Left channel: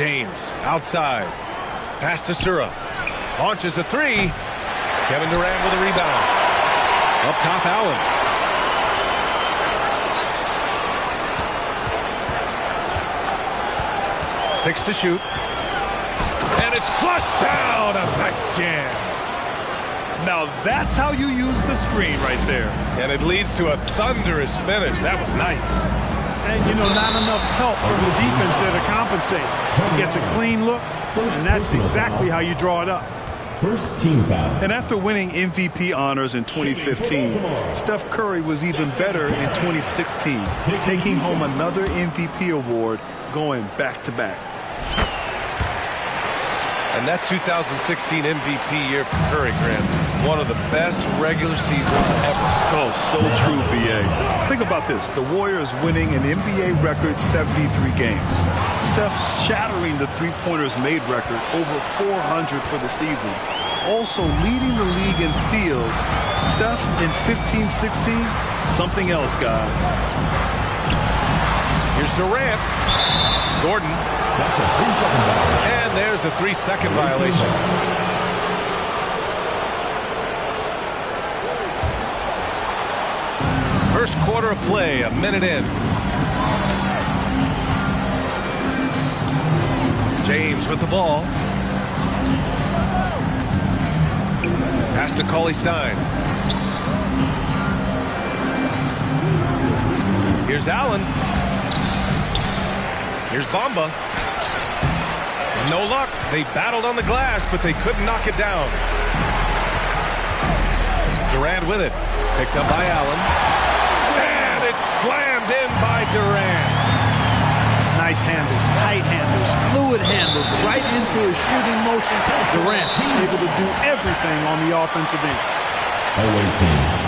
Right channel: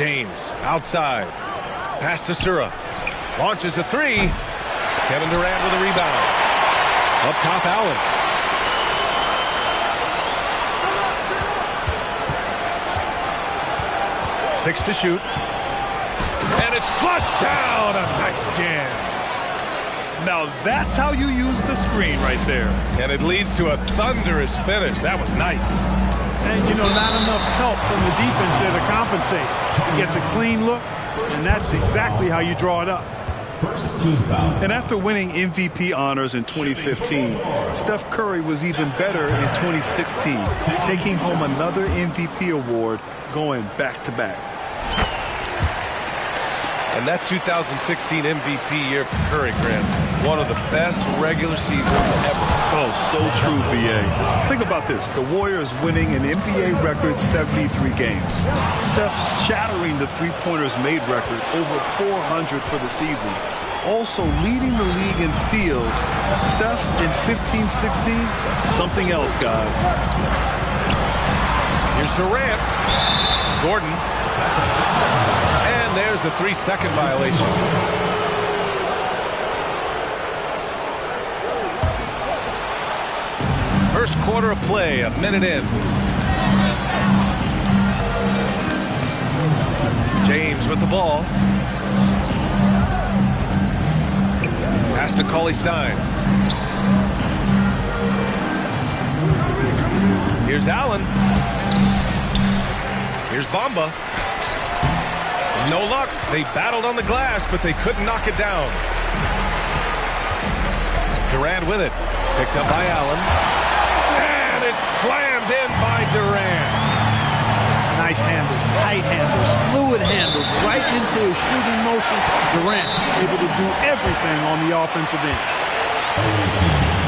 James outside. Pass to Sura. Launches a three. Kevin Durant with a rebound. Up top, Allen. Six to shoot. And it's flushed down. A nice jam. Now that's how you use the screen right there. And it leads to a thunderous finish. That was nice. And, you know, not enough help from the defense there to compensate. He gets a clean look, and that's exactly how you draw it up. First team foul. And after winning MVP honors in 2015, Steph Curry was even better in 2016, taking home another MVP award, going back-to-back. And that 2016 MVP year for Curry, Grant, one of the best regular seasons ever. Oh, so true, B.A. Think about this. The Warriors winning an NBA record 73 games. Steph shattering the three-pointers made record, over 400 for the season. Also leading the league in steals. Steph in 15-16, something else, guys. Here's Durant. Gordon. That's a 3-second violation. And there's a 3-second violation. First quarter of play, a minute in. James with the ball. Pass to Cauley-Stein. Here's Allen. Here's Bamba. No luck. They battled on the glass, but they couldn't knock it down. Durant with it. Picked up by Allen. And it's slammed in by Durant. Nice handles, tight handles, fluid handles, right into his shooting motion. Durant able to do everything on the offensive end. Away team.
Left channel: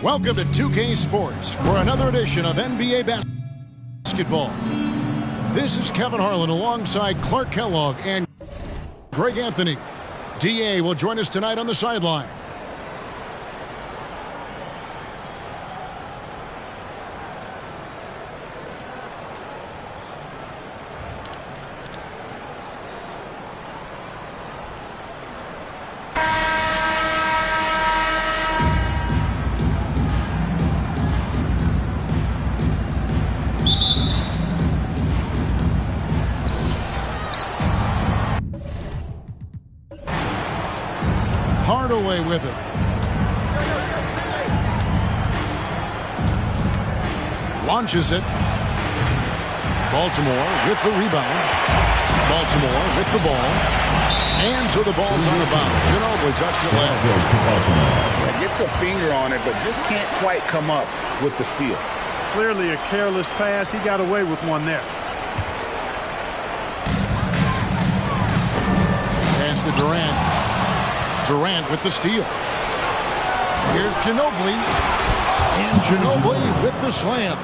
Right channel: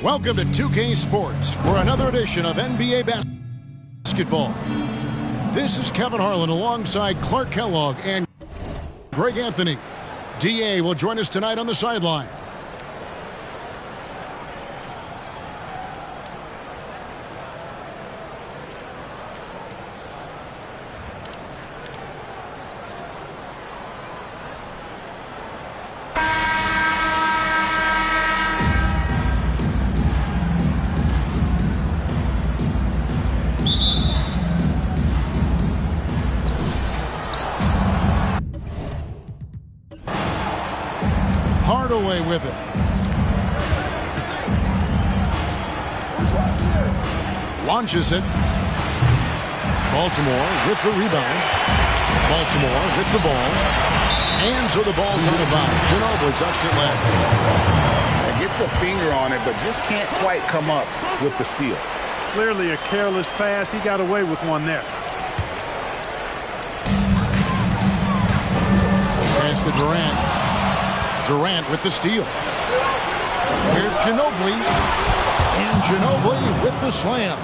Welcome to 2K Sports for another edition of NBA basketball. This is Kevin Harlan alongside Clark Kellogg and Greg Anthony. DA will join us tonight on the sideline. Hardaway with it. Launches it. Baltimore with the rebound. Baltimore with the ball. And so the ball's out of bounds. Ginobili touched it last. Yeah, gets a finger on it, but just can't quite come up with the steal. Clearly a careless pass. He got away with one there. Pass to Durant. Durant with the steal. Here's Ginobili. And Ginobili with the slam.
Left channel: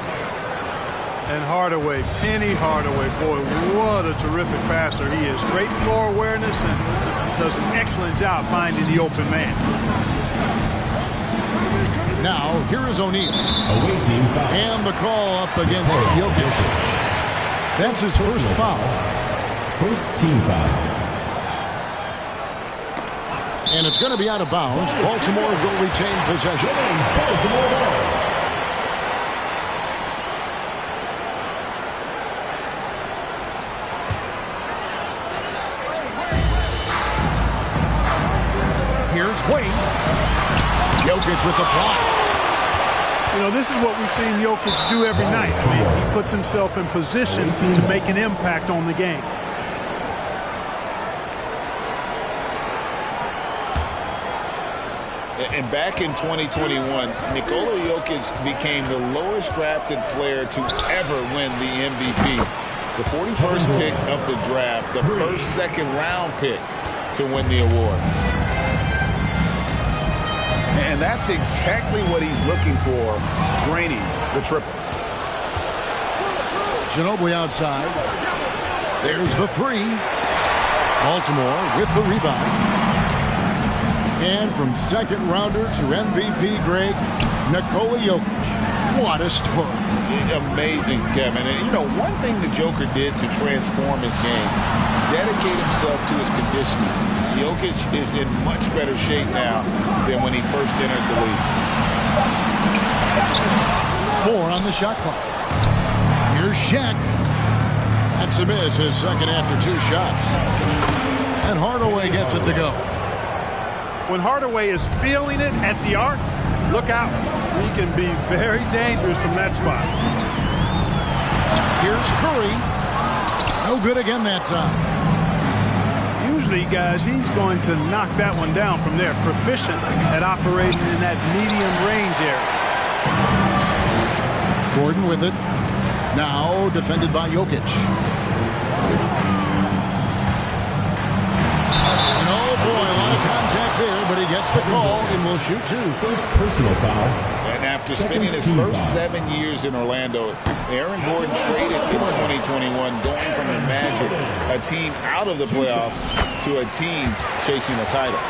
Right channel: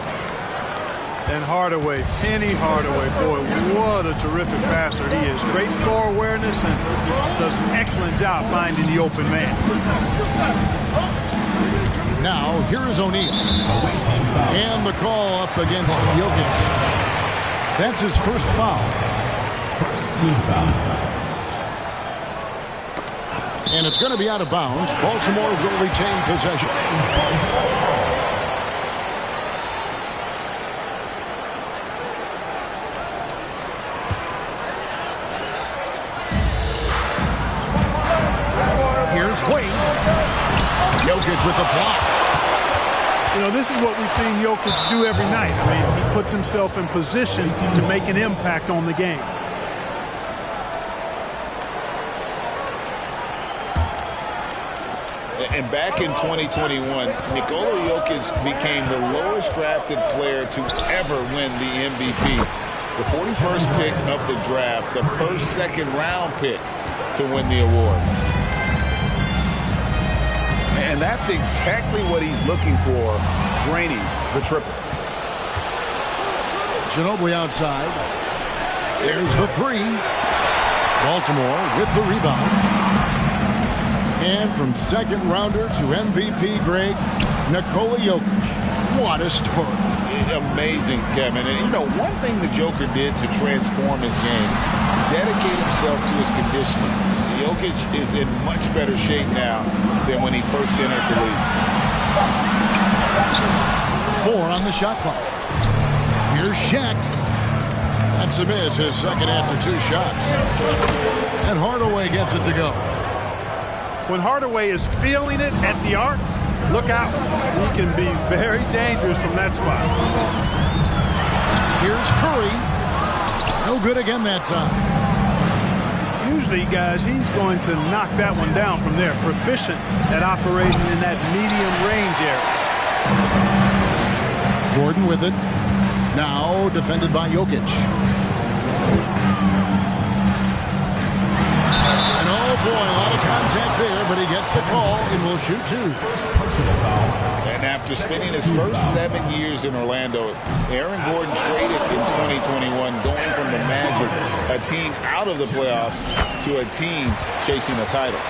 And Hardaway, Penny Hardaway, boy, what a terrific passer he is. Great floor awareness and does an excellent job finding the open man. Now, here is O'Neal. And the call up against Jokic. That's his first foul. First team foul. And it's going to be out of bounds. Baltimore will retain possession. Here's Wade. Jokic with the block. You know, this is what we've seen Jokic do every night. I mean, he puts himself in position to make an impact on the game. And back in 2021, Nikola Jokic became the lowest drafted player to ever win the MVP. The 41st pick of the draft, the first second-round pick to win the award. And that's exactly what he's looking for, draining the triple. Ginobili outside. There's the three. Baltimore with the rebound. And from second rounder to MVP Greg, Nikola Jokic. What a story. Amazing, Kevin. And, you know, one thing the Joker did to transform his game, dedicate himself to his conditioning. Jokic is in much better shape now than when he first entered the league. 4 on the shot clock. Here's Shaq. That's a miss, his second after 2 shots. And Hardaway gets it to go. When Hardaway is feeling it at the arc, look out. He can be very dangerous from that spot. Here's Curry. No good again that time. Usually, guys, he's going to knock that one down from there. Proficient at operating in that medium range area. Gordon with it. Now defended by Jokic. And oh boy, a lot of contact there, but he gets the call and will shoot 2. First personal foul. And after spending his first 7 years in Orlando, Aaron Gordon traded in 2021, going from the Magic, a team out of the playoffs, to a team chasing a title.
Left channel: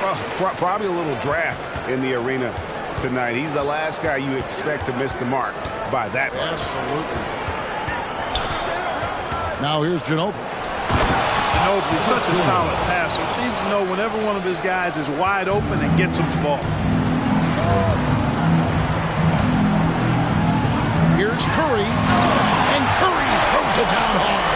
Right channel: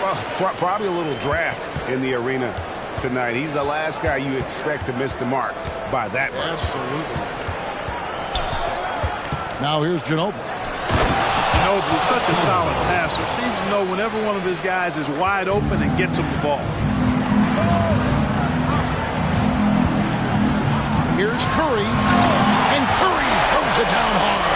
Well, probably a little draft in the arena tonight. He's the last guy you expect to miss the mark by that much. Absolutely. Now here's Ginobili. Ginobili, such a solid passer. Seems to know whenever one of his guys is wide open and gets him the ball. Here's Curry. And Curry throws it down hard.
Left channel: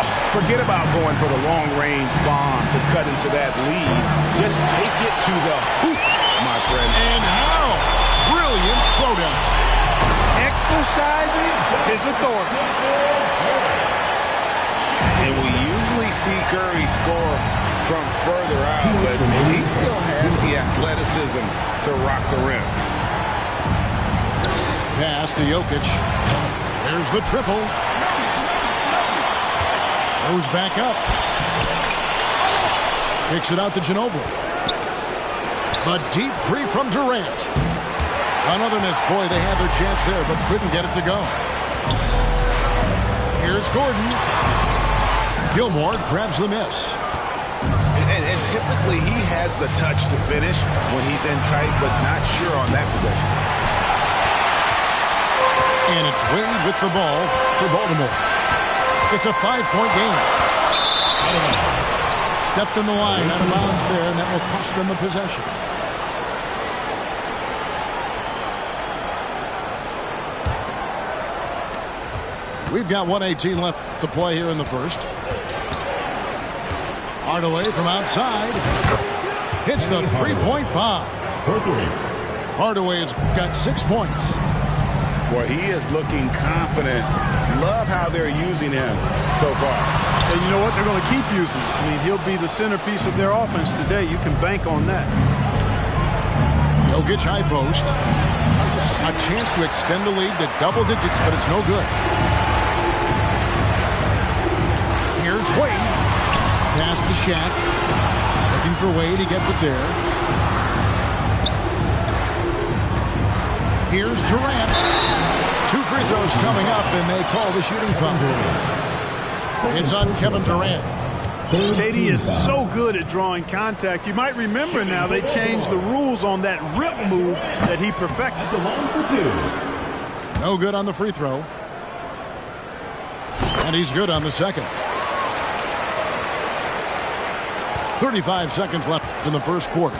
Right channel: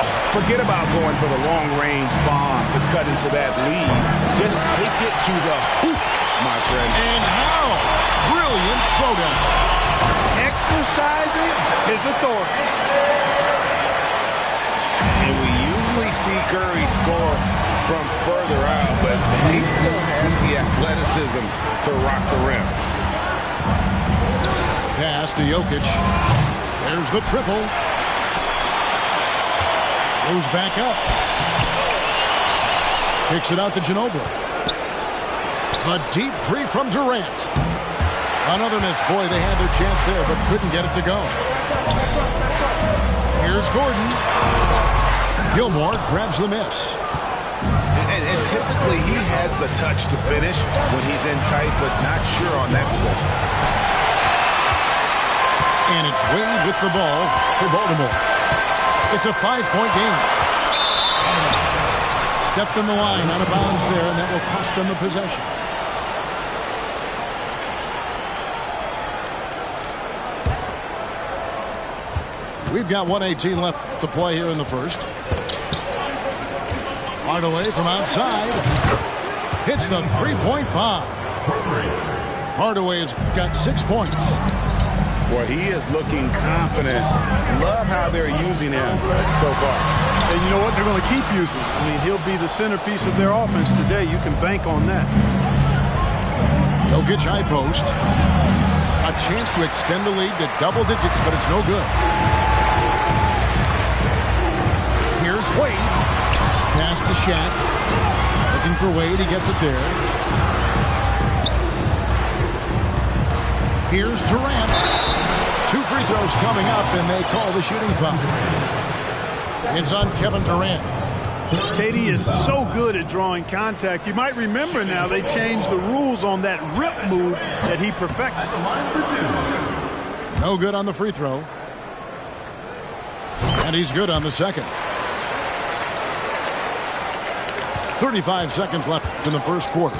Oh, forget about going for the long-range bomb to cut into that lead. Just take it to the hoop, my friend. And how brilliant throwdown. Exercising his authority. And we usually see Curry score from further out, but he still has the athleticism to rock the rim. Pass to Jokic. There's the triple. Goes back up. Kicks it out to Ginobili. The deep 3 from Durant. Another miss. Boy, they had their chance there, but couldn't get it to go. Here's Gordon. Gilmore grabs the miss. And typically he has the touch to finish when he's in tight, but not sure on that possession. And it's Wade with the ball for Baltimore. It's a 5-point game. Stepped in the line out of bounds there, and that will cost them the possession. We've got 1:18 left to play here in the first. Hardaway from outside. Hits the 3-point bomb. Hardaway has got 6 points. Boy, he is looking confident. Love how they're using him so far. And you know what? They're going to keep using him. I mean, he'll be the centerpiece of their offense today. You can bank on that. Jokic high post. A chance to extend the lead to double digits, but it's no good. Here's Wade. Pass to Shaq. Looking for Wade. He gets it there. Here's Durant. 2 free throws coming up, and they call the shooting foul. It's on Kevin Durant. KD is so good at drawing contact. You might remember now they changed the rules on that rip move that he perfected. No good on the free throw. And he's good on the second. 35 seconds left in the first quarter.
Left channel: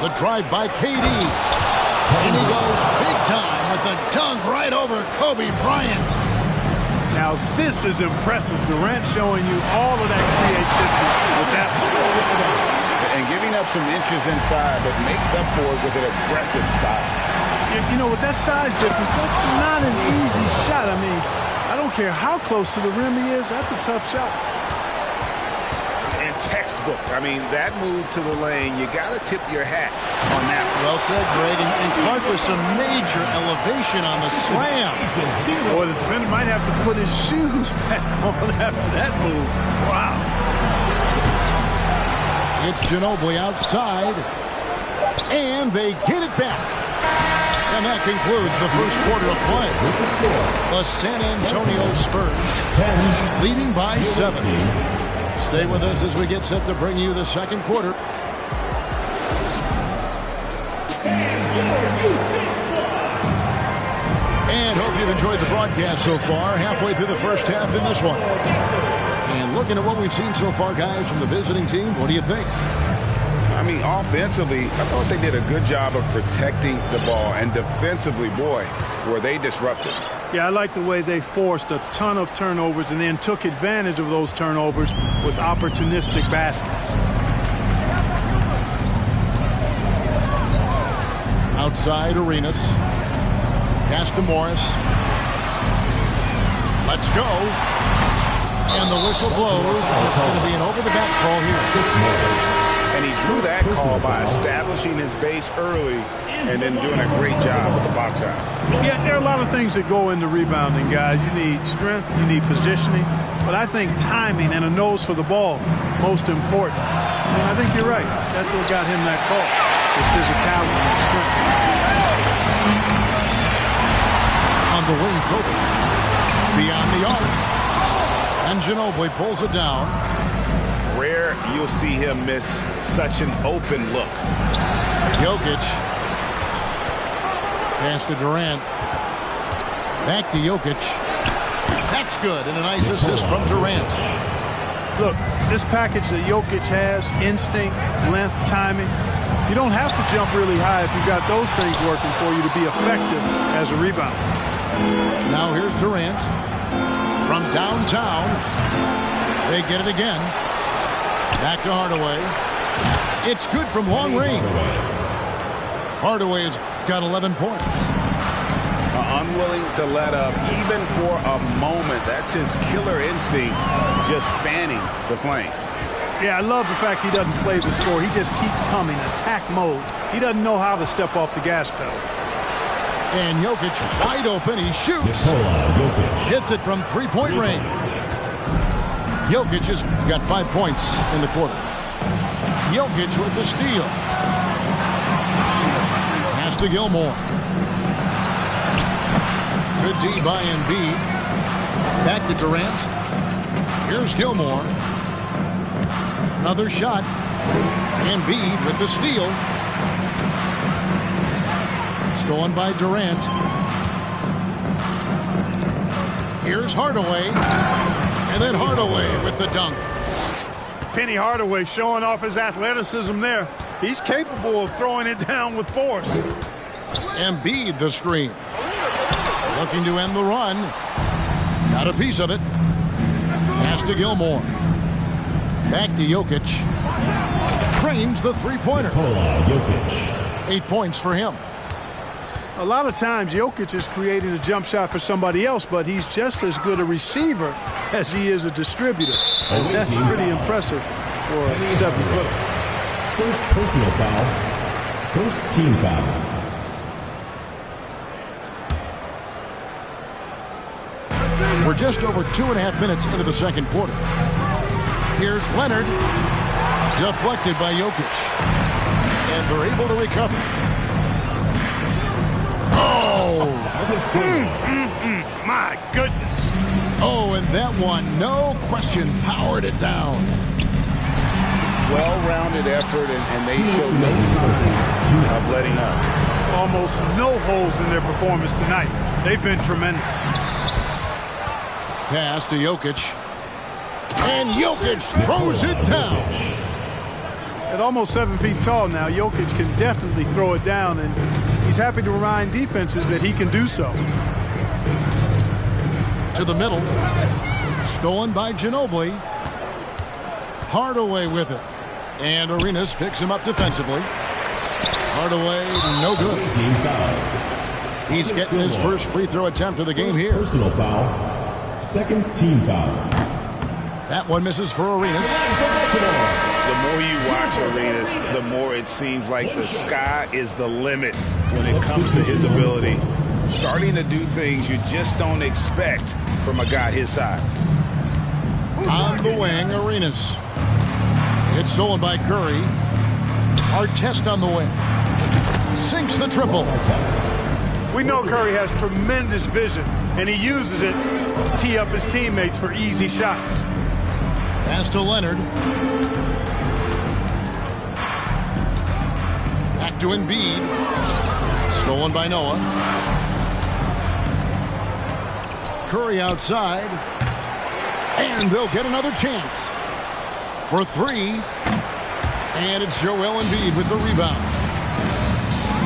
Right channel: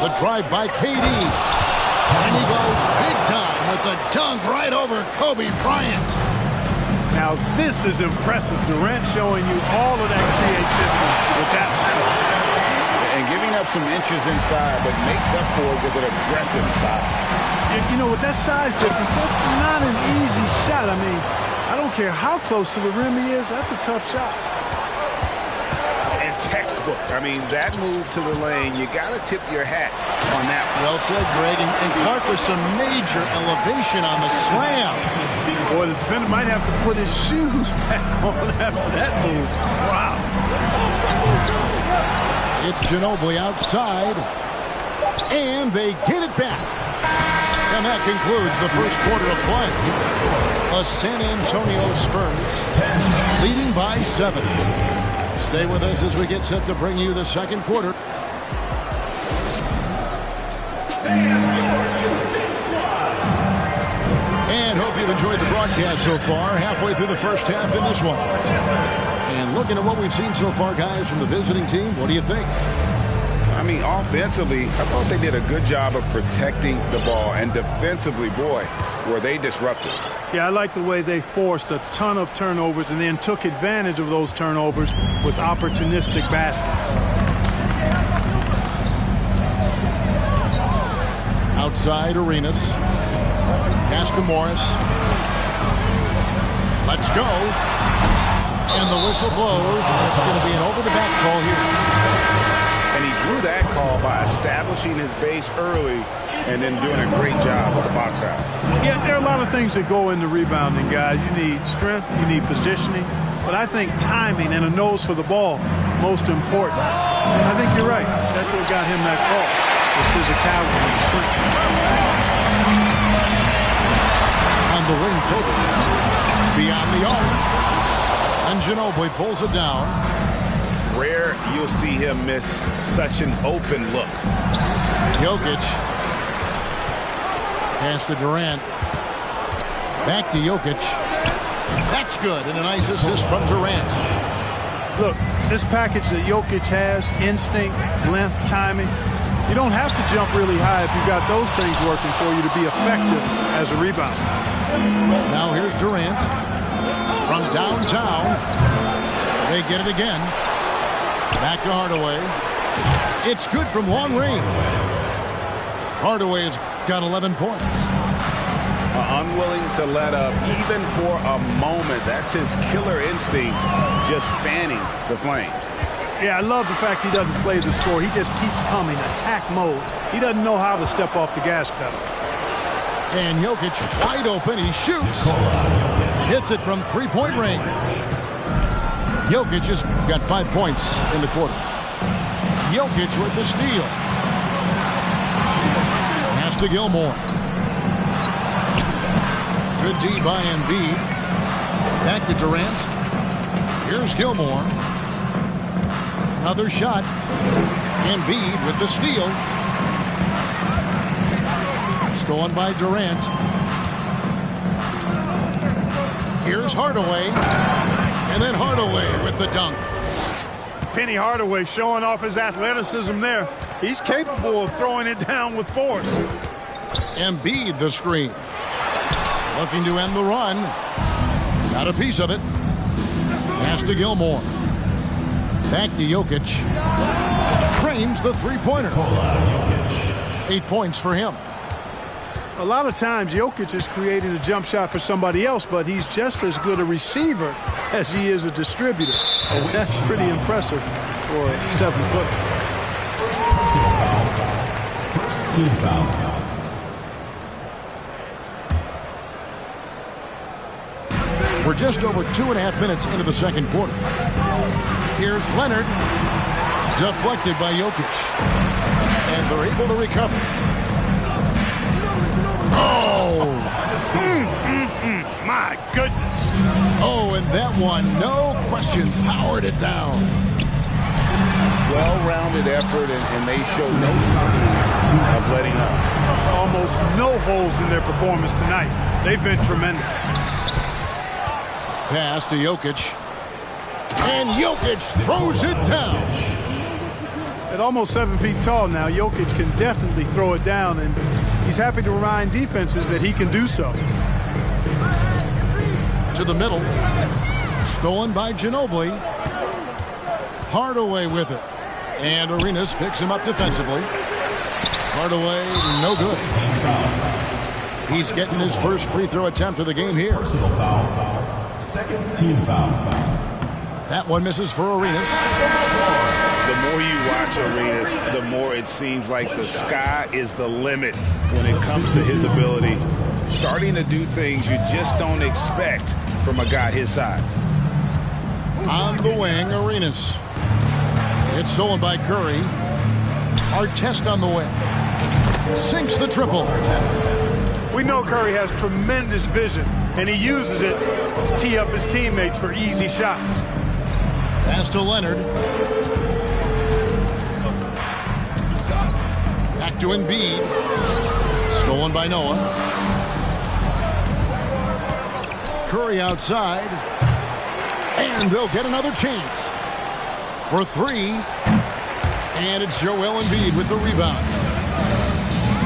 The drive by KD. And he goes big time with the dunk right over Kobe Bryant. Now this is impressive. Durant showing you all of that creativity with that one. And giving up some inches inside, but makes up for it with an aggressive style. You know, with that size difference, that's not an easy shot. I mean, I don't care how close to the rim he is, that's a tough shot. And textbook. I mean, that move to the lane, you got to tip your hat on that. Well said, Greg. And Clark with some major elevation on the slam. Boy, the defender might have to put his shoes back on after that move. Wow. It's Ginobili outside. And they get it back. And that concludes the first quarter of play. The San Antonio Spurs leading by 7. Stay with us as we get set to bring you the second quarter. And hope you've enjoyed the broadcast so far. Halfway through the first half in this one. And looking at what we've seen so far, guys, from the visiting team, what do you think? I mean, offensively, I thought they did a good job of protecting the ball. And defensively, boy, were they disruptive. Yeah, I like the way they forced a ton of turnovers and then took advantage of those turnovers with opportunistic baskets. Outside Arenas. Pass to Morris. Let's go. And the whistle blows, and it's going to be an over-the-back call here. And he drew that call by establishing his base early and then doing a great job with the box out. Yeah, there are a lot of things that go into rebounding, guys. You need strength, you need positioning, but I think timing and a nose for the ball, most important. And I think you're right. That's what got him that call, his physicality and strength. On the wing, Kobe. Beyond the arc. And Ginobili pulls it down. Rare you'll see him miss such an open look. Jokic. Pass to Durant. Back to Jokic. That's good, and a nice assist from Durant. Look, this package that Jokic has, instinct, length, timing, you don't have to jump really high if you've got those things working for you to be effective as a rebounder. Now here's Durant. From downtown. They get it again. Back to Hardaway. It's good from long range. Hardaway has got 11 points. Unwilling to let up even for a moment. That's his killer instinct, just fanning the flames. Yeah, I love the fact he doesn't play the score. He just keeps coming, attack mode. He doesn't know how to step off the gas pedal. And Jokic wide open. He shoots. Hits it from three-point range. Jokic has got 5 points in the quarter. Jokic with the steal. Pass to Gilmore. Good D by Embiid. Back to Durant. Here's Gilmore. Another shot. Embiid with the steal. Stolen by Durant. Here's Hardaway. And then Hardaway with the dunk. Penny Hardaway showing off his athleticism there. He's capable of throwing it down with force. Embiid the screen. Looking to end the run. Got a piece of it. Pass to Gilmore. Back to Jokic. Trains the three-pointer. 8 points for him. A lot of times Jokic is creating a jump shot for somebody else, but he's just as good a receiver as he is a distributor. And that's pretty impressive for a 7-footer. First personal foul. First team foul. We're just over 2.5 minutes into the second quarter. Here's Leonard. Deflected by Jokic. And they're able to recover. Oh! My goodness. Oh, and that one, no question, powered it down. Well-rounded effort, and they show no signs of letting up. Almost no holes in their performance tonight. They've been tremendous. Pass to Jokic. And Jokic throws it down. At almost 7 feet tall now, Jokic can definitely throw it down, and he's happy to remind defenses that he can do so. To the middle. Stolen by Ginobili. Hardaway with it. And Arenas picks him up defensively. Hardaway, no good. He's getting his first free throw attempt of the game here. Personal foul. Second team foul. That one misses for Arenas. The more you watch Arenas, the more it seems like the sky is the limit when it comes to his ability. Starting to do things you just don't expect from a guy his size. On the wing, Arenas. It's stolen by Curry. Artest on the wing. Sinks the triple. We know Curry has tremendous vision, and he uses it to tee up his teammates for easy shots. Pass to Leonard. Back to Embiid. Stolen by Noah. Curry outside. And they'll get another chance. For three. And it's Joel Embiid with the rebound.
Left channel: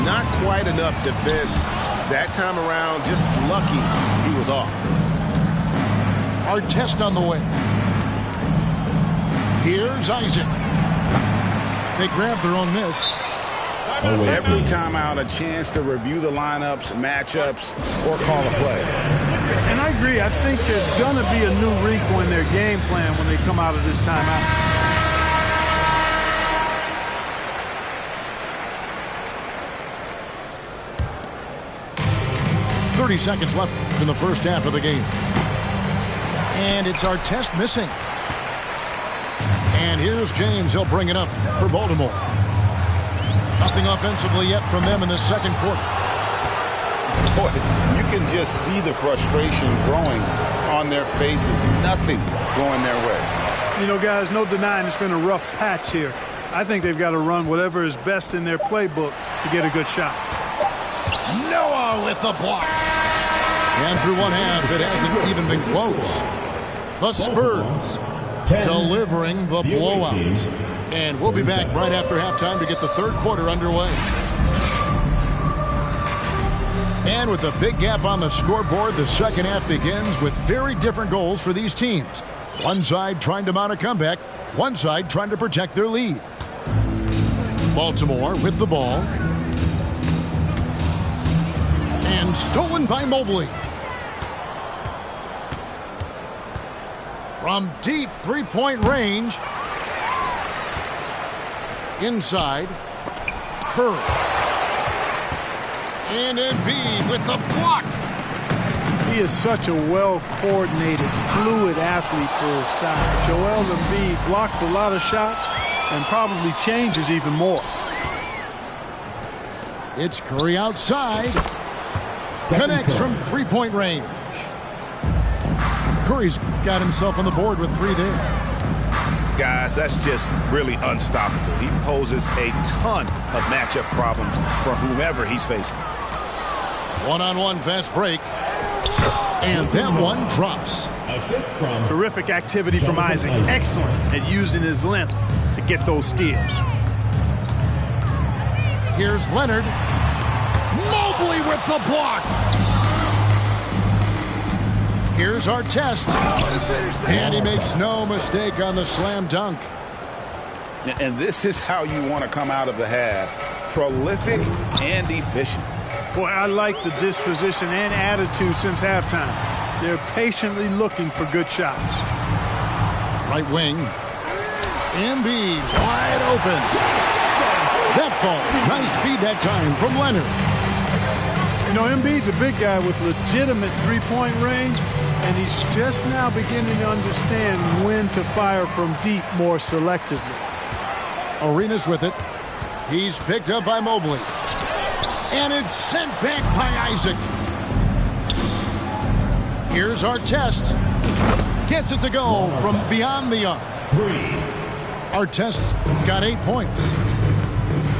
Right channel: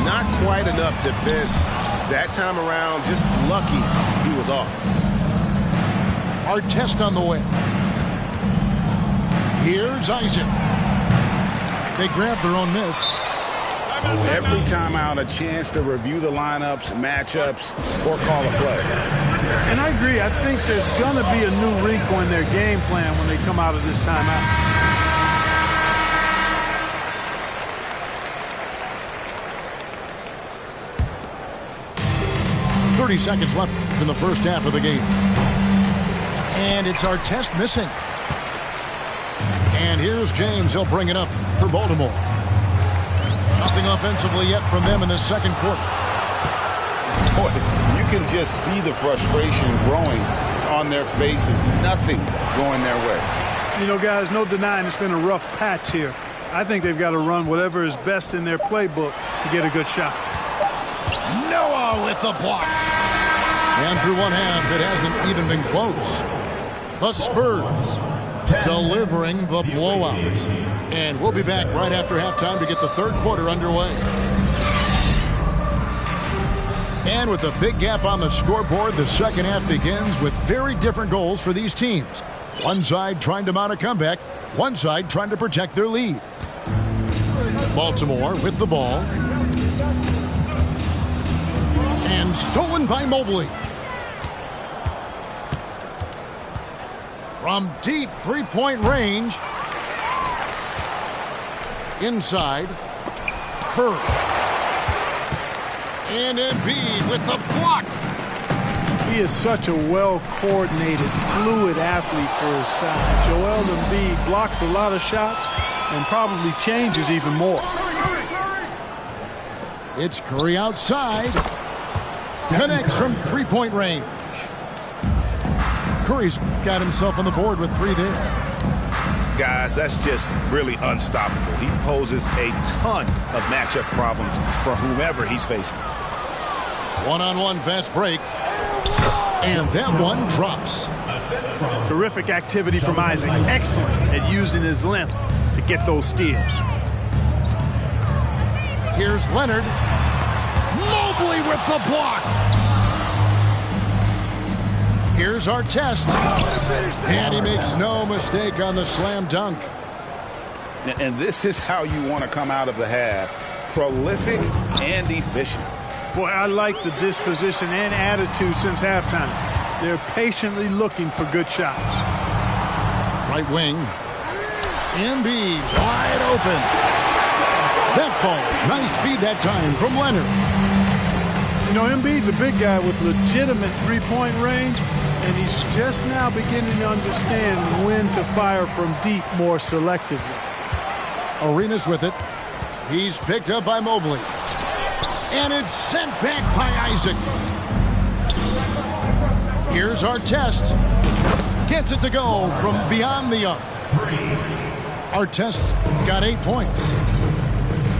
Not quite enough defense. That time around, just lucky he was off. Artest on the way. Here's Isaac. They grab their own miss. Every time out, a chance to review the lineups, matchups, or call a play. And I agree. I think there's going to be a new wrinkle in their game plan when they come out of this timeout. 30 seconds left in the first half of the game. And it's Artest missing. And here's James. He'll bring it up for Baltimore. Nothing offensively yet from them in the second quarter. Boy, you can just see the frustration growing on their faces. Nothing going their way. You know, guys, no denying it's been a rough patch here. I think they've got to run whatever is best in their playbook to get a good shot. Noah with the block. And through one half, it hasn't even been close. The Spurs delivering the blowout. And we'll be back right after halftime to get the third quarter underway. And with a big gap on the scoreboard, the second half begins with very different goals for these teams. One side trying to mount a comeback, one side trying to protect their lead. Baltimore with the ball. And stolen by Mobley. From deep three-point range. Inside. Curry. And Embiid with the block. He is such a well-coordinated, fluid athlete for his size. Joel Embiid blocks a lot of shots and probably changes even more. It's Curry outside. Connects from three-point range. Curry's got himself on the board with three there. Guys, that's just really unstoppable. He poses a ton of matchup problems for whomever he's facing. One-on-one fast break. And that one drops. Terrific activity from Isaac. Excellent at using his length to get those steals. Here's Leonard. Mobley with the block. Here's Artest. And he makes no mistake on the slam dunk. And this is how you want to come out of the half. Prolific and efficient. Boy, I like the disposition and attitude since halftime. They're patiently looking for good shots. Right wing. Embiid wide open. That falls. Nice feed that time from Leonard. You know, Embiid's a big guy with legitimate three-point range, and he's just now beginning to understand when to fire from deep more selectively. Arenas with it. He's picked up by Mobley. And it's sent back by Isaac. Here's our test. Gets it to go from beyond the arc. Our test's got 8 points.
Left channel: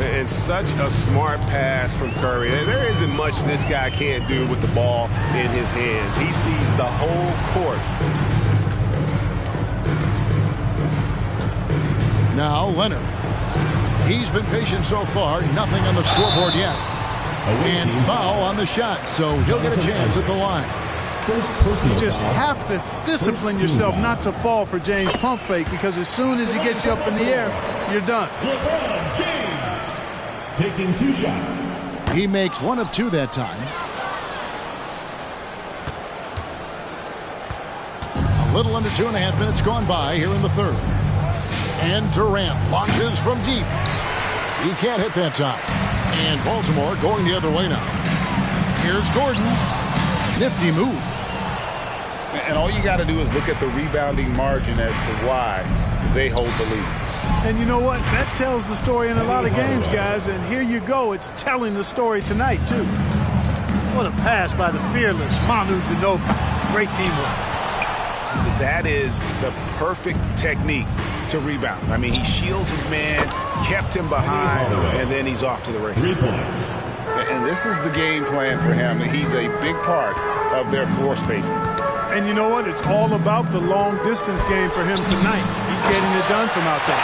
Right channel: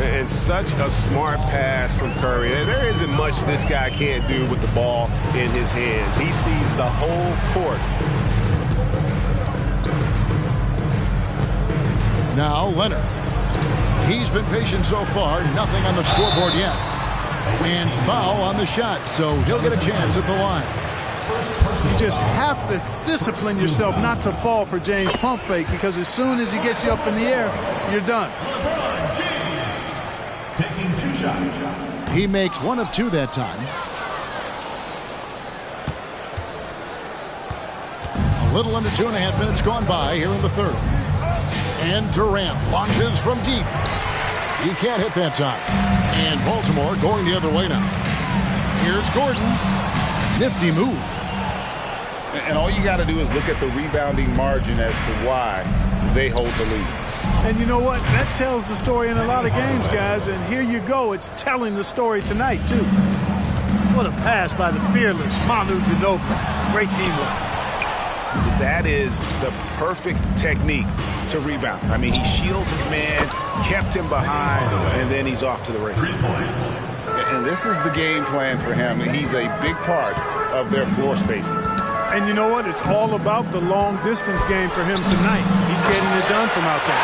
And such a smart pass from Curry. There isn't much this guy can't do with the ball in his hands. He sees the whole court. Now Leonard. He's been patient so far. Nothing on the scoreboard yet. And foul on the shot, so he'll get a chance at the line. You just have to discipline yourself not to fall for James' pump fake, because as soon as he gets you up in the air, you're done. LeBron James taking 2 shots. He makes 1 of 2 that time. A little under 2.5 minutes gone by here in the third. And Durant launches from deep. He can't hit that time. And Baltimore going the other way now. Here's Gordon. Nifty move. And all you got to do is look at the rebounding margin as to why they hold the lead. And you know what? That tells the story in a lot of games, guys. And here you go. It's telling the story tonight, too. What a pass by the fearless Manu Ginobili. Great teamwork. That is the perfect technique to rebound. I mean, he shields his man, kept him behind, and then he's off to the races. 3 points. And this is the game plan for him. He's a big part of their floor spacing. And you know what? It's all about the long-distance game for him tonight. He's getting it done from out there.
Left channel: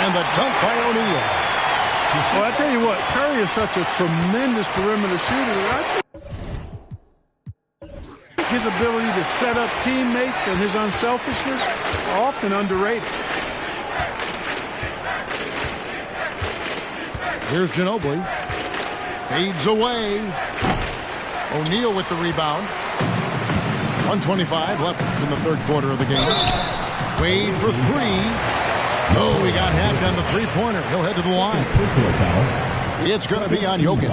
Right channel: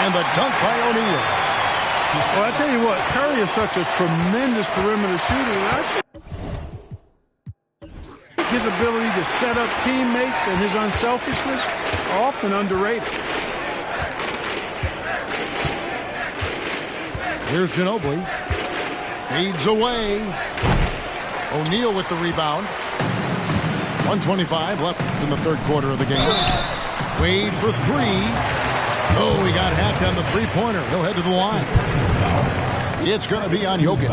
And the dunk by O'Neal. Well, I tell you what, Curry is such a tremendous perimeter shooter. And I think his ability to set up teammates and his unselfishness are often underrated. Here's Ginobili. Fades away. O'Neal with the rebound. 1:25 left in the third quarter of the game. Wade for 3. Oh, he got hacked on the three-pointer. He'll head to the line. It's going to be on Jokic.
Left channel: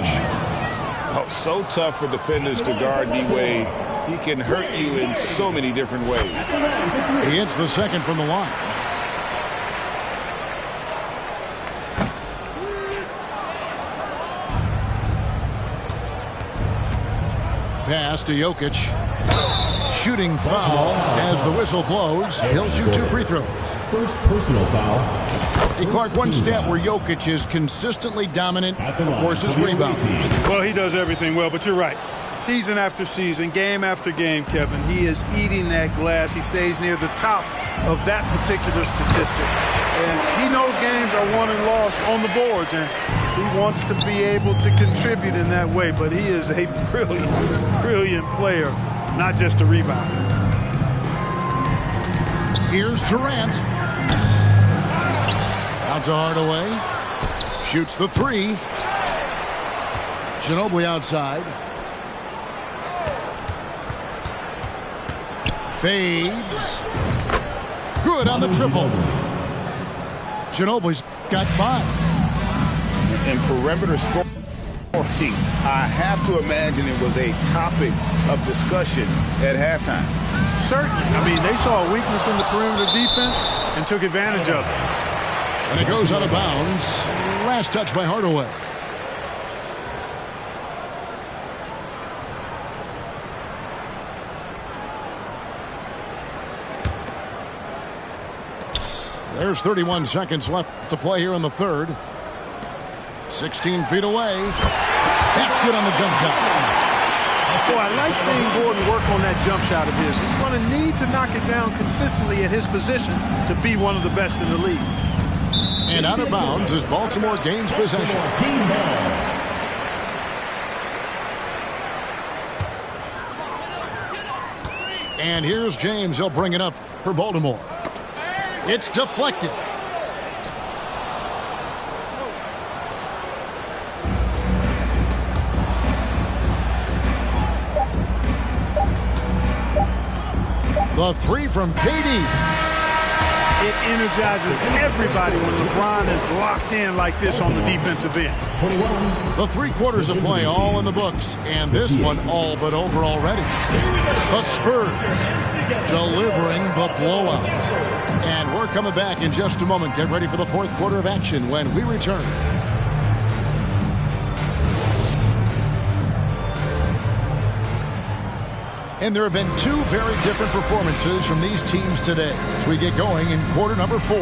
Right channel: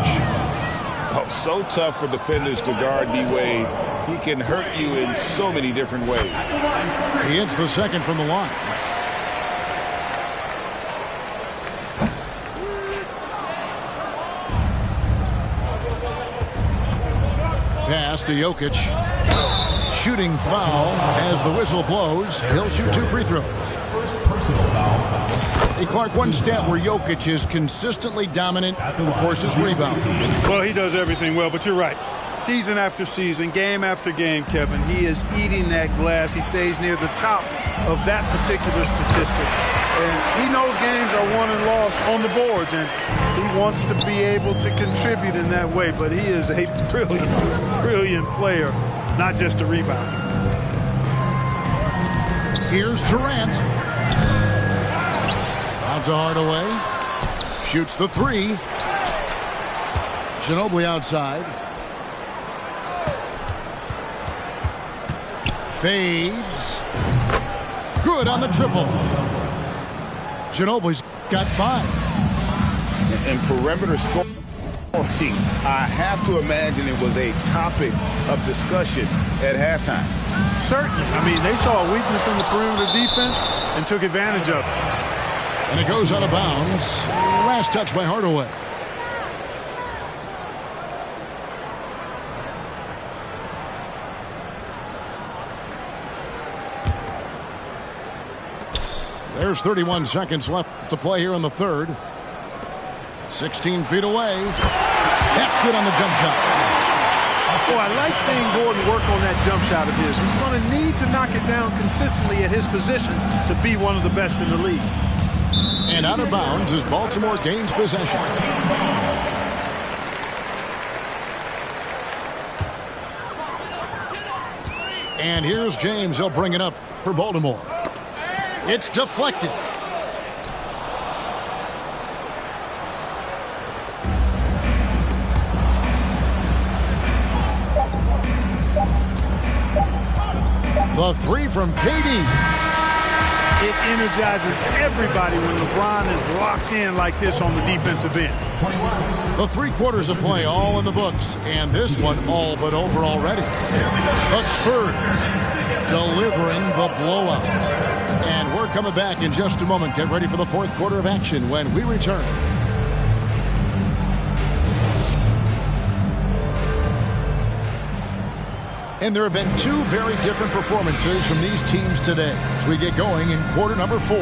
Oh, so tough for defenders to guard D-Wade. He can hurt you in so many different ways. He hits the second from the line. Pass to Jokic. Shooting foul as the whistle blows. He'll shoot 2 free throws. First personal foul. Hey, Clark, one stat where Jokic is consistently dominant, of course, is rebounding. Well, he does everything well, but you're right. Season after season, game after game, Kevin, he is eating that glass. He stays near the top of that particular statistic. And he knows games are won and lost on the boards, and he wants to be able to contribute in that way. But he is a brilliant, brilliant player, not just a rebounder. Here's Durant. Out to Hardaway. Shoots the 3. Ginobili outside. Fades. Good on the triple. Ginobili's got 5. And perimeter scoring, I have to imagine it was a topic of discussion at halftime. Certainly. I mean, they saw a weakness in the perimeter defense and took advantage of it. And it goes out of bounds. Last touch by Hardaway. There's 31 seconds left to play here in the third. 16 feet away. That's good on the jump shot. Oh, I like seeing Gordon work on that jump shot of his. He's going to need to knock it down consistently at his position to be one of the best in the league. And out of bounds as Baltimore gains possession. And here's James. He'll bring it up for Baltimore. It's deflected. The three from KD. It energizes everybody when LeBron is locked in like this on the defensive end. 21. The 3 quarters of play all in the books, and this one all but over already. The Spurs delivering the blowout. And we're coming back in just a moment. Get ready for the 4th quarter of action when we return. And there have been 2 very different performances from these teams today as we get going in quarter number 4.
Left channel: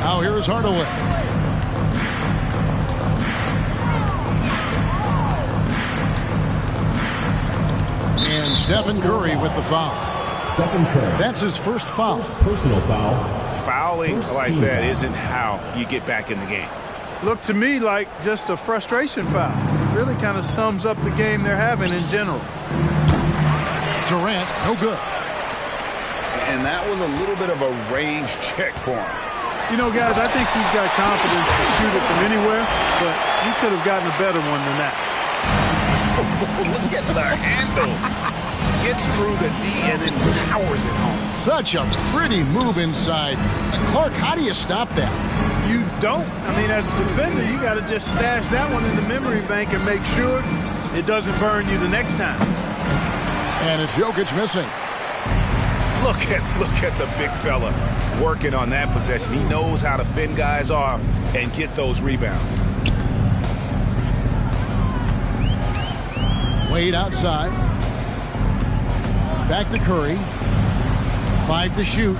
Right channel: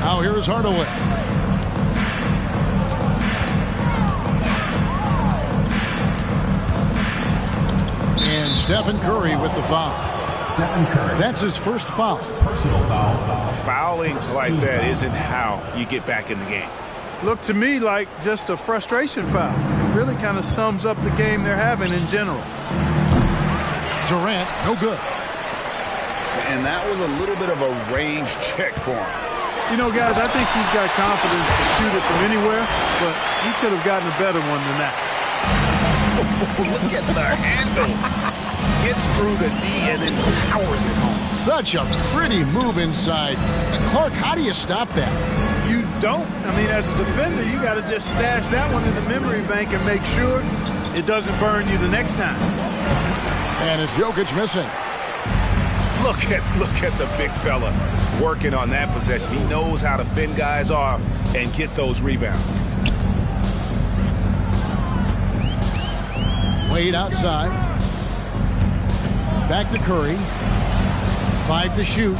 Now here's Hardaway. And Stephen Curry with the foul. Stephen Curry. That's his first foul. Personal foul. Fouling like that isn't how you get back in the game. Looked to me like just a frustration foul. It really kind of sums up the game they're having in general. Durant, no good. And that was a little bit of a range check for him. You know, guys, I think he's got confidence to shoot it from anywhere, but he could have gotten a better one than that. Look at the handles. Gets through the D and then powers it home. Such a pretty move inside. Clark, how do you stop that? You don't. I mean, as a defender, you got to just stash that one in the memory bank and make sure it doesn't burn you the next time. And it's Jokic missing. Look at the big fella working on that possession. He knows how to fend guys off and get those rebounds. Wade outside. Back to Curry. 5 to shoot.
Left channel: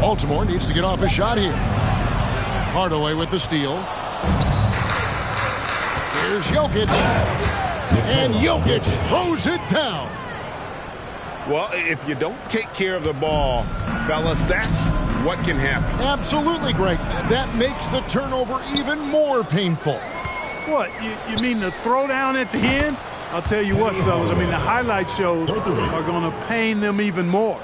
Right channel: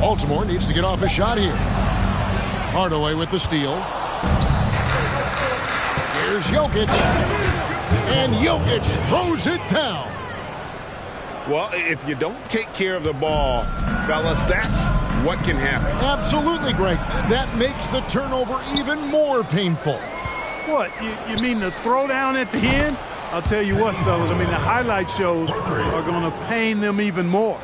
Baltimore needs to get off a shot here. Hardaway with the steal. Here's Jokic. And Jokic throws it down. Well, if you don't take care of the ball, fellas, that's what can happen. Absolutely, Greg. That makes the turnover even more painful. What, you mean the throwdown at the end? I'll tell you what, fellas, I mean, the highlight shows are going to pain them even more.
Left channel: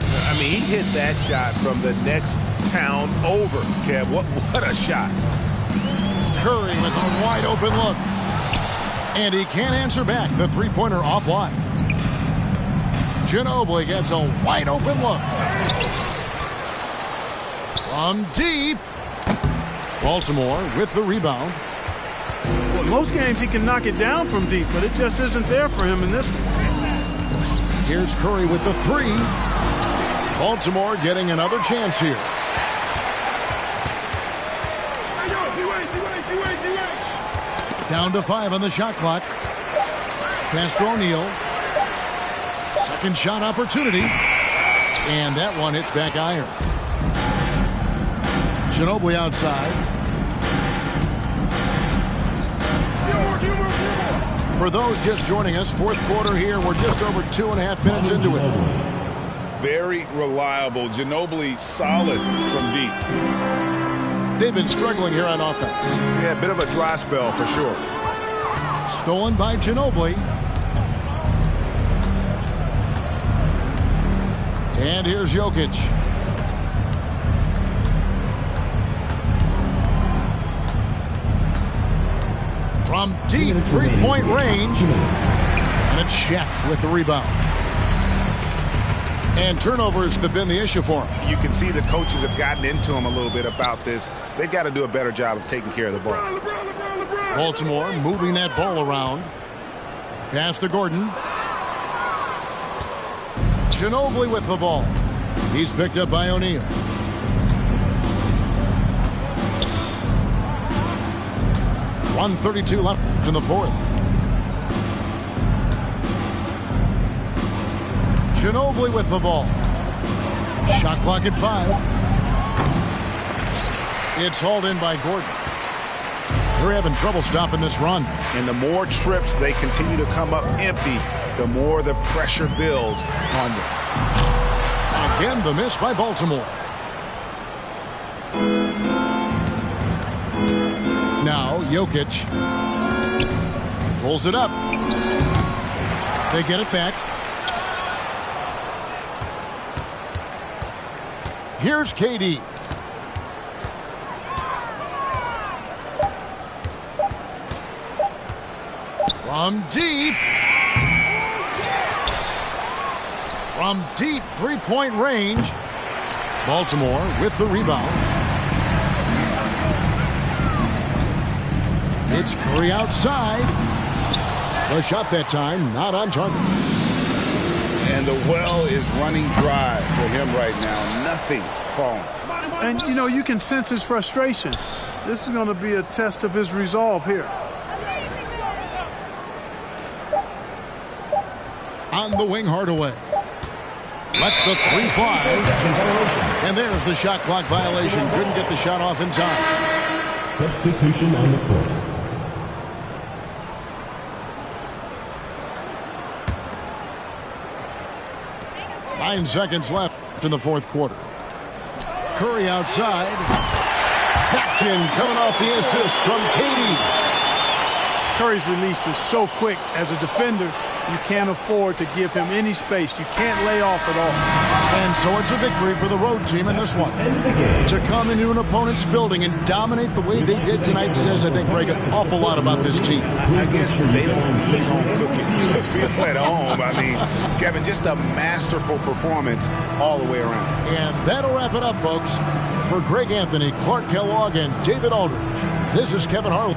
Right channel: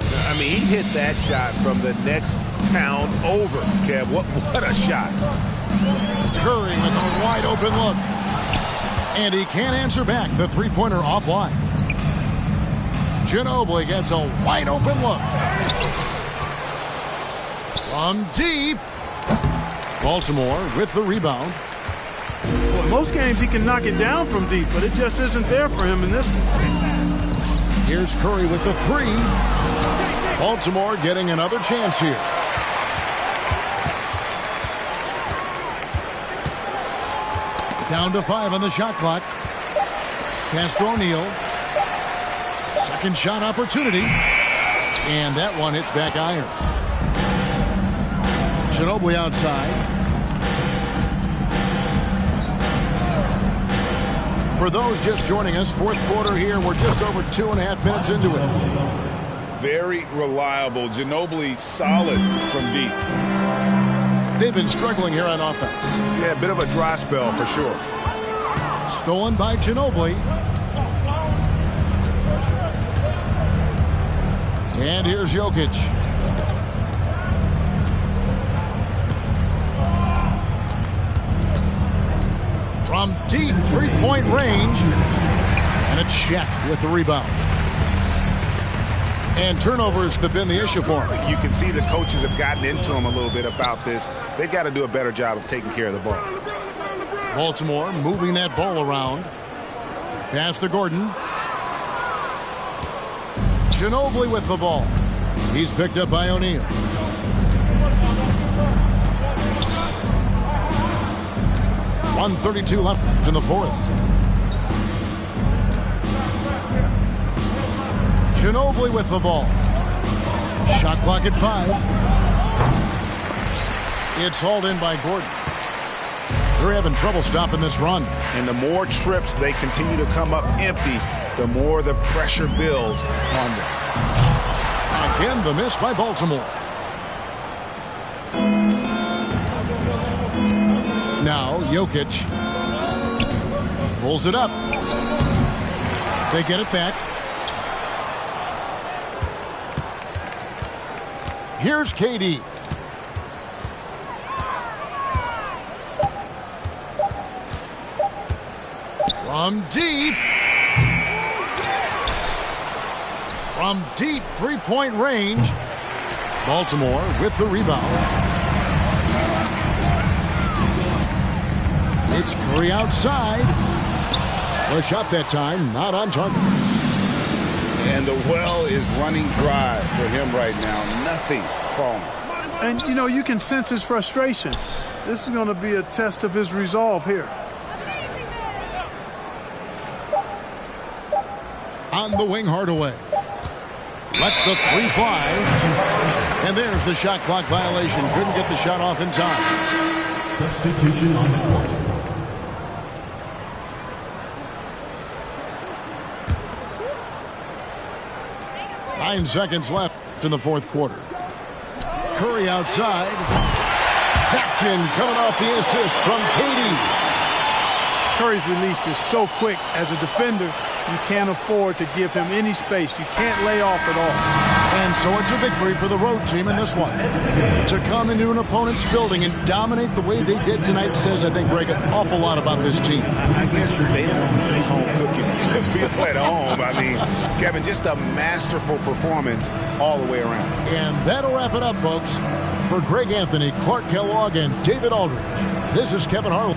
I mean, he hit that shot from the next town over, Kev. What a shot. Curry with a wide open look. And he can't answer back. The three-pointer offline. Ginobili gets a wide open look. From deep. Baltimore with the rebound. Well, most games he can knock it down from deep, but it just isn't there for him in this one. Here's Curry with the 3. Baltimore getting another chance here. Down to 5 on the shot clock. Pass to O'Neal. Second shot opportunity. And that one hits back iron. Ginobili outside. For those just joining us, 4th quarter here. We're just over 2.5 minutes into it. Very reliable. Ginobili solid from deep. They've been struggling here on offense. Yeah, a bit of a dry spell for sure. Stolen by Ginobili. And here's Jokic. From deep three-point range. And a check with the rebound. And turnovers have been the issue for him. You can see the coaches have gotten into him a little bit about this. They've got to do a better job of taking care of the ball. Baltimore moving that ball around. Pass to Gordon. Ginobili with the ball. He's picked up by O'Neal. .132 left in the 4th. Ginobili with the ball. Shot clock at 5. It's hauled in by Gordon. They're having trouble stopping this run. And the more trips they continue to come up empty, the more the pressure builds on them. Again, the miss by Baltimore. Now, Jokic pulls it up. They get it back. Here's KD. From deep. From deep three-point range. Baltimore with the rebound. It's Curry outside. The shot that time not on target. And the well is running dry for him right now. Nothing falling. And, you know, you can sense his frustration. This is going to be a test of his resolve here. On the wing, Hardaway. Lets the three fly. And there's the shot clock violation. Couldn't get the shot off in time. Substitution on the court. Nine seconds left in the fourth quarter. Curry outside. That's in, coming off the assist from KD. Curry's release is so quick. As a defender, you can't afford to give him any space. You can't lay off at all. And so it's a victory for the road team in this one. To come into an opponent's building and dominate the way they did tonight says, I think, Greg, an awful lot about this team. I guess they don't need home cooking to feel at home. I mean, Kevin, just a masterful performance all the way around. And that'll wrap it up, folks. For Greg Anthony, Clark Kellogg, and David Aldridge, this is Kevin Harlan.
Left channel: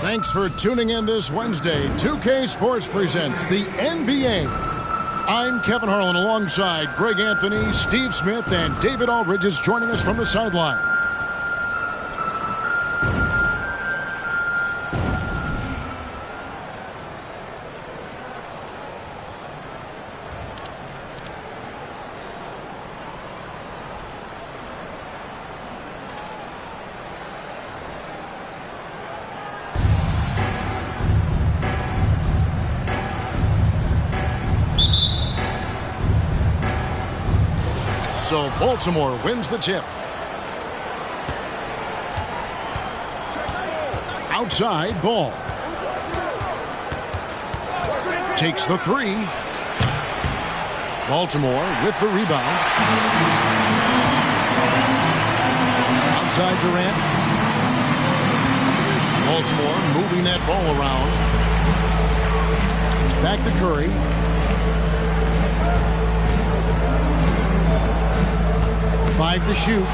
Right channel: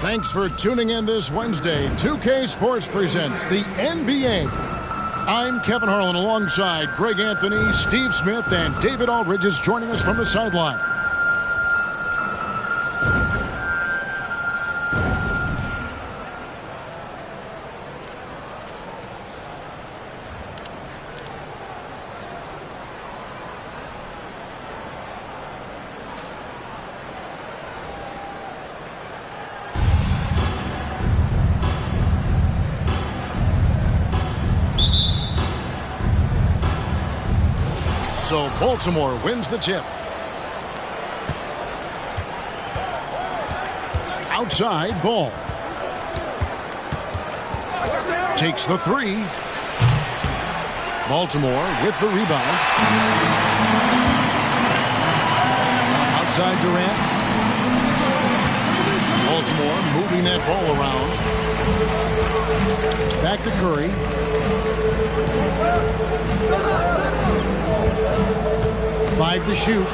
Thanks for tuning in this Wednesday. 2K Sports presents the NBA. I'm Kevin Harlan alongside Greg Anthony, Steve Smith, and David Aldridge is joining us from the sideline. So Baltimore wins the tip. Outside ball. Takes the three. Baltimore with the rebound. Outside Durant. Baltimore moving that ball around. Back to Curry. Five to shoot.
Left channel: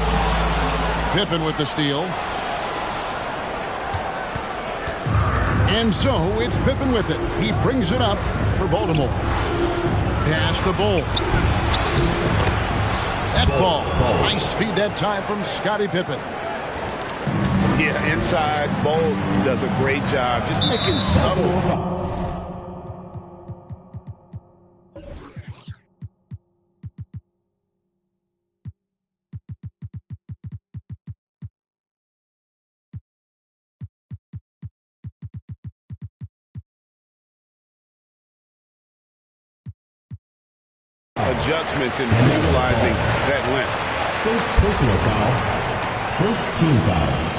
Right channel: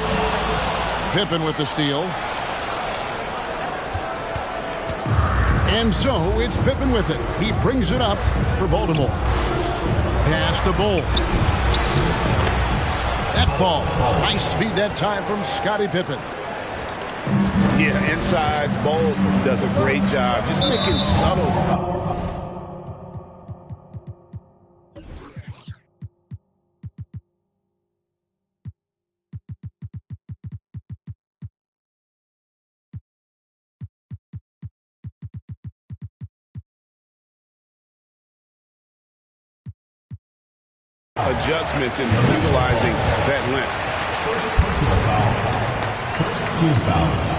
Pippen with the steal. And so it's Pippen with it. He brings it up for Baltimore. Pass to Bull. That falls. Nice feed that time from Scottie Pippen. Yeah, inside, Bull does a great job. Just making subtle. Adjustments in utilizing that length. First personal foul. First team foul.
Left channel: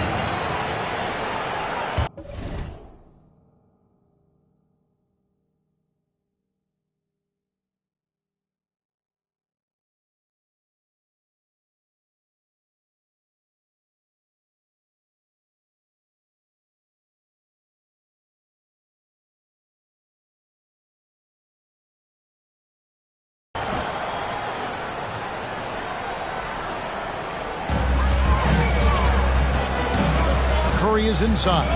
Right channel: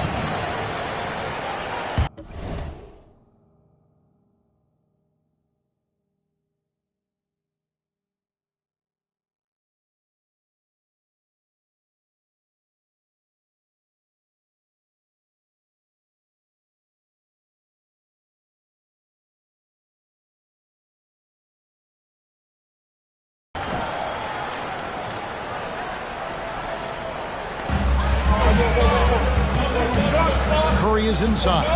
Curry is inside.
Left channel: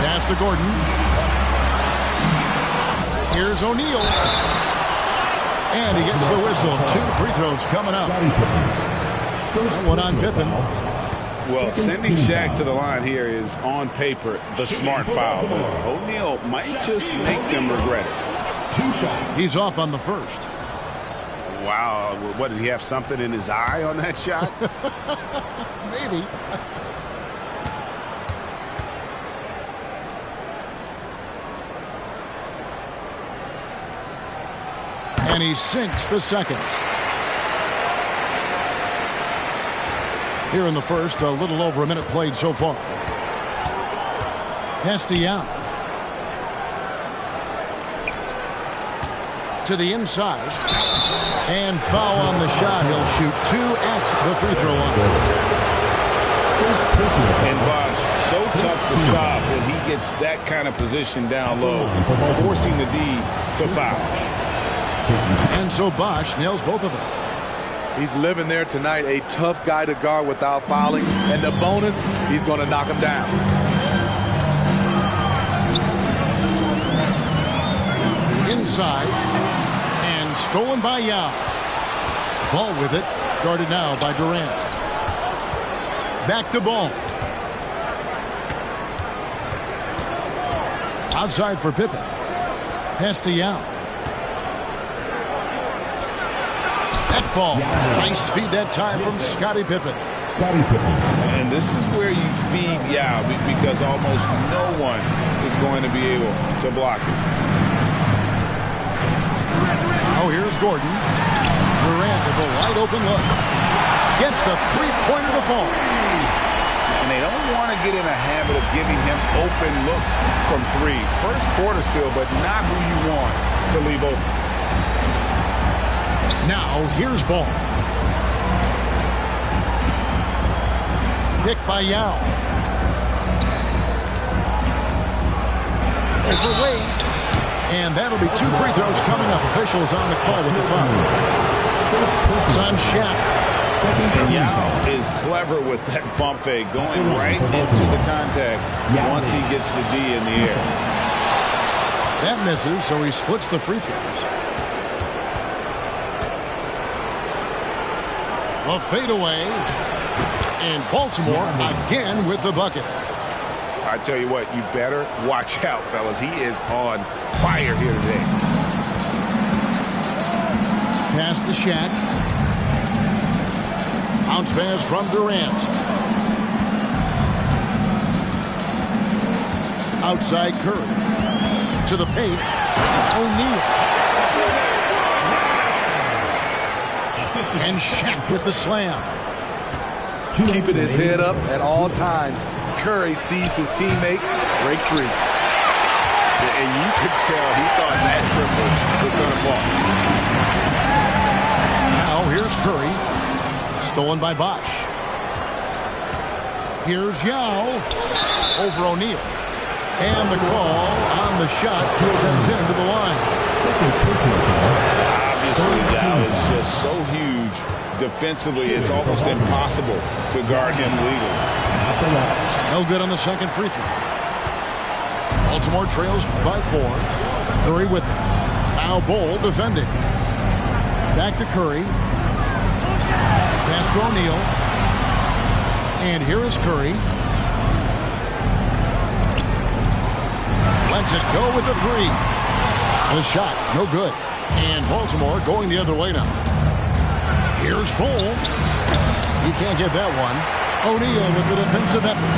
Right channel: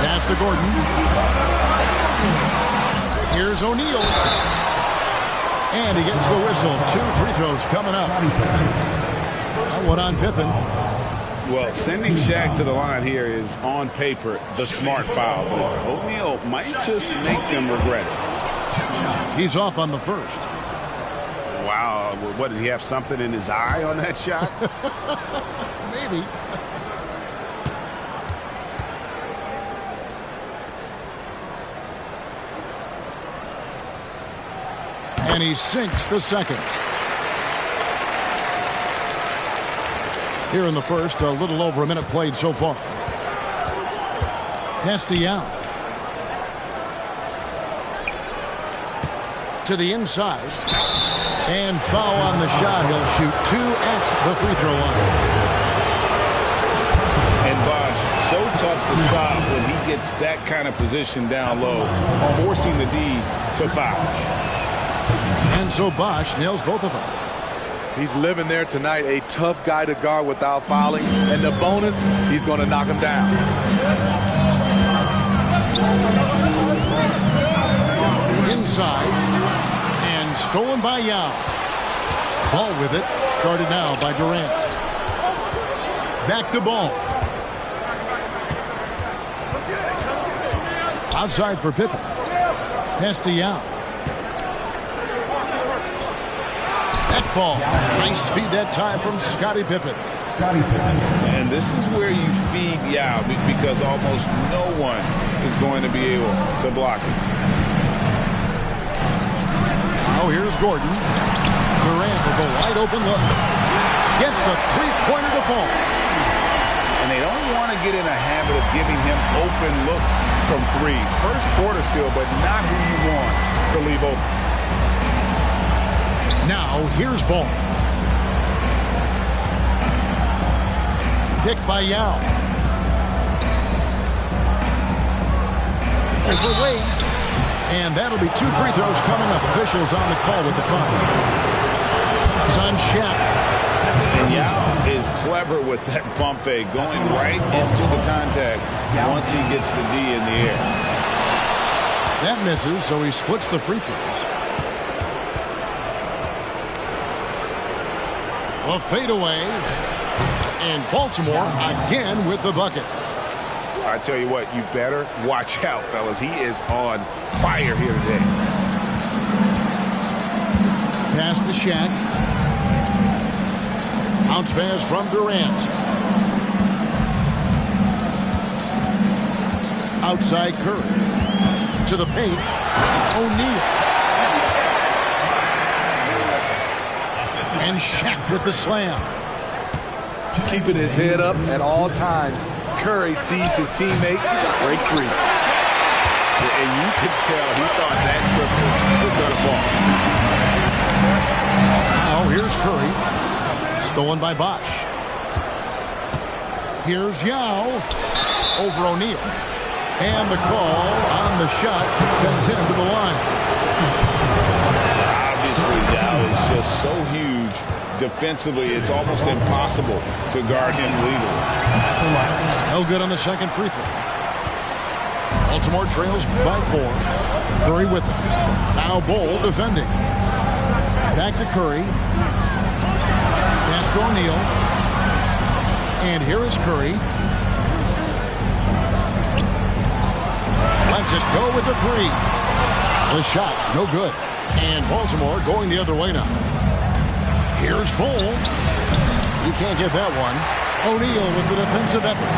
Pass to Gordon. Here's O'Neal. And he gets the whistle. 2 free throws coming up. That one on Pippen. Well, sending Shaq to the line here is, on paper, the smart foul. But O'Neal might just make them regret it. He's off on the first. Wow, what, did he have something in his eye on that shot? Maybe. And he sinks the second. Here in the first, a little over a minute played so far. Pass to Yao. To the inside. And foul on the shot. He'll shoot 2 at the free throw line. And Bosh, so tough to stop when he gets that kind of position down low, forcing the D to foul. And so Bosh nails both of them. He's living there tonight, a tough guy to guard without fouling. And the bonus, he's going to knock him down. Inside. And stolen by Yao. Ball with it. Guarded now by Durant. Back to Ball. Outside for Pippen. Pass to Yao. That falls. Nice feed that time from Scottie Pippen. Scottie Pippen. And this is where you feed Yao because almost no one is going to be able to block it. Now here's Gordon. Durant with a wide open look. Gets the three-pointer to fall. And they don't want to get in a habit of giving him open looks from 3. First quarter still, but not who you want to leave open. Now here's Ball. Picked by Yao. Overweight. And that'll be 2 free throws coming up. Officials on the call with the foul. It's on Shaq. And Yao is clever with that pump fake, going right into the contact once he gets the D in the air. That misses, so he splits the free throws. A fadeaway. And Baltimore again with the bucket. I tell you what, you better watch out, fellas. He is on fire here today. Pass to Shaq. Bounce pass from Durant. Outside Curry. To the paint. O'Neal. And Shaq with the slam. Keeping his head up at all times. Curry sees his teammate break free. And you could tell he thought that triple was going to fall. Now here's Curry. Stolen by Bosch. Here's Yao. Over O'Neal. And the call on the shot sends him to the line. Obviously, Yao is just so huge. Defensively, it's almost impossible to guard him legally. No good on the second free throw. Baltimore trails by 4. Curry with it. Now Bol defending. Back to Curry. Pass to O'Neal. And here is Curry. Lets it go with the 3. The shot, no good. And Baltimore going the other way now. Here's Bol. He can't get that one. O'Neal with the defensive effort.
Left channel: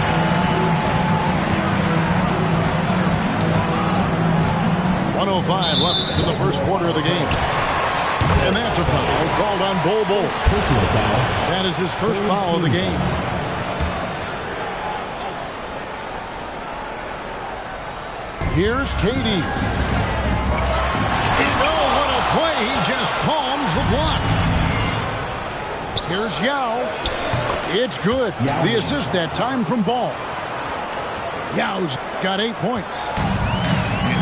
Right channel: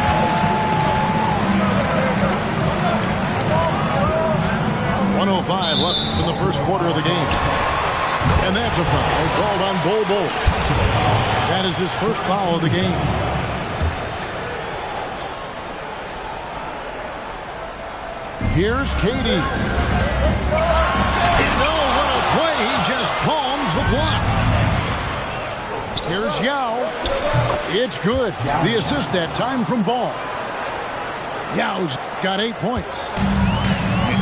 .105 left in the first quarter of the game. And that's a foul called on Bol. That is his first foul of the game. Here's KD. And oh, what a play. He just palms the block. Here's Yao. It's good. The assist that time from Ball. Yao's got 8 points.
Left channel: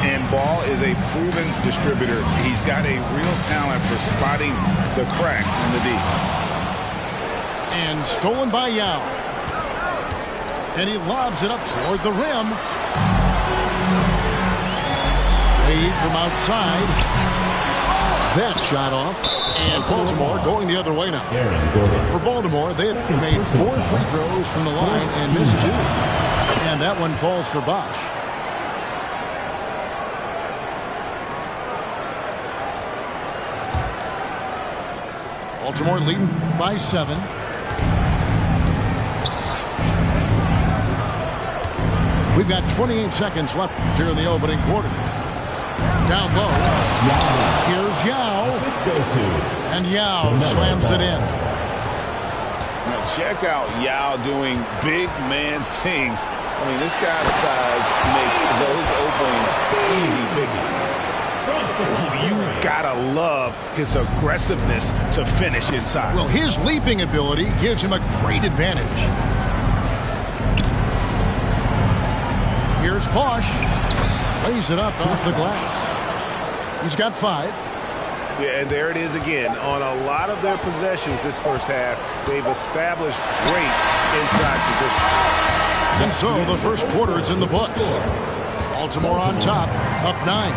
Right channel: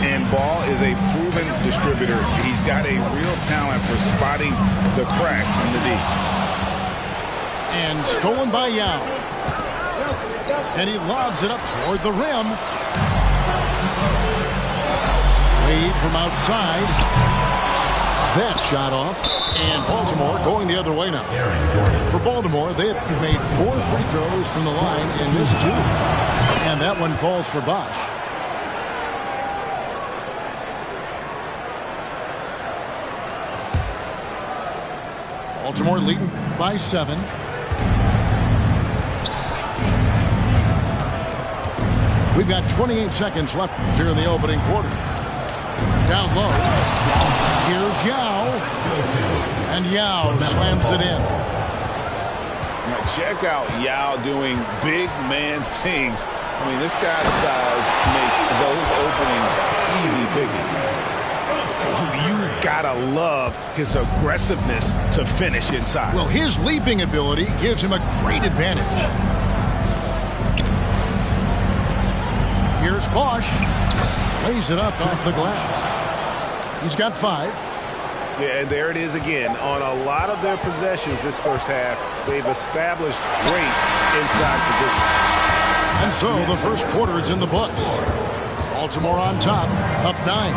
And Ball is a proven distributor. He's got a real talent for spotting the cracks in the D. And stolen by Yao. And he lobs it up toward the rim. Wade from outside. That shot off. And Baltimore going the other way now. For Baltimore, they have made 4 free throws from the line and missed 2. And that one falls for Bosch. Baltimore leading by 7. We've got 28 seconds left here in the opening quarter. Down low. Here's Yao. And Yao slams it in. Now check out Yao doing big man things. I mean, this guy's size makes those openings easy picking. You gotta love his aggressiveness to finish inside. Well, his leaping ability gives him a great advantage. Here's Bosch. Lays it up off the glass. He's got 5. Yeah, and there it is again. On a lot of their possessions this first half, they've established great inside position. And so the first quarter is in the books. Baltimore on top, up 9.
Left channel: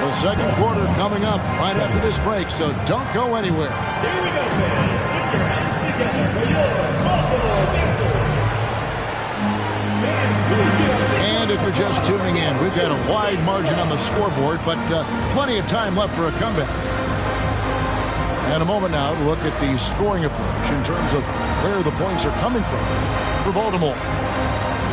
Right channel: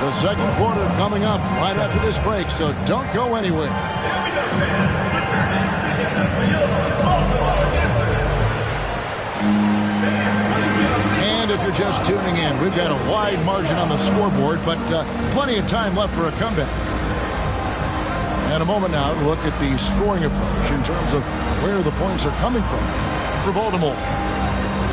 The second quarter coming up right after this break, so don't go anywhere. And if you're just tuning in, we've got a wide margin on the scoreboard, but plenty of time left for a comeback. And a moment now to look at the scoring approach in terms of where the points are coming from for Baltimore.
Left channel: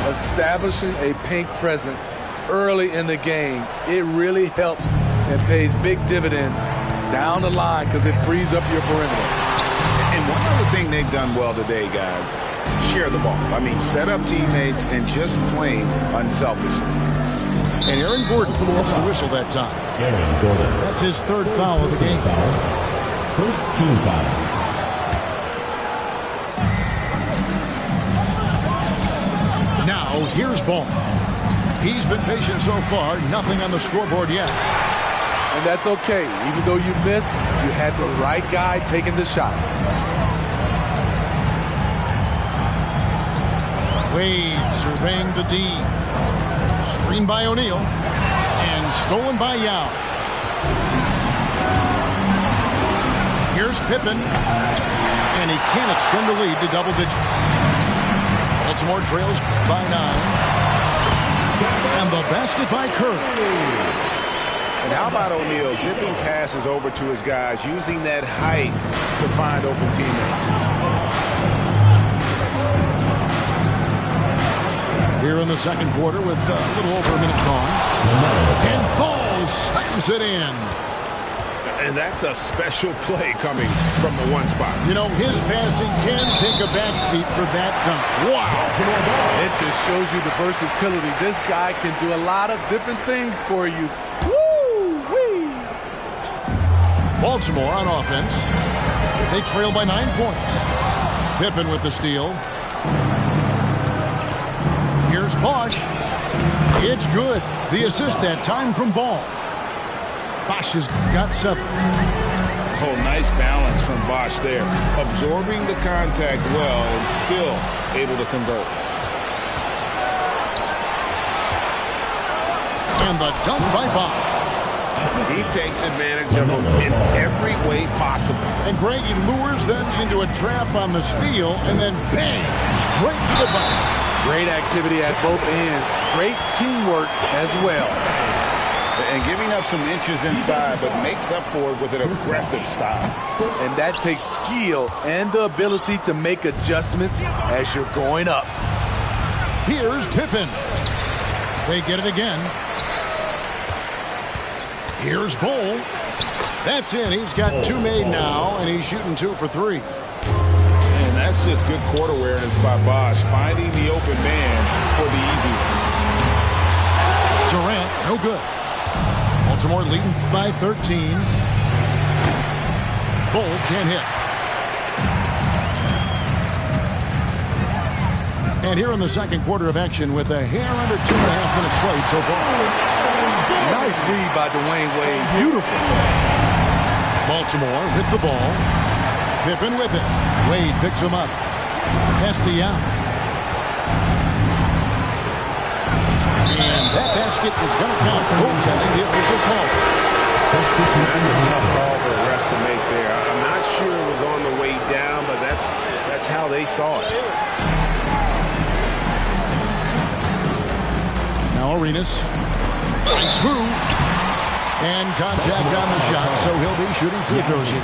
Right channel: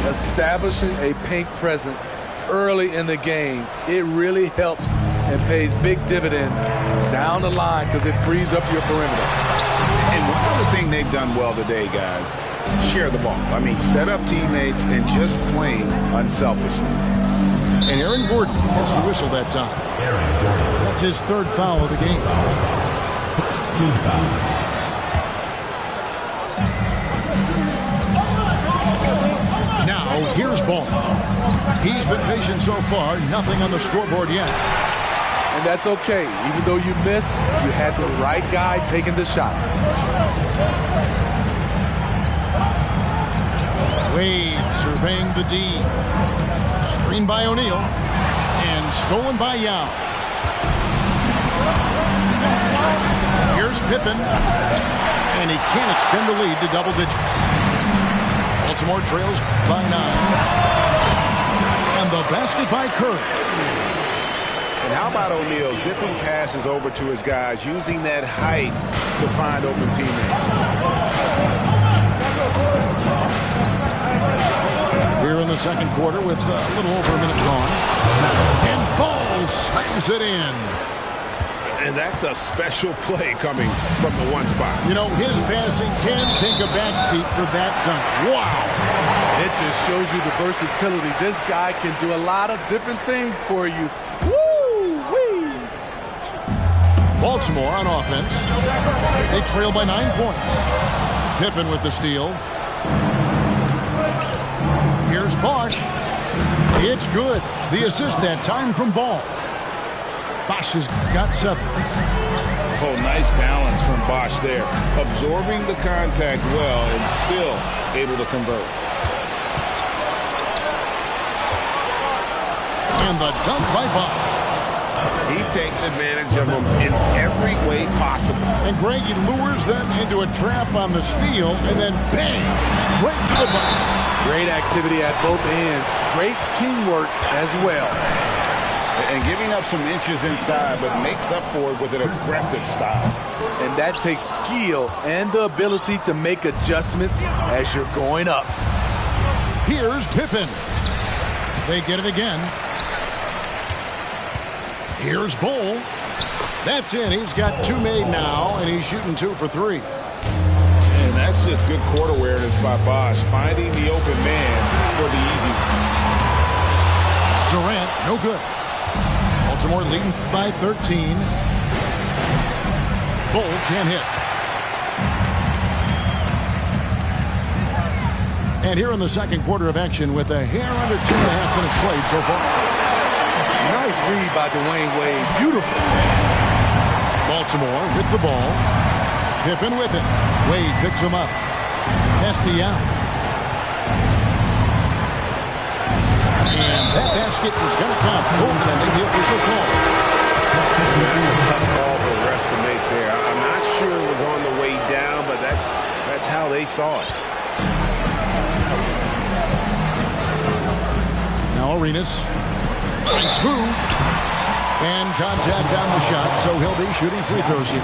Establishing a paint presence early in the game, it really helps and pays big dividends down the line because it frees up your perimeter. And one other thing they've done well today, guys, share the ball. I mean, set up teammates and just playing unselfishly. And Aaron Gordon gets the whistle that time. That's his 3rd foul of the game. First team foul. Now, here's Ball. He's been patient so far. Nothing on the scoreboard yet. And that's okay. Even though you missed, you had the right guy taking the shot. Wade surveying the D. Screen by O'Neal. And stolen by Yao. Here's Pippen. And he can't extend the lead to double digits. Baltimore trails by 9. And the basket by Curry. And how about O'Neal zipping passes over to his guys, using that height to find open teammates. Here in the second quarter with a little over a minute gone. And Ball slams it in. And that's a special play coming from the one spot. You know, his passing can take a backseat for that dunk. Wow. It just shows you the versatility. This guy can do a lot of different things for you. Woo-wee! Baltimore on offense. They trail by 9 points. Pippen with the steal. Here's Bosch. It's good. The assist that time from Ball. Bosch has got 7. Oh, nice balance from Bosch there. Absorbing the contact well and still able to convert. And the dunk by Bosch. He takes advantage of them in every way possible. And Greg, he lures them into a trap on the steal and then bang, straight to the bucket. Great activity at both ends. Great teamwork as well. And giving up some inches inside, but makes up for it with an aggressive style. And that takes skill and the ability to make adjustments as you're going up. Here's Pippen. They get it again. Here's Bull. That's in. He's got 2 made now, and he's shooting 2 for 3. And that's just good court awareness by Bosch, finding the open man for the easy one. Durant, no good. Baltimore leading by 13. Bull can't hit. And here in the second quarter of action with a hair under 2.5 minutes played so far. Nice read by Dwayne Wade. Beautiful. Baltimore with the ball. Pippen with it. Wade picks him up. Pass to Yao. And that basket is going to count. Goaltending, the official call. That's a tough call for the refs to make there. I'm not sure it was on the way down, but that's how they saw it. Now Arenas. Nice move. And contact on the shot, so he'll be shooting free throws here.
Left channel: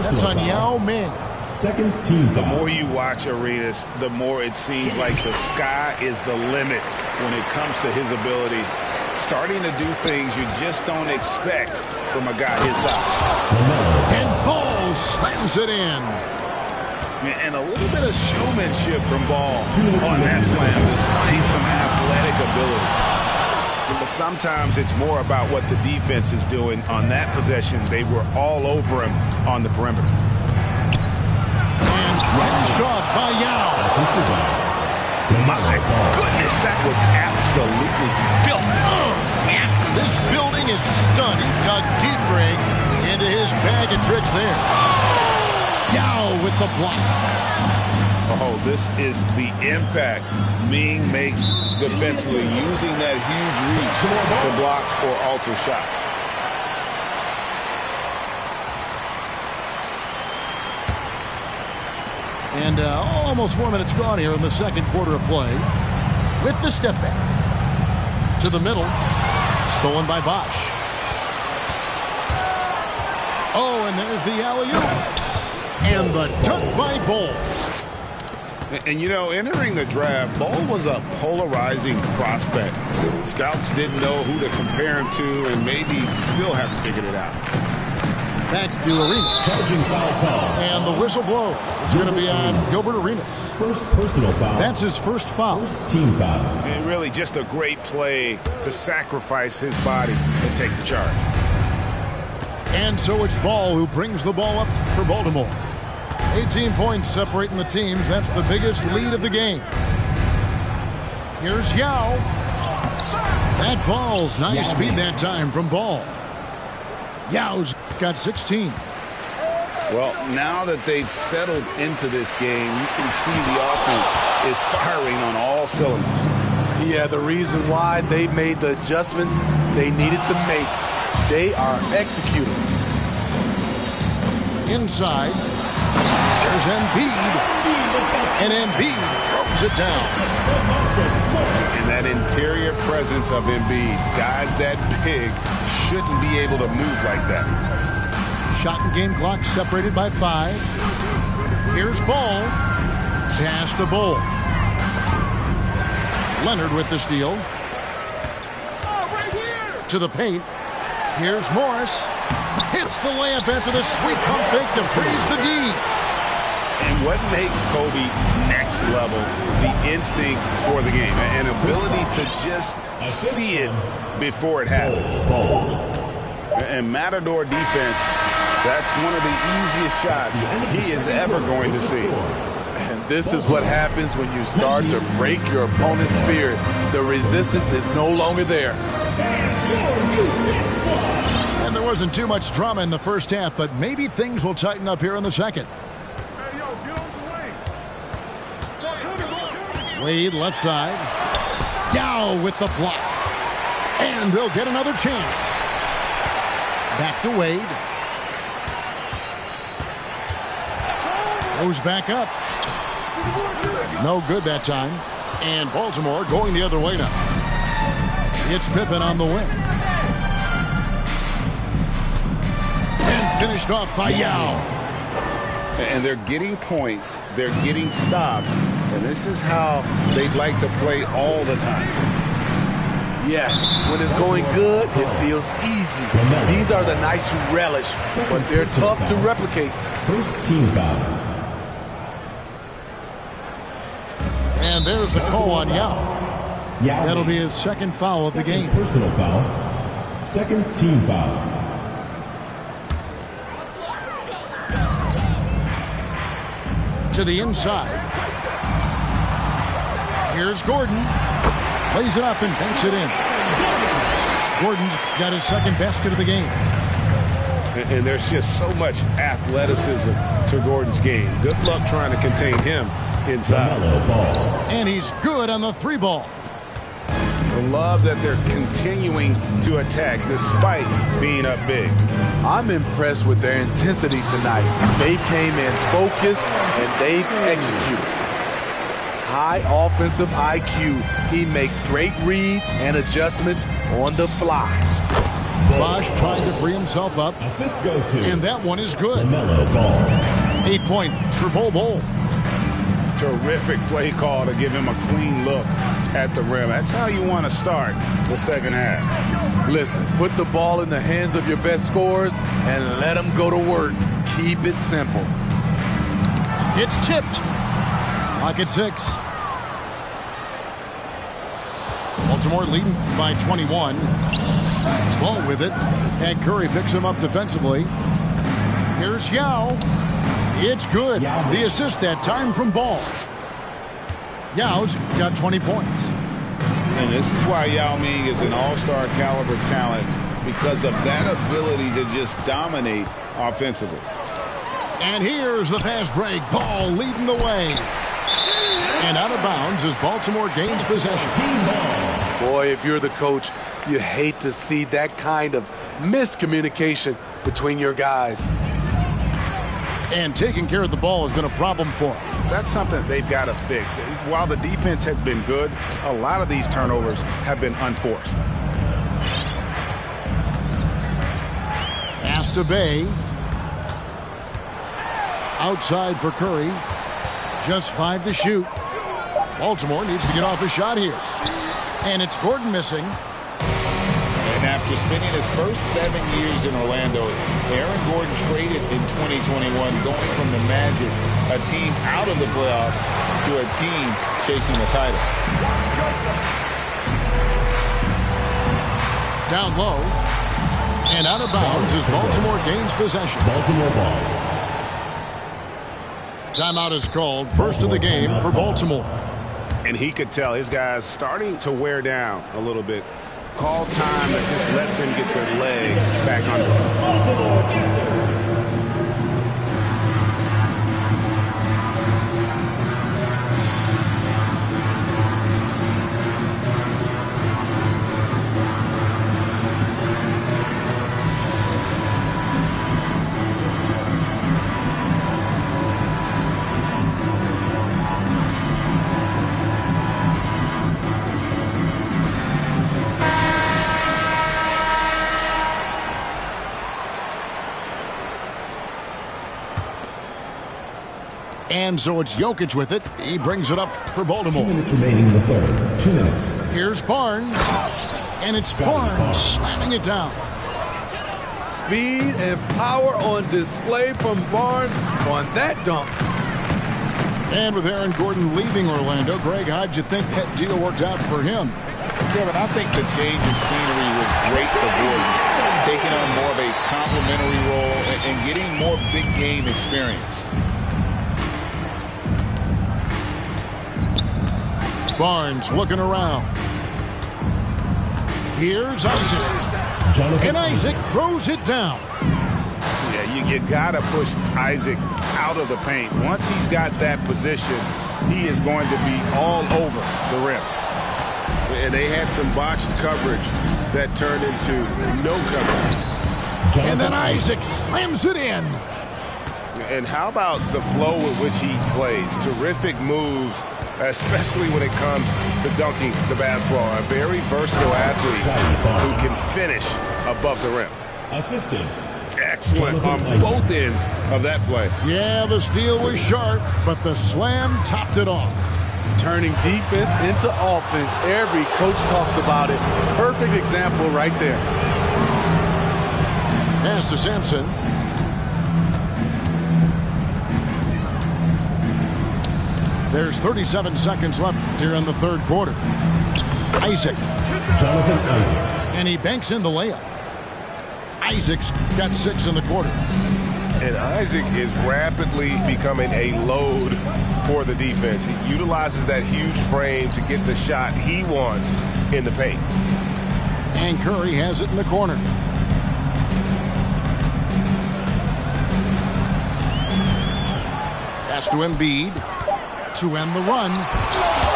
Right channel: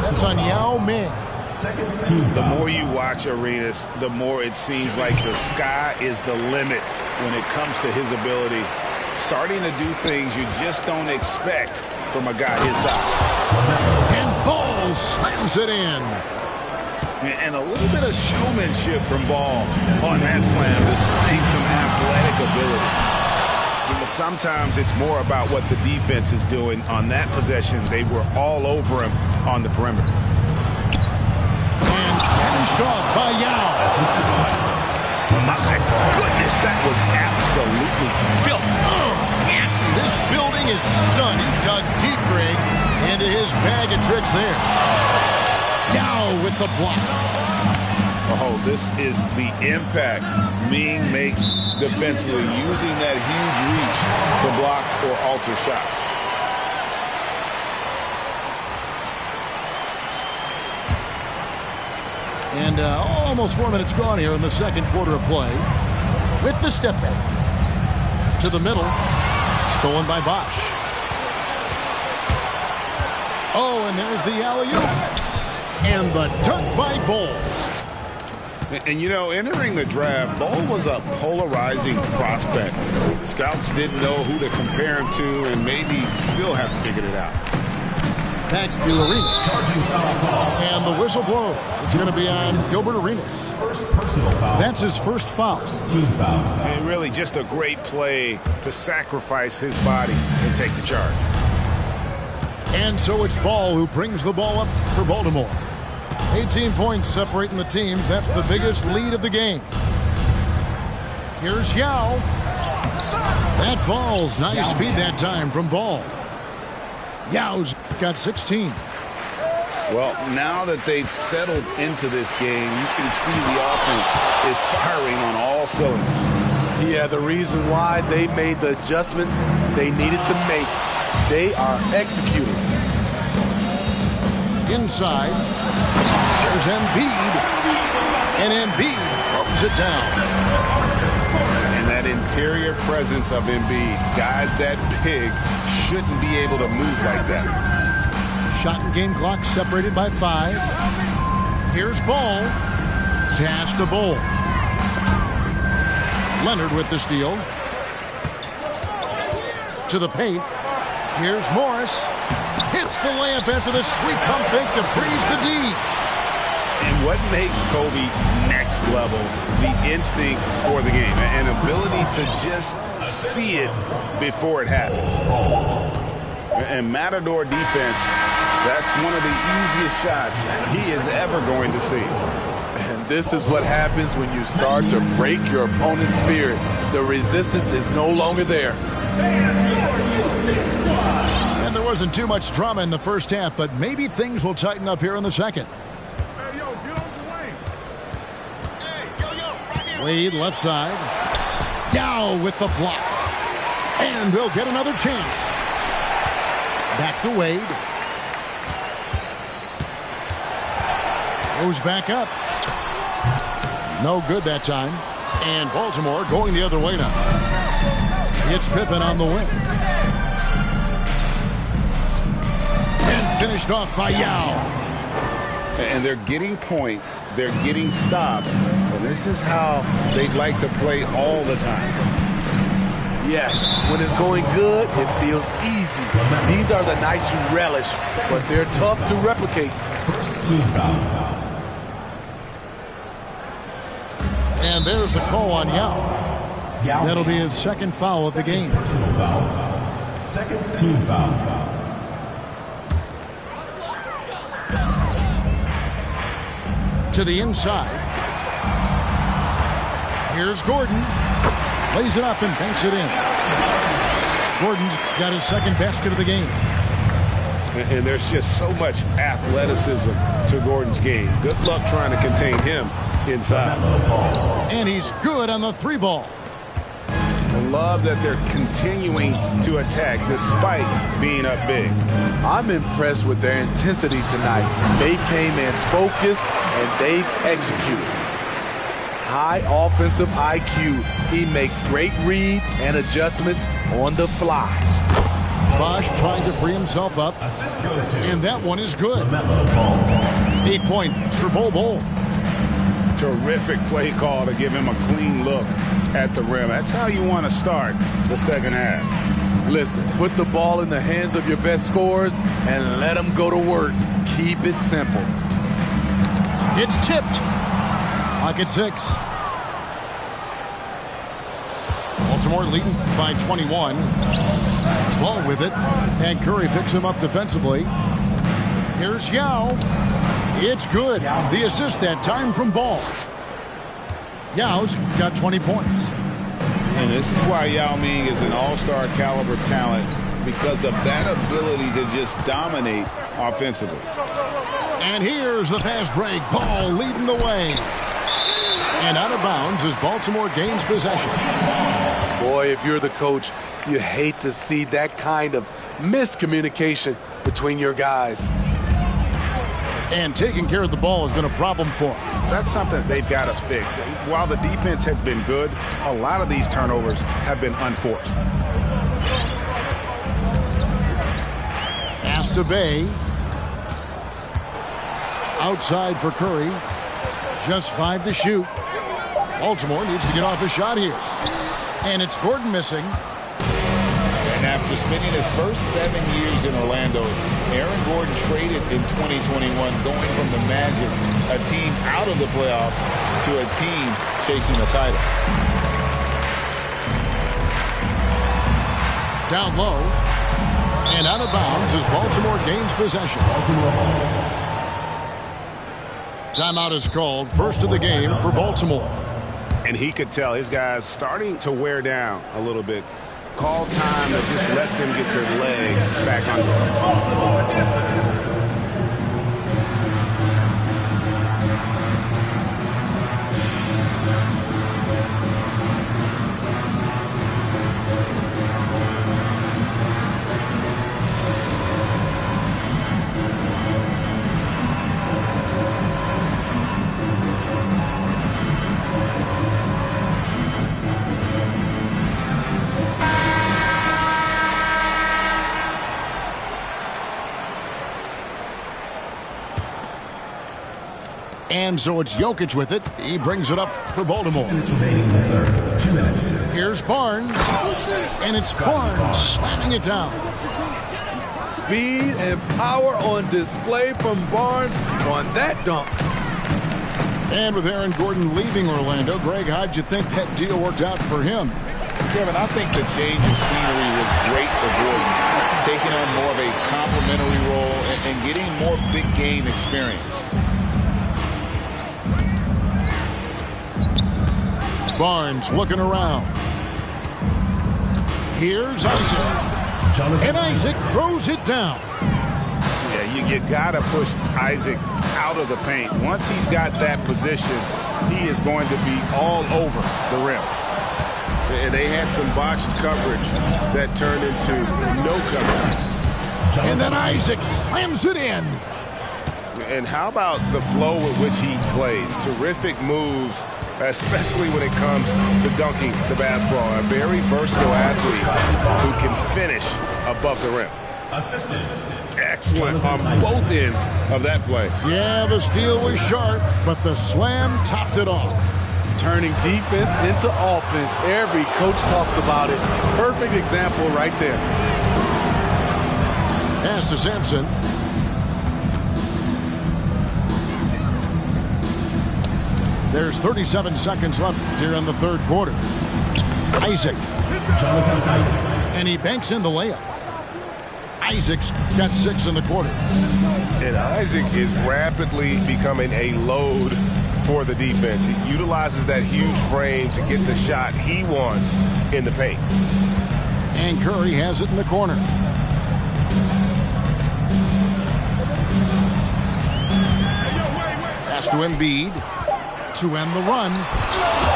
That's on Yao Ming. Second team. The more you watch Arenas, the more it seems like the sky is the limit when it comes to his ability. Starting to do things you just don't expect from a guy his size. And Ball slams it in. And a little bit of showmanship from Ball on that slam, displaying some athletic ability. But sometimes it's more about what the defense is doing. On that possession, they were all over him on the perimeter. And finished off by Yao. My goodness, that was absolutely filthy. Nasty. This building is stunned. He dug deep, Greg, into his bag of tricks there. Yao with the block. Oh, this is the impact Ming makes defensively, using that huge reach to block or alter shots. And almost 4 minutes gone here in the second quarter of play. With the step back. To the middle. Stolen by Bosch. Oh, and there's the alley-oop. And the dunk by Bull. And, you know, entering the draft, Bull was a polarizing prospect. Scouts didn't know who to compare him to and maybe still haven't figured it out. Back to Arenas. And the whistle blows. It's going to be on Gilbert Arenas. First personal foul. That's his first foul. Team foul. And really just a great play to sacrifice his body and take the charge. And so it's Ball who brings the ball up for Baltimore. 18 points separating the teams. That's the biggest lead of the game. Here's Yao. That falls. Nice feed that time from Ball. Yao's got 16. Well, now that they've settled into this game, you can see the offense is firing on all cylinders. Yeah, the reason why they made the adjustments they needed to make. They are executing. Inside, there's Embiid, and Embiid throws it down. And that interior presence of Embiid, guys that big shouldn't be able to move like that. Shot and game clock separated by 5. Here's Ball. Pass to Bull. Leonard with the steal. To the paint. Here's Morris. Hits the layup after the sweet pump fake to freeze the D. And what makes Kobe next level, the instinct for the game, an ability to just see it before it happens. And Matador defense, that's one of the easiest shots he is ever going to see. And this is what happens when you start to break your opponent's spirit. The resistance is no longer there. And there wasn't too much drama in the first half, but maybe things will tighten up here in the second. Hey, yo, get on the wing. Wade left side. Yao with the block. And they'll get another chance. Back to Wade. Goes back up. No good that time. And Baltimore going the other way now. It's Pippen on the wing. And finished off by Yao. And they're getting points. They're getting stops. And this is how they'd like to play all the time. Yes, when it's going good, it feels easy. These are the nights you relish, but they're tough to replicate. First team foul. And there's the call on Yao. That'll be his second foul of the game. Personal foul. Second team foul. To the inside. Here's Gordon. Lays it up and banks it in. Gordon's got his second basket of the game. And there's just so much athleticism to Gordon's game. Good luck trying to contain him inside. And he's good on the 3-ball. I love that they're continuing to attack despite being up big. I'm impressed with their intensity tonight. They came in focused and they've executed. High offensive IQ. He makes great reads and adjustments on the fly. Bosch trying to free himself up. Assist goes to. And that one is good. 8 point for Bol. Terrific play call to give him a clean look at the rim. That's how you want to start the second half. Listen, put the ball in the hands of your best scorers and let them go to work. Keep it simple. It's tipped. Pocket 6. Baltimore leading by 21. Ball with it. And Curry picks him up defensively. Here's Yao. It's good. The assist that time from Ball. Yao's got 20 points. And this is why Yao Ming is an all-star caliber talent, because of that ability to just dominate offensively. And here's the fast break. Ball leading the way. And out of bounds as Baltimore gains possession. Boy, if you're the coach, you hate to see that kind of miscommunication between your guys. And taking care of the ball has been a problem for them. That's something they've got to fix. While the defense has been good, a lot of these turnovers have been unforced. Pass to Bay. Outside for Curry. Just 5 to shoot. Baltimore needs to get off a shot here. And it's Gordon missing. And after spending his first 7 years in Orlando, Aaron Gordon traded in 2021, going from the Magic, a team out of the playoffs, to a team chasing the title. Down low. And out of bounds as Baltimore gains possession. Baltimore ball. Timeout is called. First of the game for Baltimore. And he could tell his guys starting to wear down a little bit. Call time to just let them get their legs back under them. And so it's Jokic with it. He brings it up for Baltimore. 2 minutes remaining in the third. 2 minutes. Here's Barnes. And it's Barnes slamming it down. Speed and power on display from Barnes on that dunk. And with Aaron Gordon leaving Orlando, Greg, how'd you think that deal worked out for him? Kevin, I think the change of scenery was great for Gordon, taking on more of a complimentary role and getting more big game experience. Barnes looking around. Here's Isaac. And Isaac throws it down. Yeah, you got to push Isaac out of the paint. Once he's got that position, he is going to be all over the rim. And they had some botched coverage that turned into no coverage. And then Isaac slams it in. And how about the flow with which he plays? Terrific moves, especially when it comes to dunking the basketball. A very versatile athlete who can finish above the rim. Assistant. Excellent on both ends of that play. Yeah, the steal was sharp, but the slam topped it off. Turning defense into offense. Every coach talks about it. Perfect example right there. Pass to Sampson. There's 37 seconds left here in the third quarter. Isaac. Jonathan Isaac. And he banks in the layup. Isaac's got 6 in the quarter. And Isaac is rapidly becoming a load for the defense. He utilizes that huge frame to get the shot he wants in the paint. And Curry has it in the corner. Pass to Embiid to end the run.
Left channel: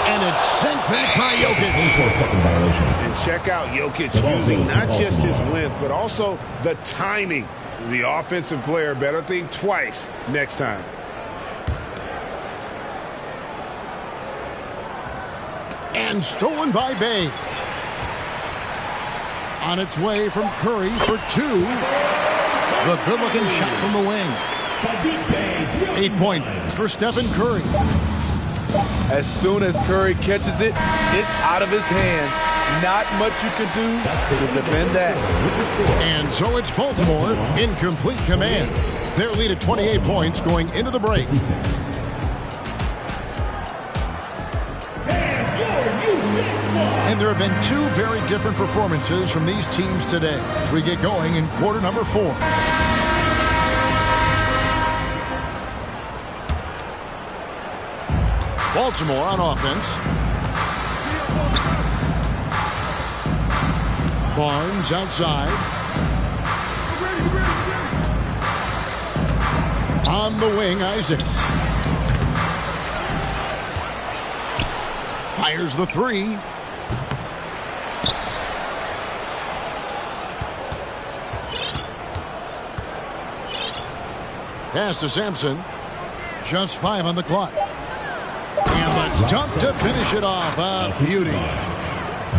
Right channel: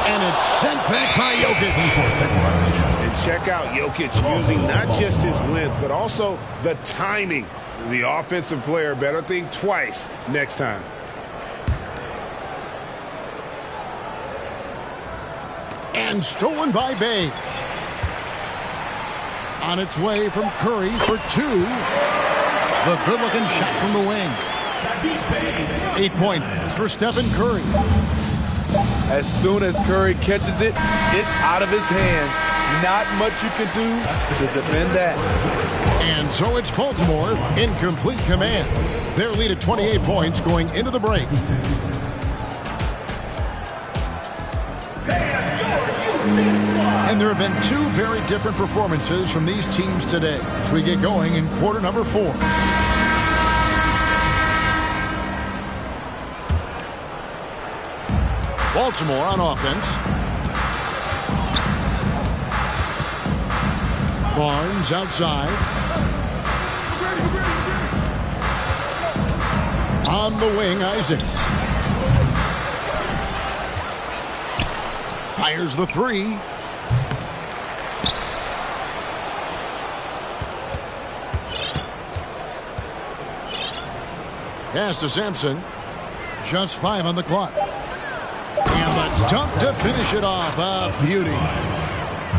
And it's sent back by Jokic. 24-second violation. And check out Jokic using not just his length, but also the timing. The offensive player better think twice next time. And stolen by Bay. On its way from Curry for 2. The good-looking shot from the wing. 8 points for Stephen Curry. As soon as Curry catches it, it's out of his hands. Not much you can do to defend that. And so it's Baltimore in complete command. Their lead at 28 points going into the break. And there have been 2 very different performances from these teams today as we get going in quarter number 4. Baltimore on offense. Barnes outside. On the wing, Isaac. Fires the 3. Pass to Sampson. Just 5 on the clock. And the dunk to finish it off. A beauty.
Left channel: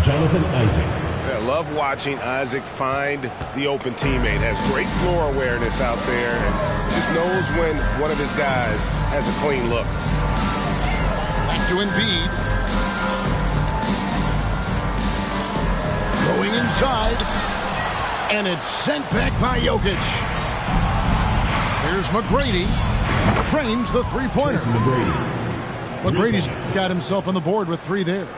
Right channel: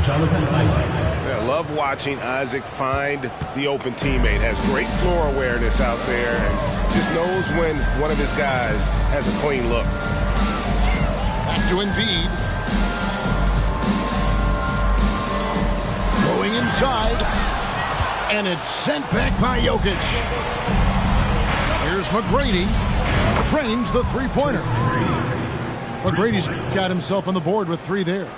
Jonathan Isaac. I love watching Isaac find the open teammate. Has great floor awareness out there and just knows when one of his guys has a clean look. Back to Embiid. Going inside. And it's sent back by Jokic. Here's McGrady. Trains the three-pointer. McGrady's got himself on the board with 3 there.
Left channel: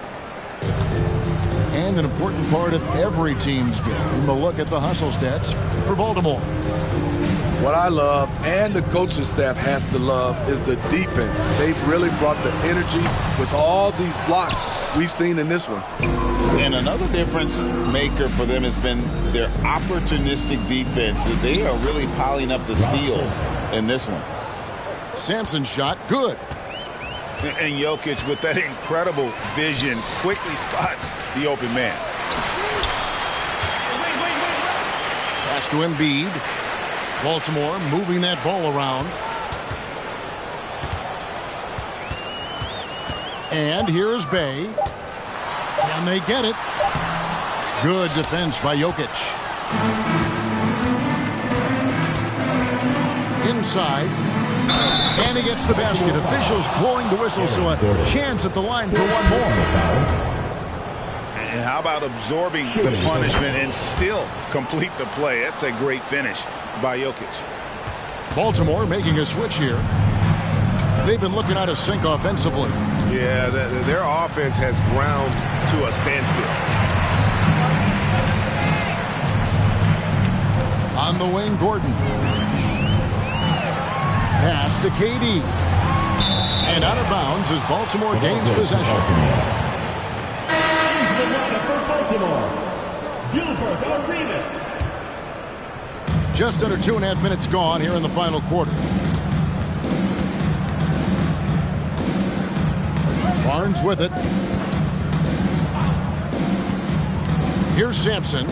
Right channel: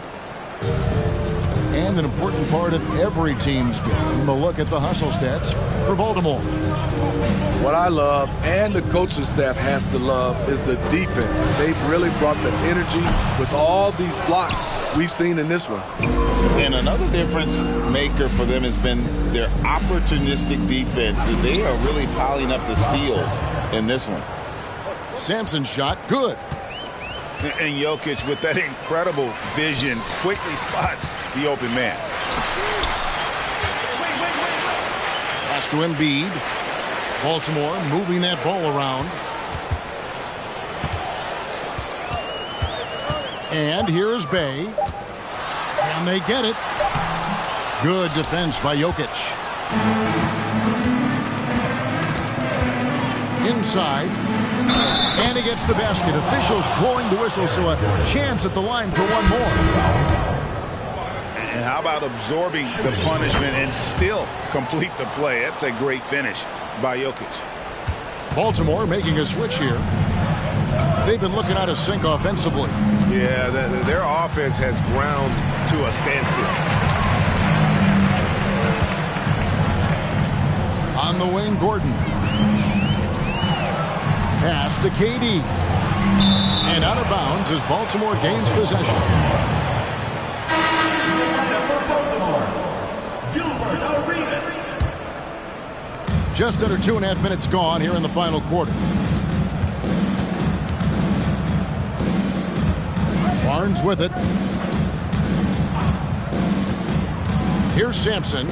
And an important part of every team's game, a look at the hustle stats for Baltimore. What I love, and the coaching staff has to love, is the defense. They've really brought the energy with all these blocks we've seen in this one. And another difference maker for them has been their opportunistic defense. That they are really piling up the steals in this one. Sampson's shot, good. And Jokic, with that incredible vision, quickly spots the open man. Pass to Embiid. Baltimore moving that ball around. And here's Bay. Can they get it? Good defense by Jokic. Inside. And he gets the basket. Officials blowing the whistle, so a chance at the line for one more. And how about absorbing the punishment and still complete the play? That's a great finish by Jokic. Baltimore making a switch here. They've been looking out of sync offensively. Yeah, their offense has ground to a standstill. On the wing, Gordon. Pass to KD. And out of bounds as Baltimore gains possession. Just under 2.5 minutes gone here in the final quarter. Barnes with it. Here's Sampson.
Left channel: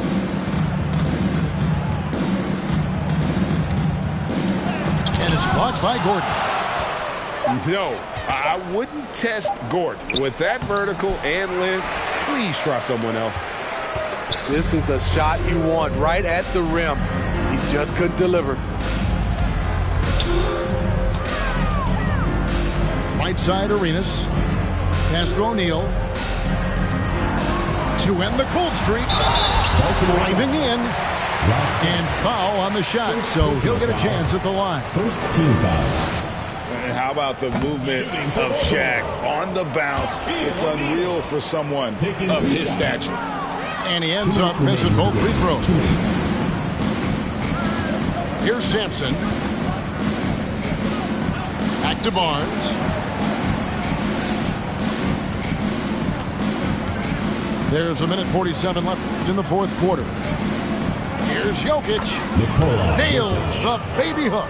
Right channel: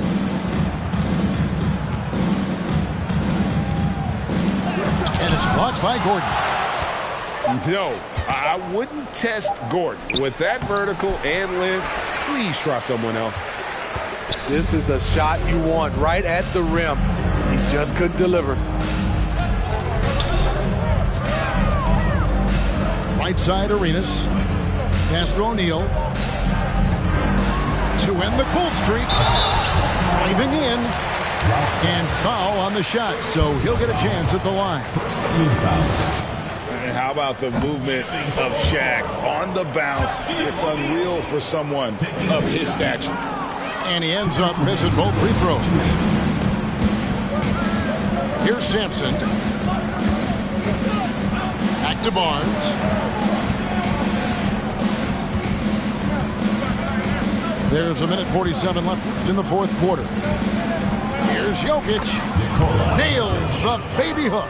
And it's blocked by Gordon. No, I wouldn't test Gordon. With that vertical and length, please try someone else. This is the shot you want right at the rim. He just couldn't deliver. Right side, Arenas. Pass to O'Neal. To end the cold streak. Driving in. And foul on the shot, so he'll get a chance at the line. First team foul. And how about the movement of Shaq on the bounce? It's unreal for someone of his stature. And he ends up missing both free throws. Here's Sampson. Back to Barnes. There's 1:47 left in the fourth quarter. Here's Jokic. Nails the baby hook.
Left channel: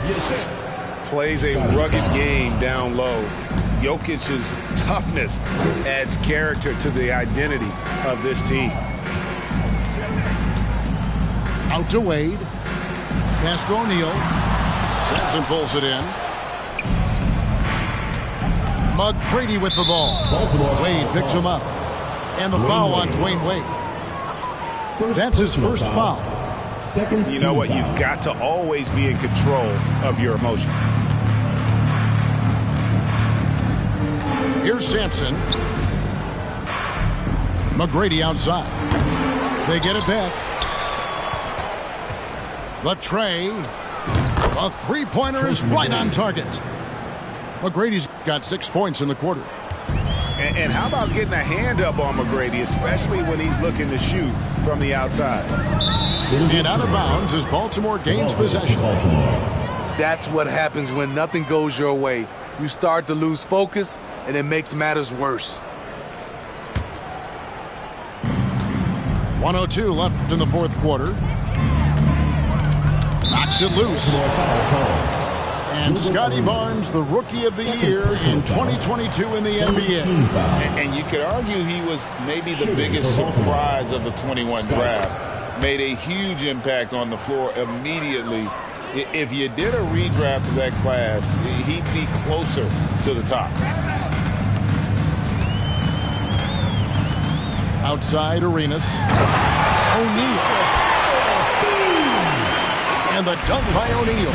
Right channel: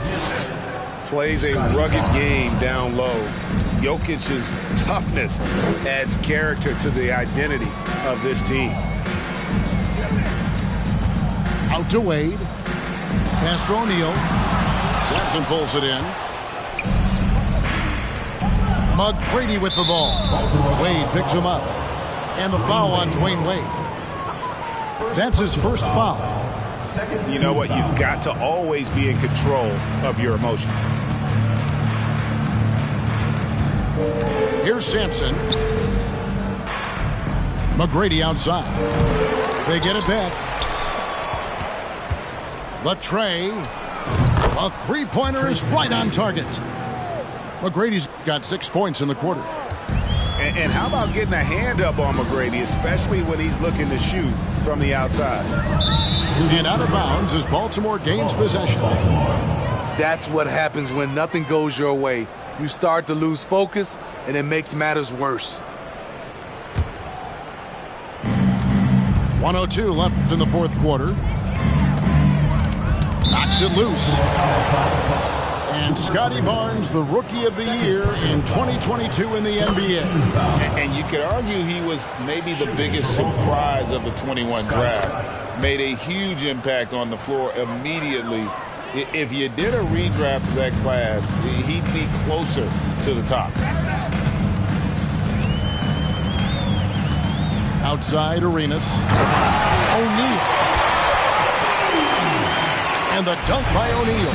Plays a rugged game down low. Jokic's toughness adds character to the identity of this team. Out to Wade. Pass to O'Neal. Sampson pulls it in. McGrady with the ball. Wade picks him up. And the foul on Dwayne Wade. That's his first foul. You know what? You've got to always be in control of your emotions. Here's Sampson. McGrady outside. They get it back. The tray. A three-pointer is right on target. McGrady's got 6 points in the quarter. And how about getting a hand up on McGrady, especially when he's looking to shoot from the outside? And out of bounds as Baltimore gains possession. That's what happens when nothing goes your way. You start to lose focus, and it makes matters worse. 1:02 left in the fourth quarter. Knocks it loose. And Scotty Barnes, the Rookie of the Year in 2022 in the NBA. And you could argue he was maybe the biggest surprise of the 21 draft. Made a huge impact on the floor immediately. If you did a redraft of that class, he'd be closer to the top. Outside Arenas. O'Neal. And the dunk by O'Neal.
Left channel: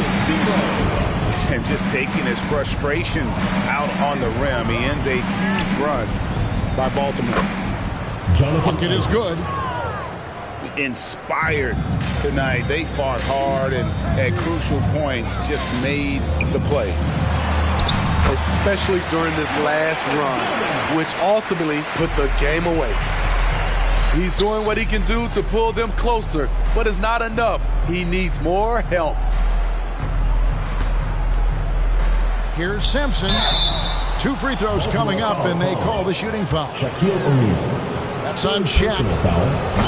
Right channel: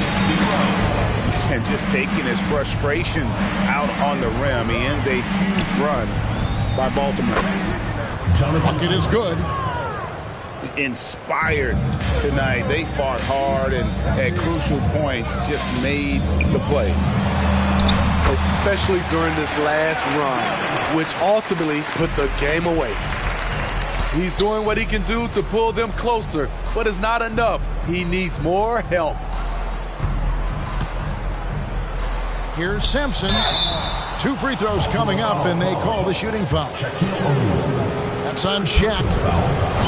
And just taking his frustration out on the rim. He ends a huge run by Baltimore. Bucket is good. Inspired tonight. They fought hard and at crucial points just made the plays. Especially during this last run, which ultimately put the game away. He's doing what he can do to pull them closer, but it's not enough. He needs more help. Here's Sampson. 2 free throws coming up, and they call the shooting foul. Shaquille O'Neal. That's on Shaq.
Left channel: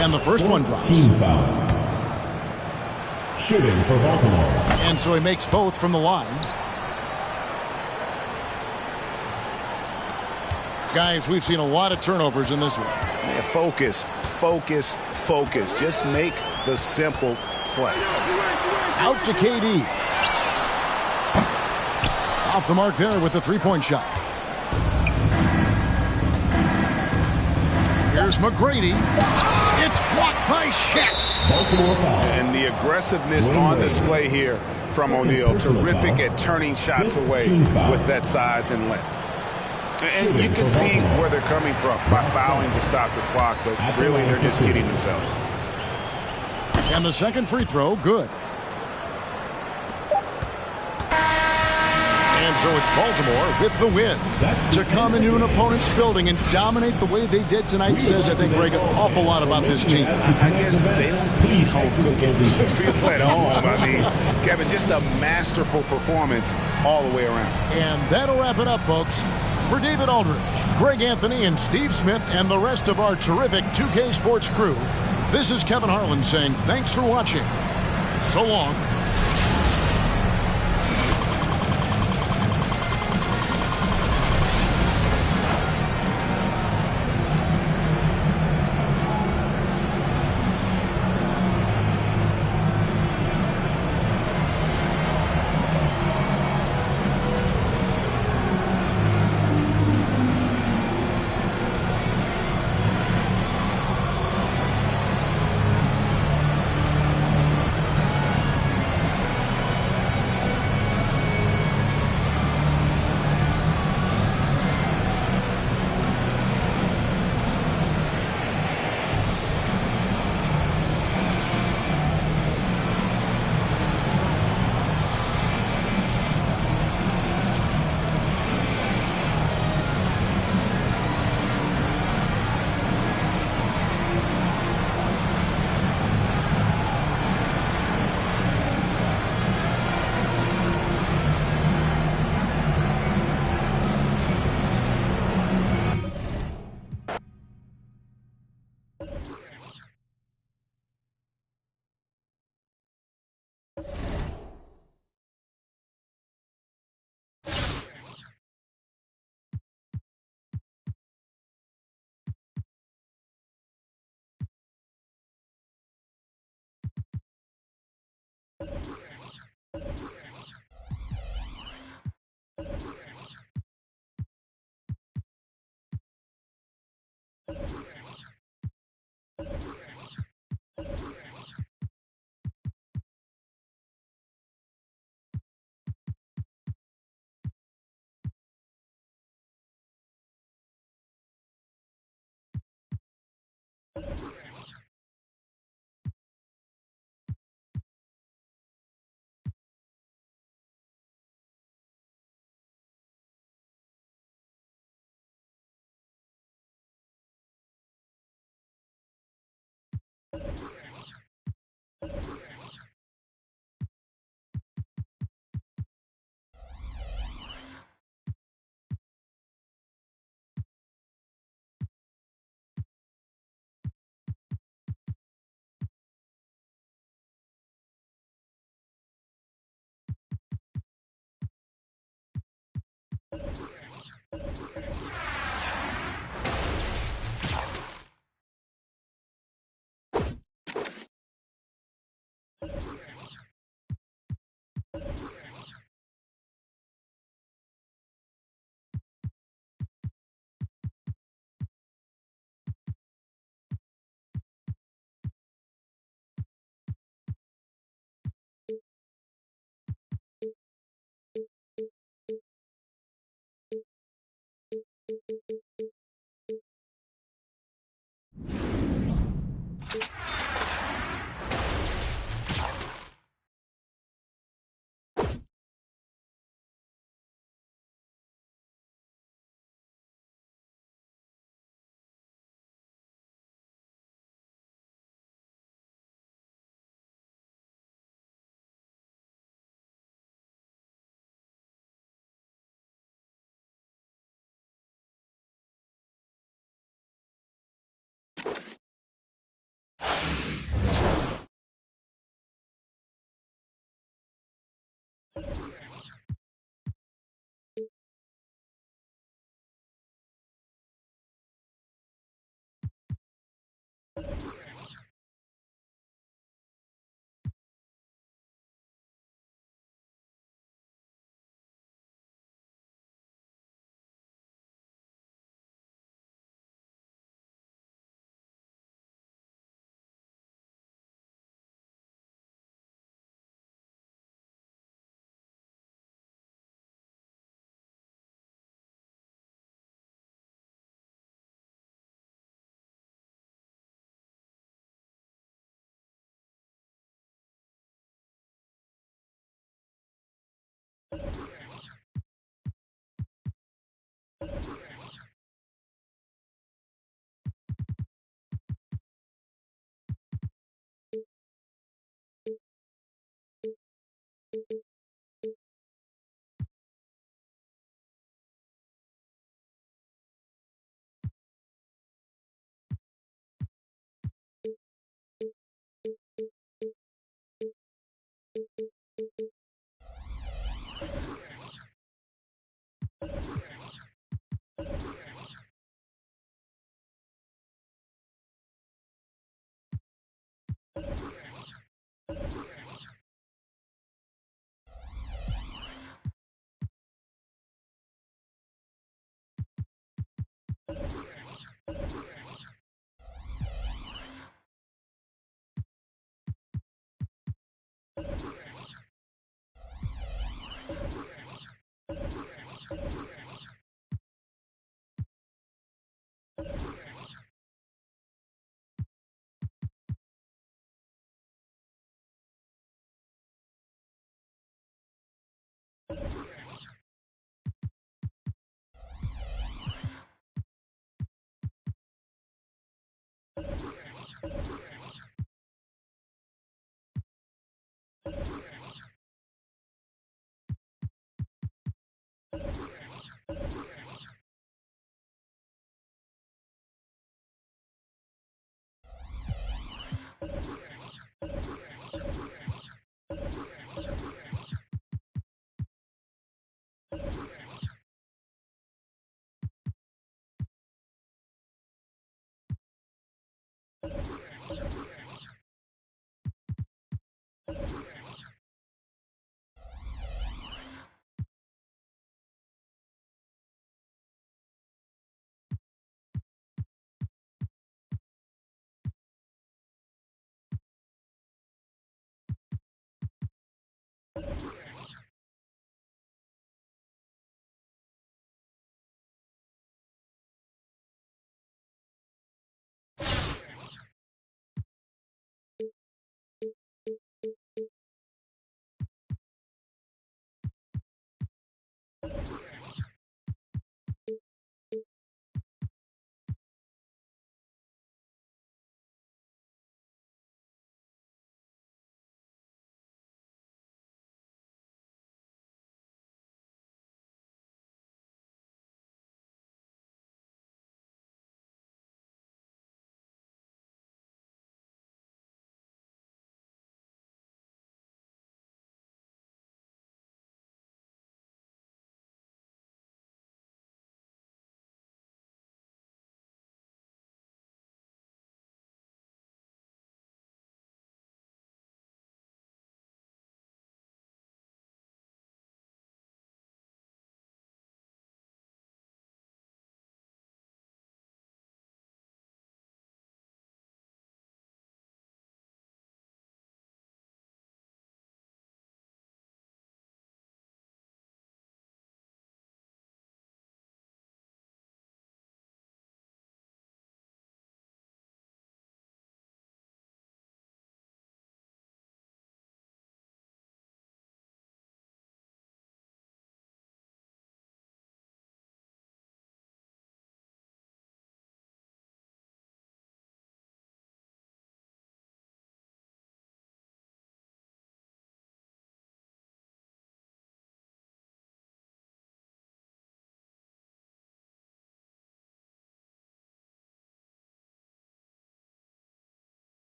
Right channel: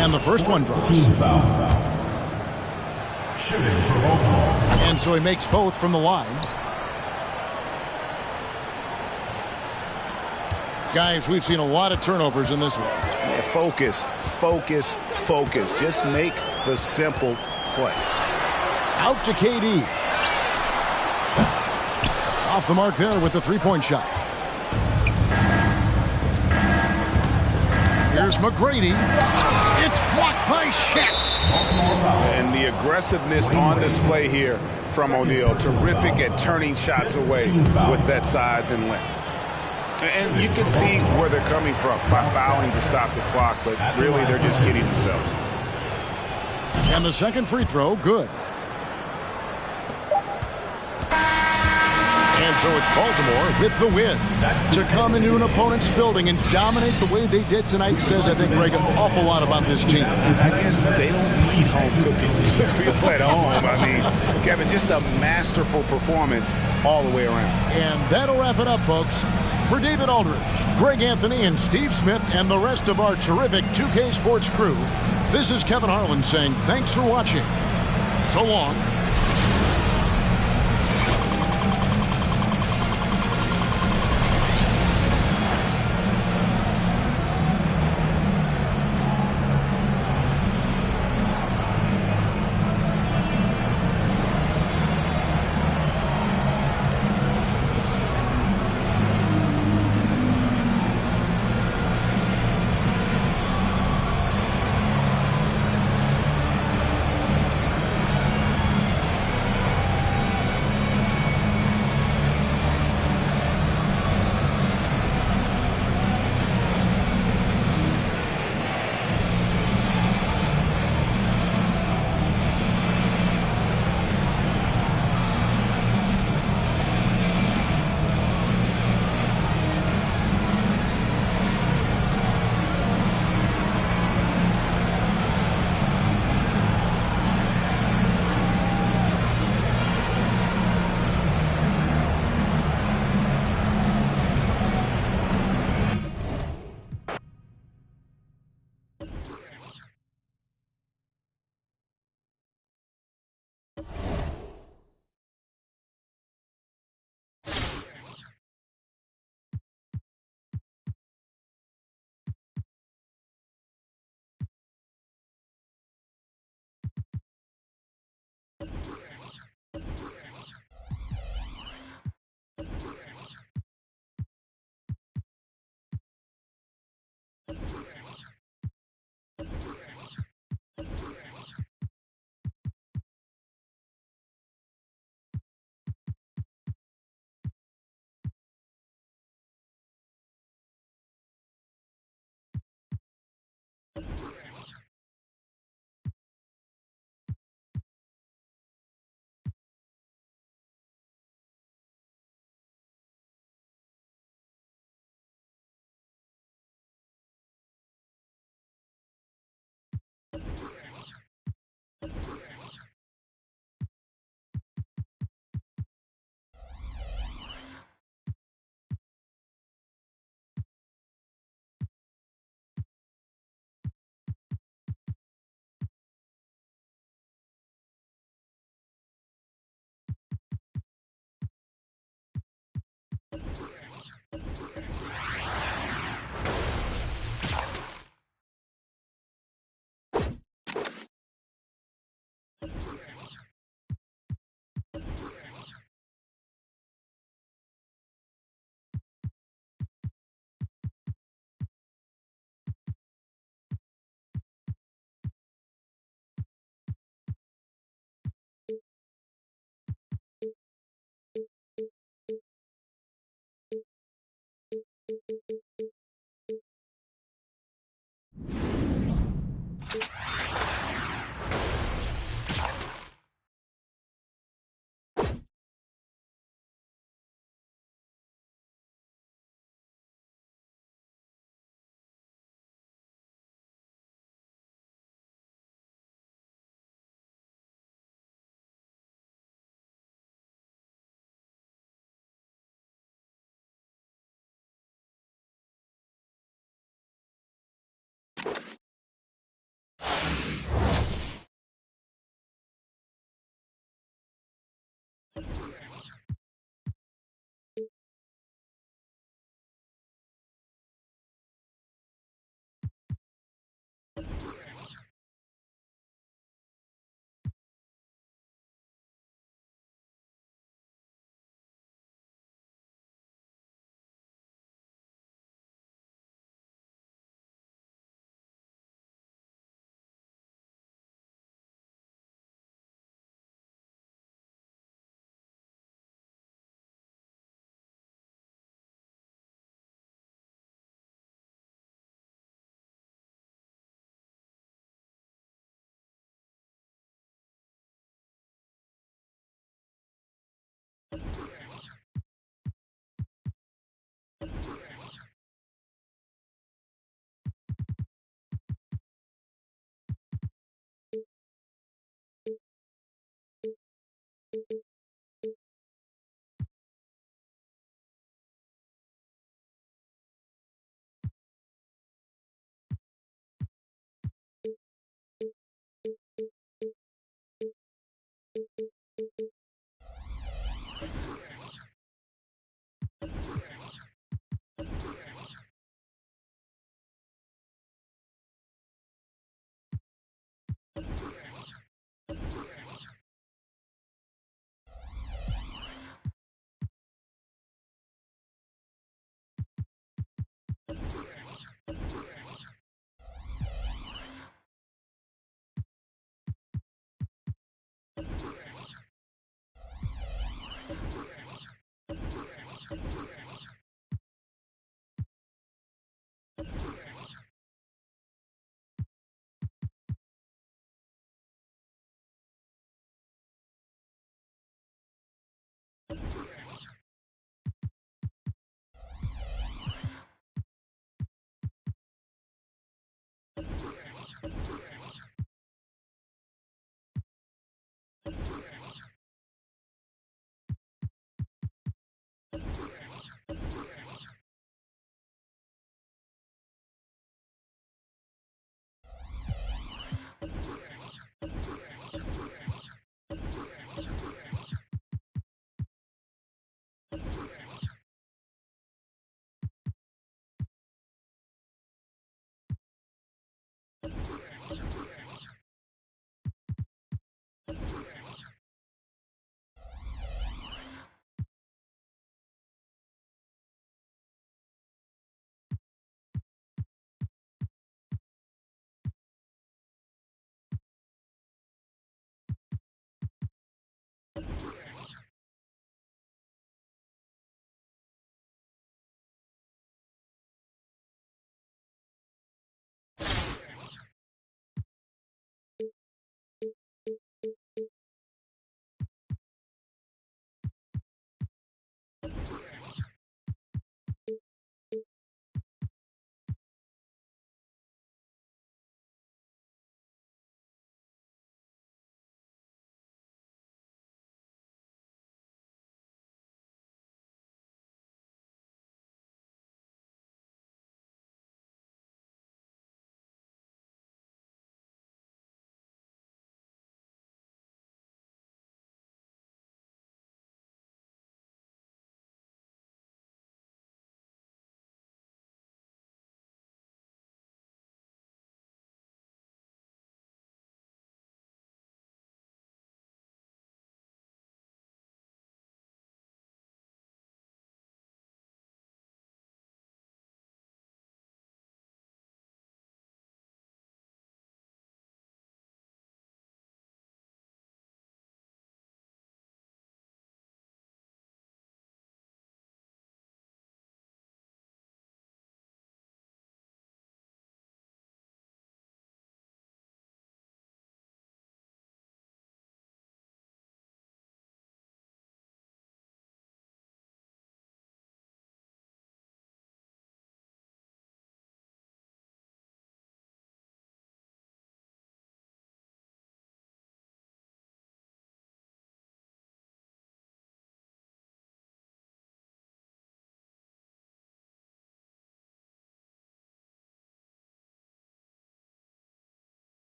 And the first one drops. Team foul. Shooting for Baltimore. And so he makes both from the line. Guys, we've seen a lot of turnovers in this one. Yeah, focus, focus, focus. Just make the simple play. Out to KD. Off the mark there with the three-point shot. Here's McGrady. It's blocked by Shaq. Baltimore foul. And the aggressiveness on display here from O'Neal. Terrific at turning shots away with that size and length. And you can see where they're coming from by fouling to stop the clock, but really they're just kidding themselves. And the second free throw, good. And so it's Baltimore with the win. To come into an opponent's building and dominate the way they did tonight says, I think, Greg, an awful lot about this team. I guess they don't need home cooking to feel at home. I mean, Kevin, just a masterful performance all the way around. And that'll wrap it up, folks. For David Aldridge, Greg Anthony, and Steve Smith, and the rest of our terrific 2K Sports crew, this is Kevin Harlan saying thanks for watching. So long.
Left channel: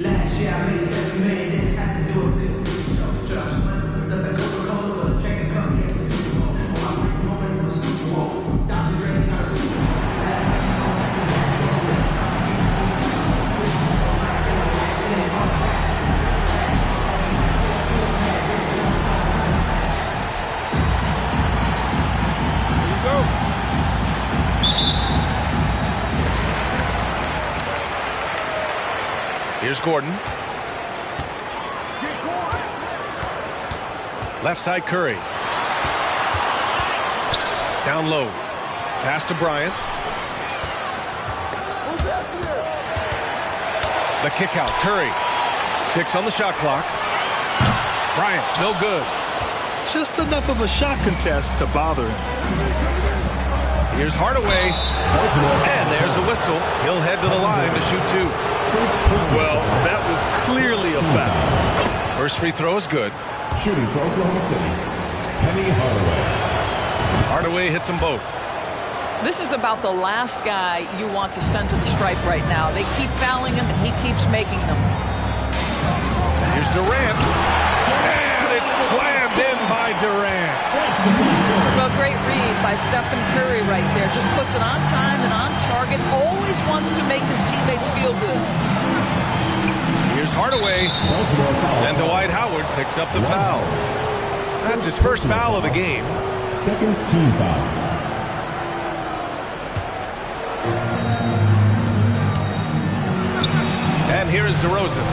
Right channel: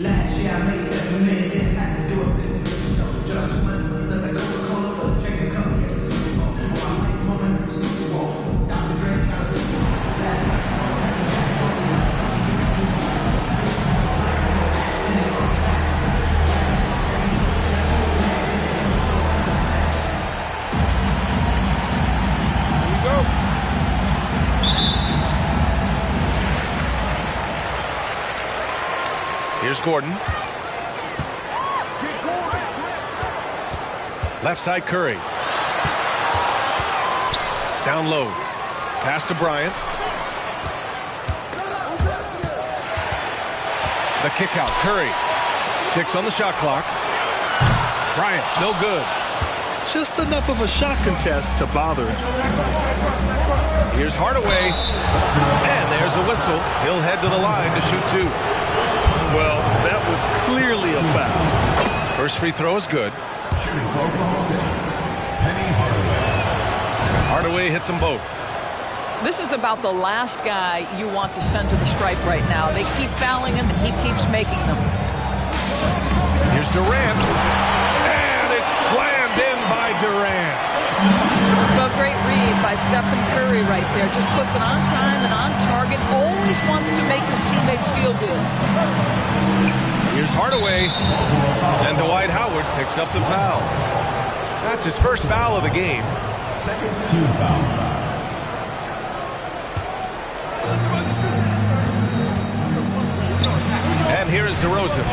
Last year I made $7 million, didn't have to do a thing. No judgment, that's like Coca-Cola, but a check and company at the Super Bowl. All my life moments is a Super Bowl. Dr. Dre got a Super Bowl. Last night I was catching back, don't you about to get a new Super Bowl. This is how it's like, it ain't all back. Here we go. Here's Gordon. Left side Curry. Down low. Pass to Bryant. The kick out, Curry. 6 on the shot clock. Bryant, no good. Just enough of a shot contest to bother him. Here's Hardaway. And there's a whistle. He'll head to the line to shoot 2. Well, that was clearly a foul. First free throw is good. Shooting for Oklahoma City, Penny Hardaway. Hardaway hits them both. This is about the last guy you want to send to the stripe right now. They keep fouling him, and he keeps making them. Here's Durant. And it's slammed in by Durant. Well, great read by Stephen Curry right there. Just puts it on time and on target. Always wants to make his teammates feel good. Here's Hardaway. And Dwight Howard picks up the foul. That's his first foul of the game. Second team foul. And here is DeRozan.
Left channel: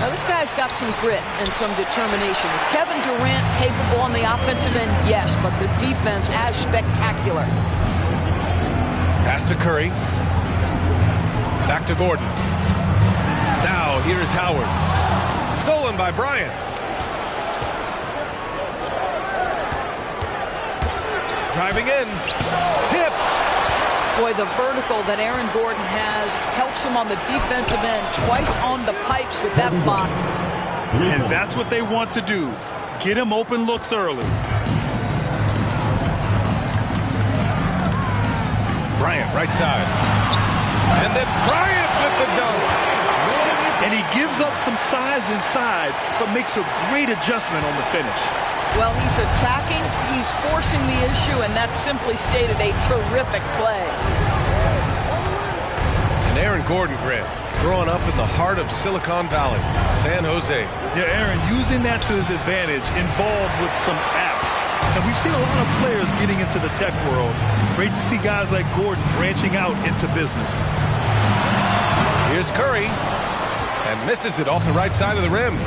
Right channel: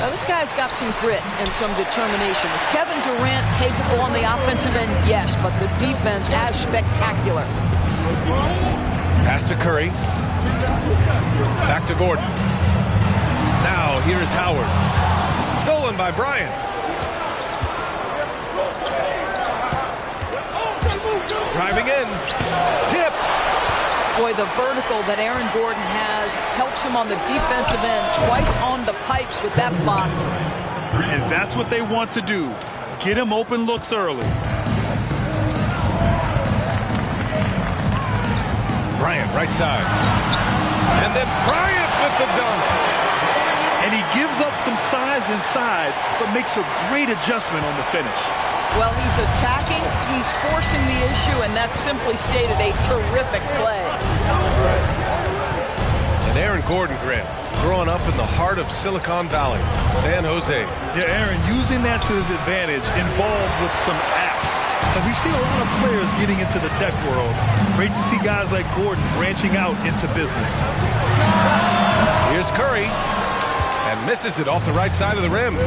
Now, this guy's got some grit and some determination. Is Kevin Durant capable on the offensive end? Yes, but the defense as spectacular. Pass to Curry. Back to Gordon. Now, here's Howard. Stolen by Bryant. Driving in. Tipped. Boy, the vertical that Aaron Gordon has helps him on the defensive end. Twice on the pipes with that block. And that's what they want to do. Get him open looks early. Bryant, right side. And then Bryant with the dunk. And he gives up some size inside, but makes a great adjustment on the finish. Well, he's attacking, he's forcing the issue, and that's simply stated a terrific play. And Aaron Gordon, Grant, growing up in the heart of Silicon Valley, San Jose. Yeah, Aaron, using that to his advantage, involved with some apps. And we've seen a lot of players getting into the tech world. Great to see guys like Gordon branching out into business. Here's Curry, and misses it off the right side of the rim.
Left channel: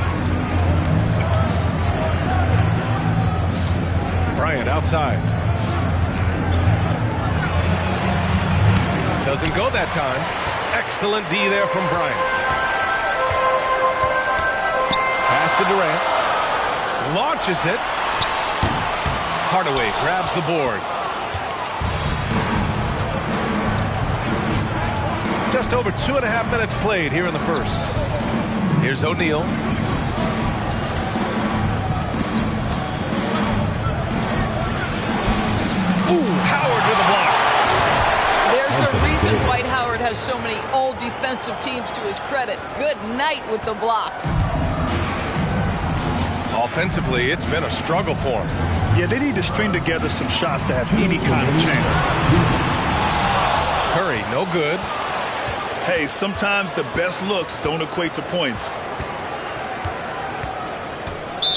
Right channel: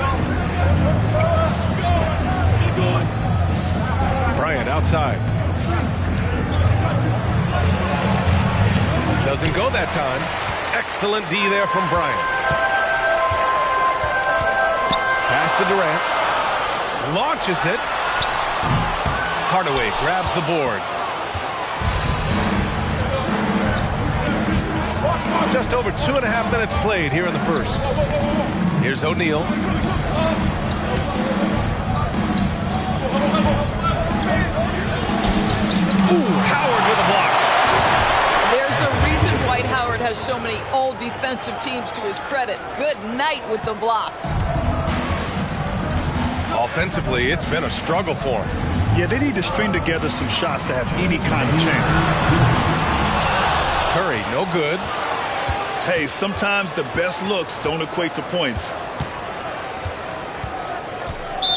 Bryant outside. Doesn't go that time. Excellent D there from Bryant. Pass to Durant. Launches it. Hardaway grabs the board. Just over 2.5 minutes played here in the first. Here's O'Neal. Ooh, Howard with a block. There's a reason Dwight Howard has so many all-defensive teams to his credit. Good night with the block. Offensively, it's been a struggle for him. Yeah, they need to string together some shots to have any kind of chance. Curry, no good. Hey, sometimes the best looks don't equate to points.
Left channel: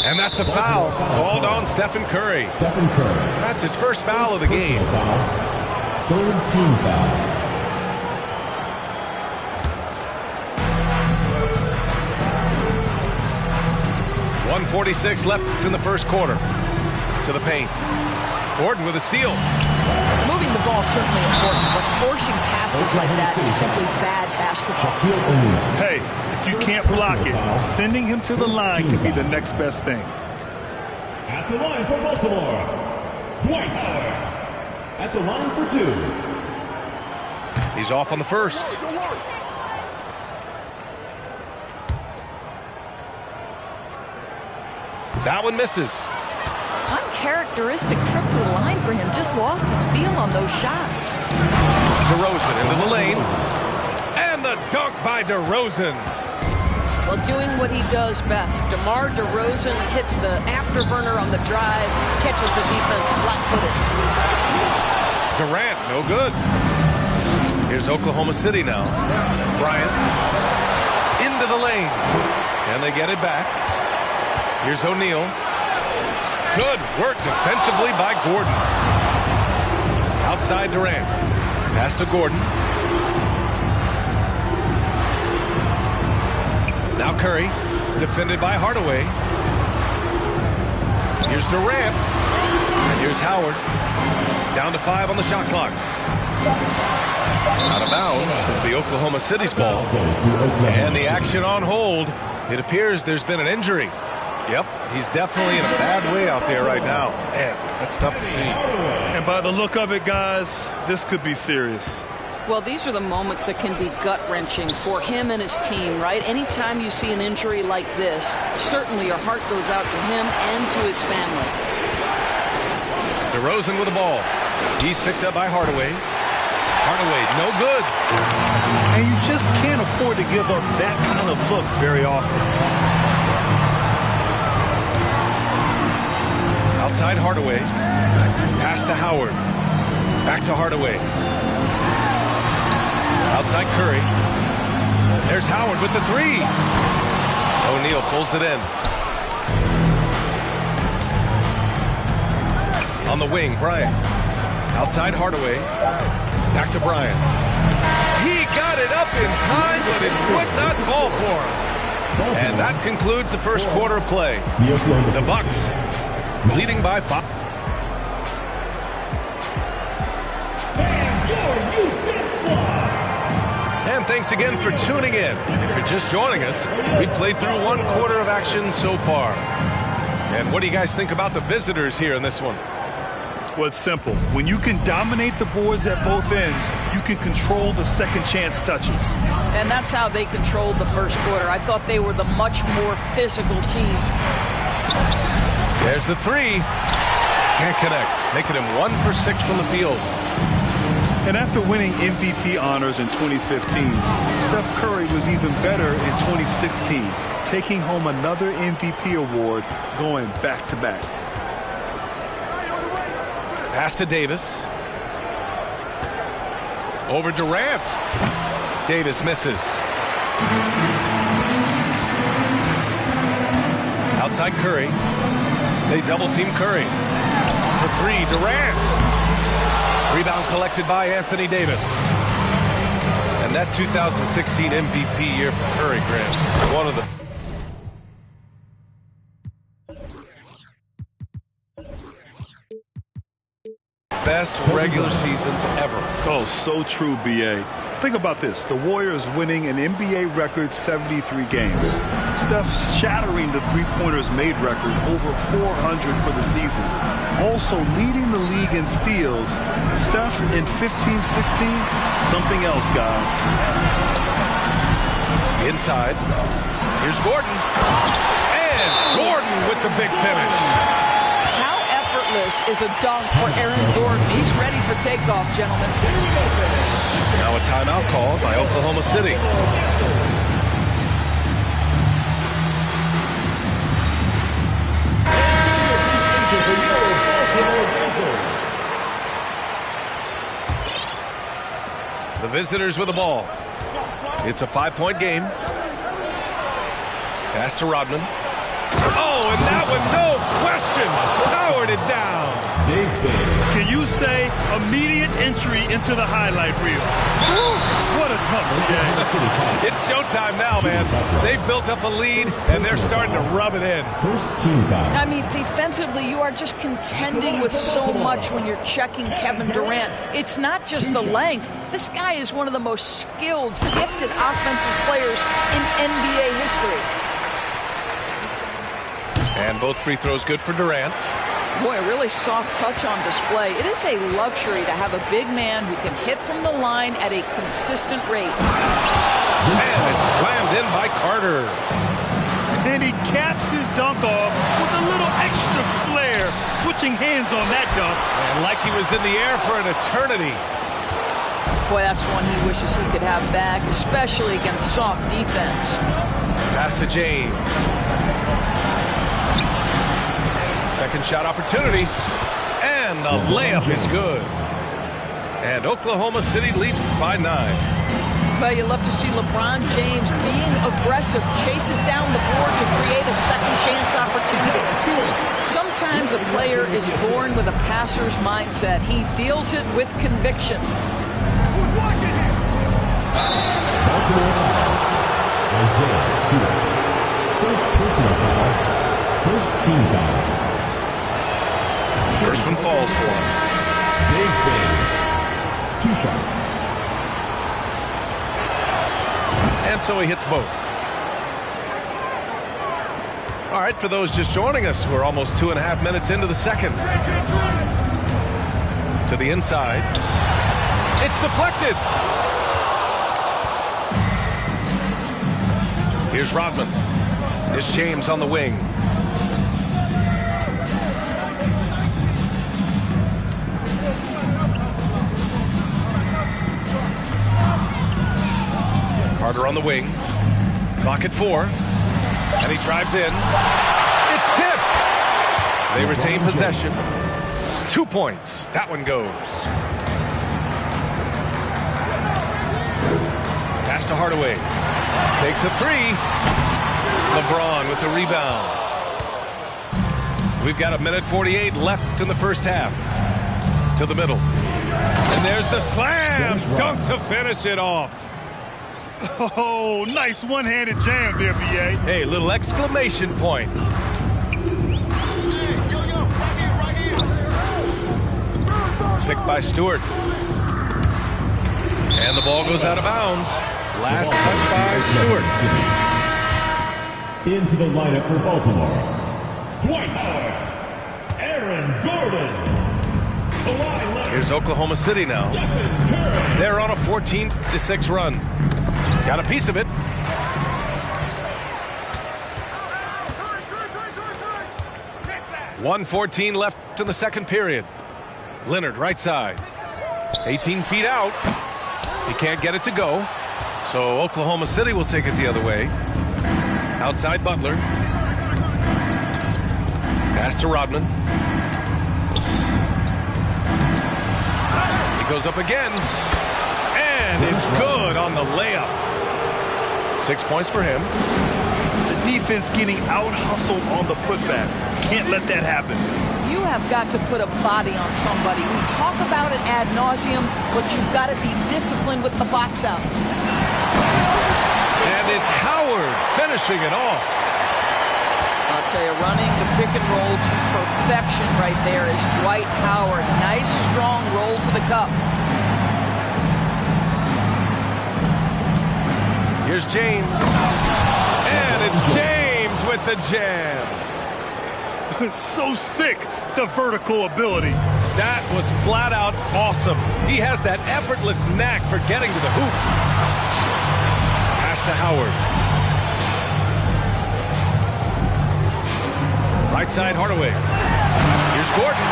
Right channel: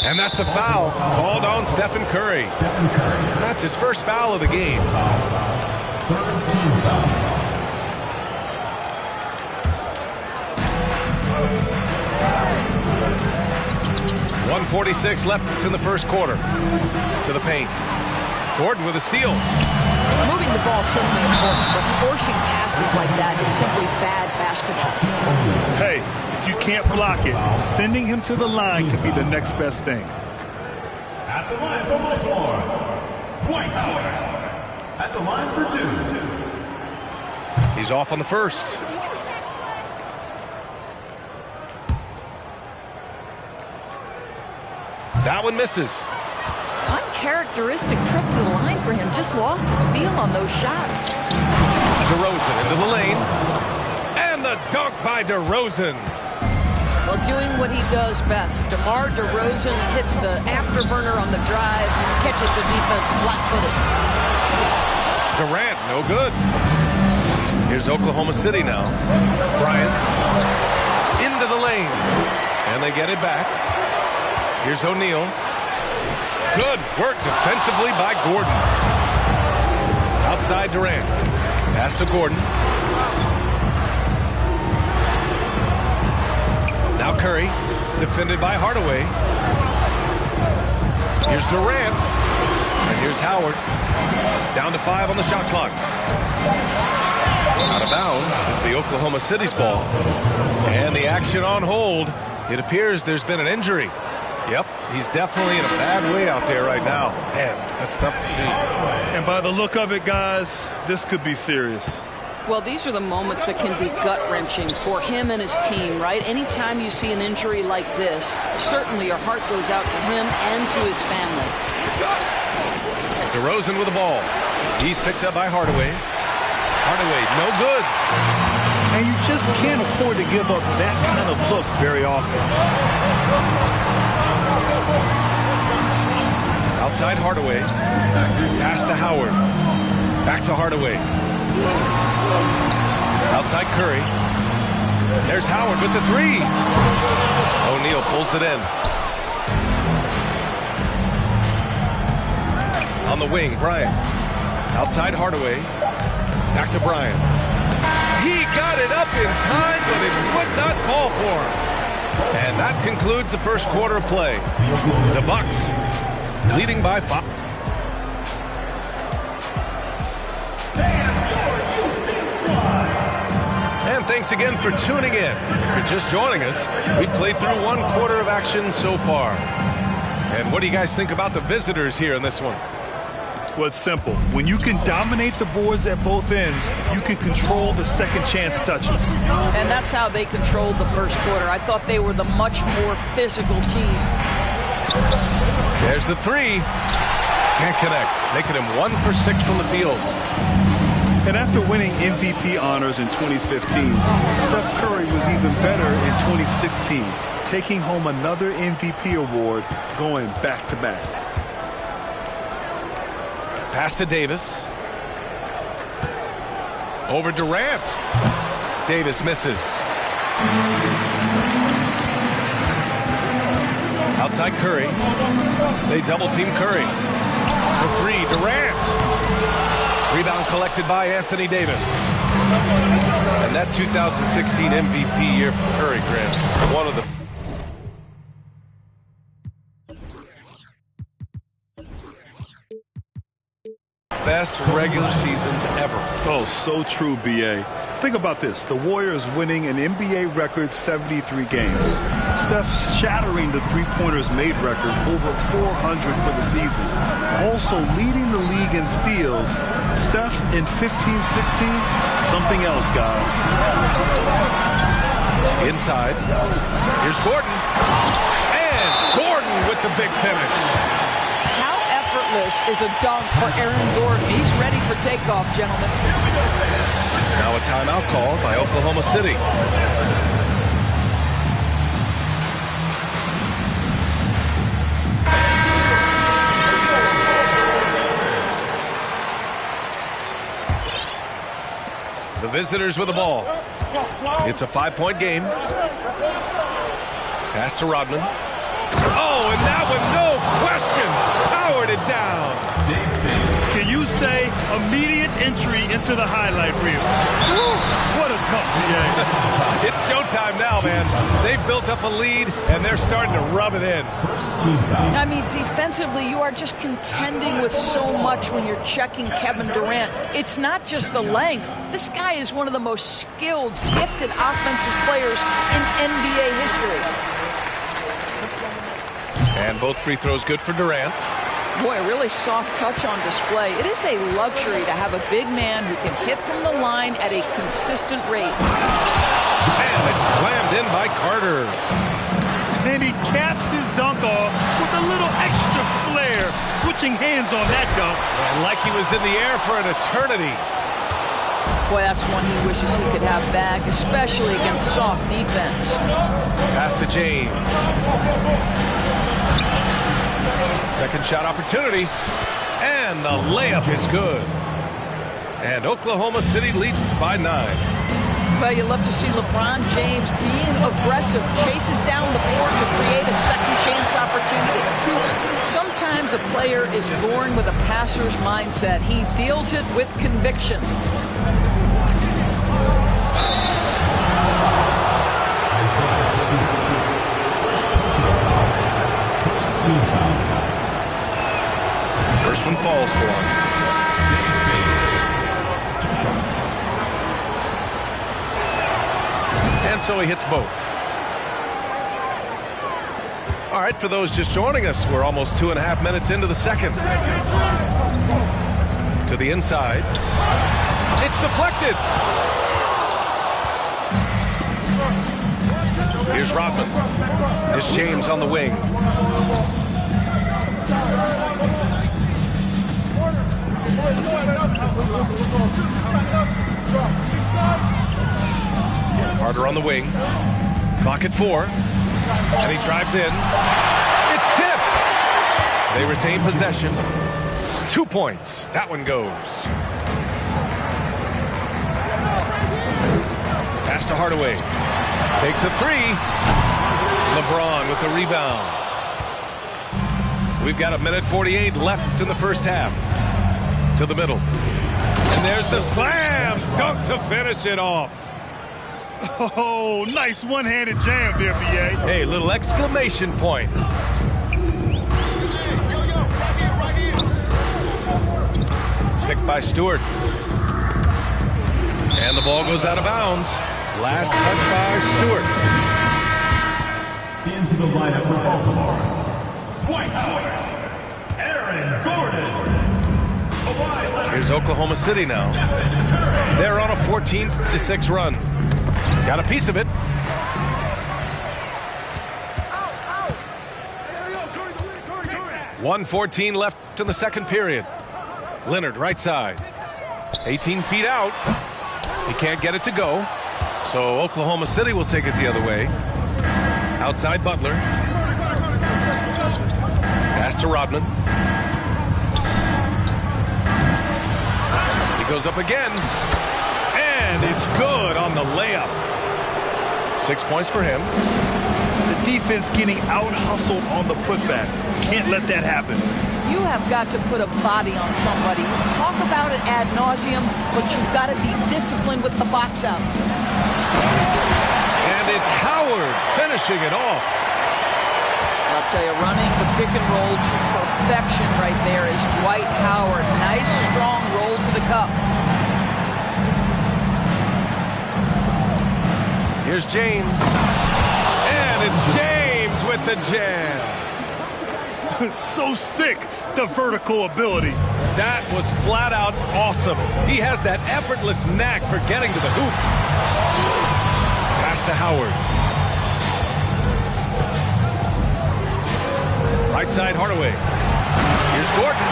And that's a foul called on Stephen Curry. Stephen Curry. That's his first foul of the game. Foul. Third team foul. .146 left in the first quarter. To the paint. Gordon with a steal. Moving the ball is certainly important, but forcing passes like that is simply bad basketball. Hey, if you can't block it, sending him to the line can be the next best thing. At the line for Baltimore, Dwight Howard. At the line for 2. He's off on the first. That one misses. Uncharacteristic trip to the line for him. Just lost his feel on those shots. DeRozan into the lane. And the dunk by DeRozan. Well, doing what he does best. DeMar DeRozan hits the afterburner on the drive, catches the defense flat-footed. Durant, no good. Here's Oklahoma City now. Bryant into the lane. And they get it back. Here's O'Neal. Good work defensively by Gordon. Outside Durant. Pass to Gordon. Now Curry, defended by Hardaway. Here's Durant. And here's Howard. Down to 5 on the shot clock. Out of bounds. It'll be Oklahoma City's ball. And the action on hold. It appears there's been an injury. Yep, he's definitely in a bad way out there right now. Man, that's tough to see. And by the look of it, guys, this could be serious. Well, these are the moments that can be gut-wrenching for him and his team, right? Anytime you see an injury like this, certainly your heart goes out to him and to his family. DeRozan with the ball. He's picked up by Hardaway. Hardaway, no good. And you just can't afford to give up that kind of look very often. Outside Hardaway. Pass to Howard. Back to Hardaway. Outside Curry. There's Howard with the three. O'Neal pulls it in. On the wing, Bryant. Outside Hardaway. Back to Bryant. He got it up in time, but it would not fall for him. And that concludes the first quarter of play. The Bucks leading by 5. And thanks again for tuning in. If you're just joining us, we've played through 1 quarter of action so far. And what do you guys think about the visitors here in this one? Well, it's simple. When you can dominate the boards at both ends, you can control the second chance touches. And that's how they controlled the first quarter. I thought they were the much more physical team. There's the three. Can't connect. Making him 1 for 6 from the field. And after winning MVP honors in 2015, Steph Curry was even better in 2016, taking home another MVP award, going back-to-back. Pass to Davis. Over Durant. Davis misses. Outside Curry. They double-team Curry. For three, Durant. Rebound collected by Anthony Davis. And that 2016 MVP year for Curry, Grant, one of the best regular seasons ever. Oh, so true, B.A. Think about this. The Warriors winning an NBA record 73 games. Steph shattering the three-pointers made record, over 400 for the season. Also leading the league in steals. Steph in 15-16, something else, guys. Inside. Here's Gordon. And Gordon with the big finish. How effortless is a dunk for Aaron Gordon? He's ready for takeoff, gentlemen. Now a timeout called by Oklahoma City. The visitors with the ball. It's a 5-point game. Pass to Rodman. Oh, and that one, no question, powered it down. Can you say immediate entry into the highlight reel? What a tough game. It's showtime now, man. They've built up a lead, and they're starting to rub it in. I mean, defensively, you are just contending with so much when you're checking Kevin Durant. It's not just the length. This guy is one of the most skilled, gifted offensive players in NBA history. And both free throws good for Durant. Boy, a really soft touch on display. It is a luxury to have a big man who can hit from the line at a consistent rate. And it's slammed in by Carter. And he caps his dunk off with a little extra flair, switching hands on that dunk. And like he was in the air for an eternity. Boy, that's one he wishes he could have back, especially against soft defense. Pass to James. Second shot opportunity. And the layup is good. And Oklahoma City leads by 9. Well, you love to see LeBron James being aggressive, chases down the board to create a second chance opportunity. Sometimes a player is born with a passer's mindset. He deals it with conviction. Isaiah Stewart. First personal foul. First team foul. First one falls for him. Big. 2 shots. And so he hits both. All right, for those just joining us, we're almost 2.5 minutes into the second. To the inside. It's deflected. Here's Rodman. Here's James on the wing. Carter on the wing. Clock at 4. And he drives in. It's tipped. They retain possession. 2 points. That one goes. Pass to Hardaway. Takes a 3. LeBron with the rebound. We've got 1:48 left in the first half. To the middle. And there's the slam dunk to finish it off. Oh, nice one-handed jam there, B.A. Hey, little exclamation point. Picked by Stewart. And the ball goes out of bounds. Last touch by Stewart. Into the lineup for Baltimore, Dwight Howard, Aaron Gordon. Here's Oklahoma City now. They're on a 14-6 run. Got a piece of it. .114 left in the second period. Leonard right side. 18 feet out. He can't get it to go. So Oklahoma City will take it the other way. Outside Butler. Pass to Rodman. He goes up again. And it's good on the layup. 6 points for him. The defense getting out-hustled on the putback. Can't let that happen. You have got to put a body on somebody. We talk about it ad nauseum, but you've got to be disciplined with the box outs. And it's Howard finishing it off. I'll tell you, running the pick and roll to perfection right there is Dwight Howard. Nice, strong roll to the cup. Here's James. And it's James with the jam. So sick, the vertical ability. That was flat out awesome. He has that effortless knack for getting to the hoop. Pass to Howard. Right side Hardaway. Here's Gordon.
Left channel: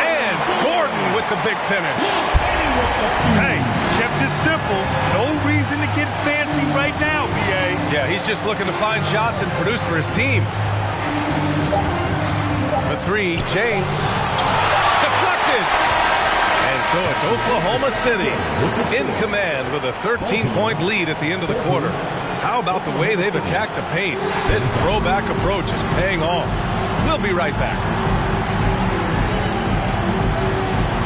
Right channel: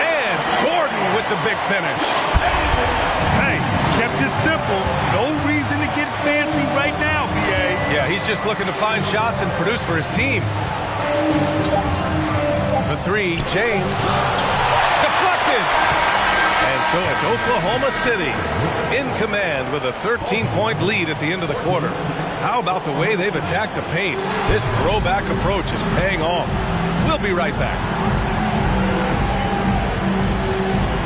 And Gordon with the big finish. Hey, kept it simple. No reason to get fancy right now, B.A. Yeah, he's just looking to find shots and produce for his team. The 3, James. Deflected. And so it's Oklahoma City in command with a 13-point lead at the end of the quarter. How about the way they've attacked the paint? This throwback approach is paying off. We'll be right back.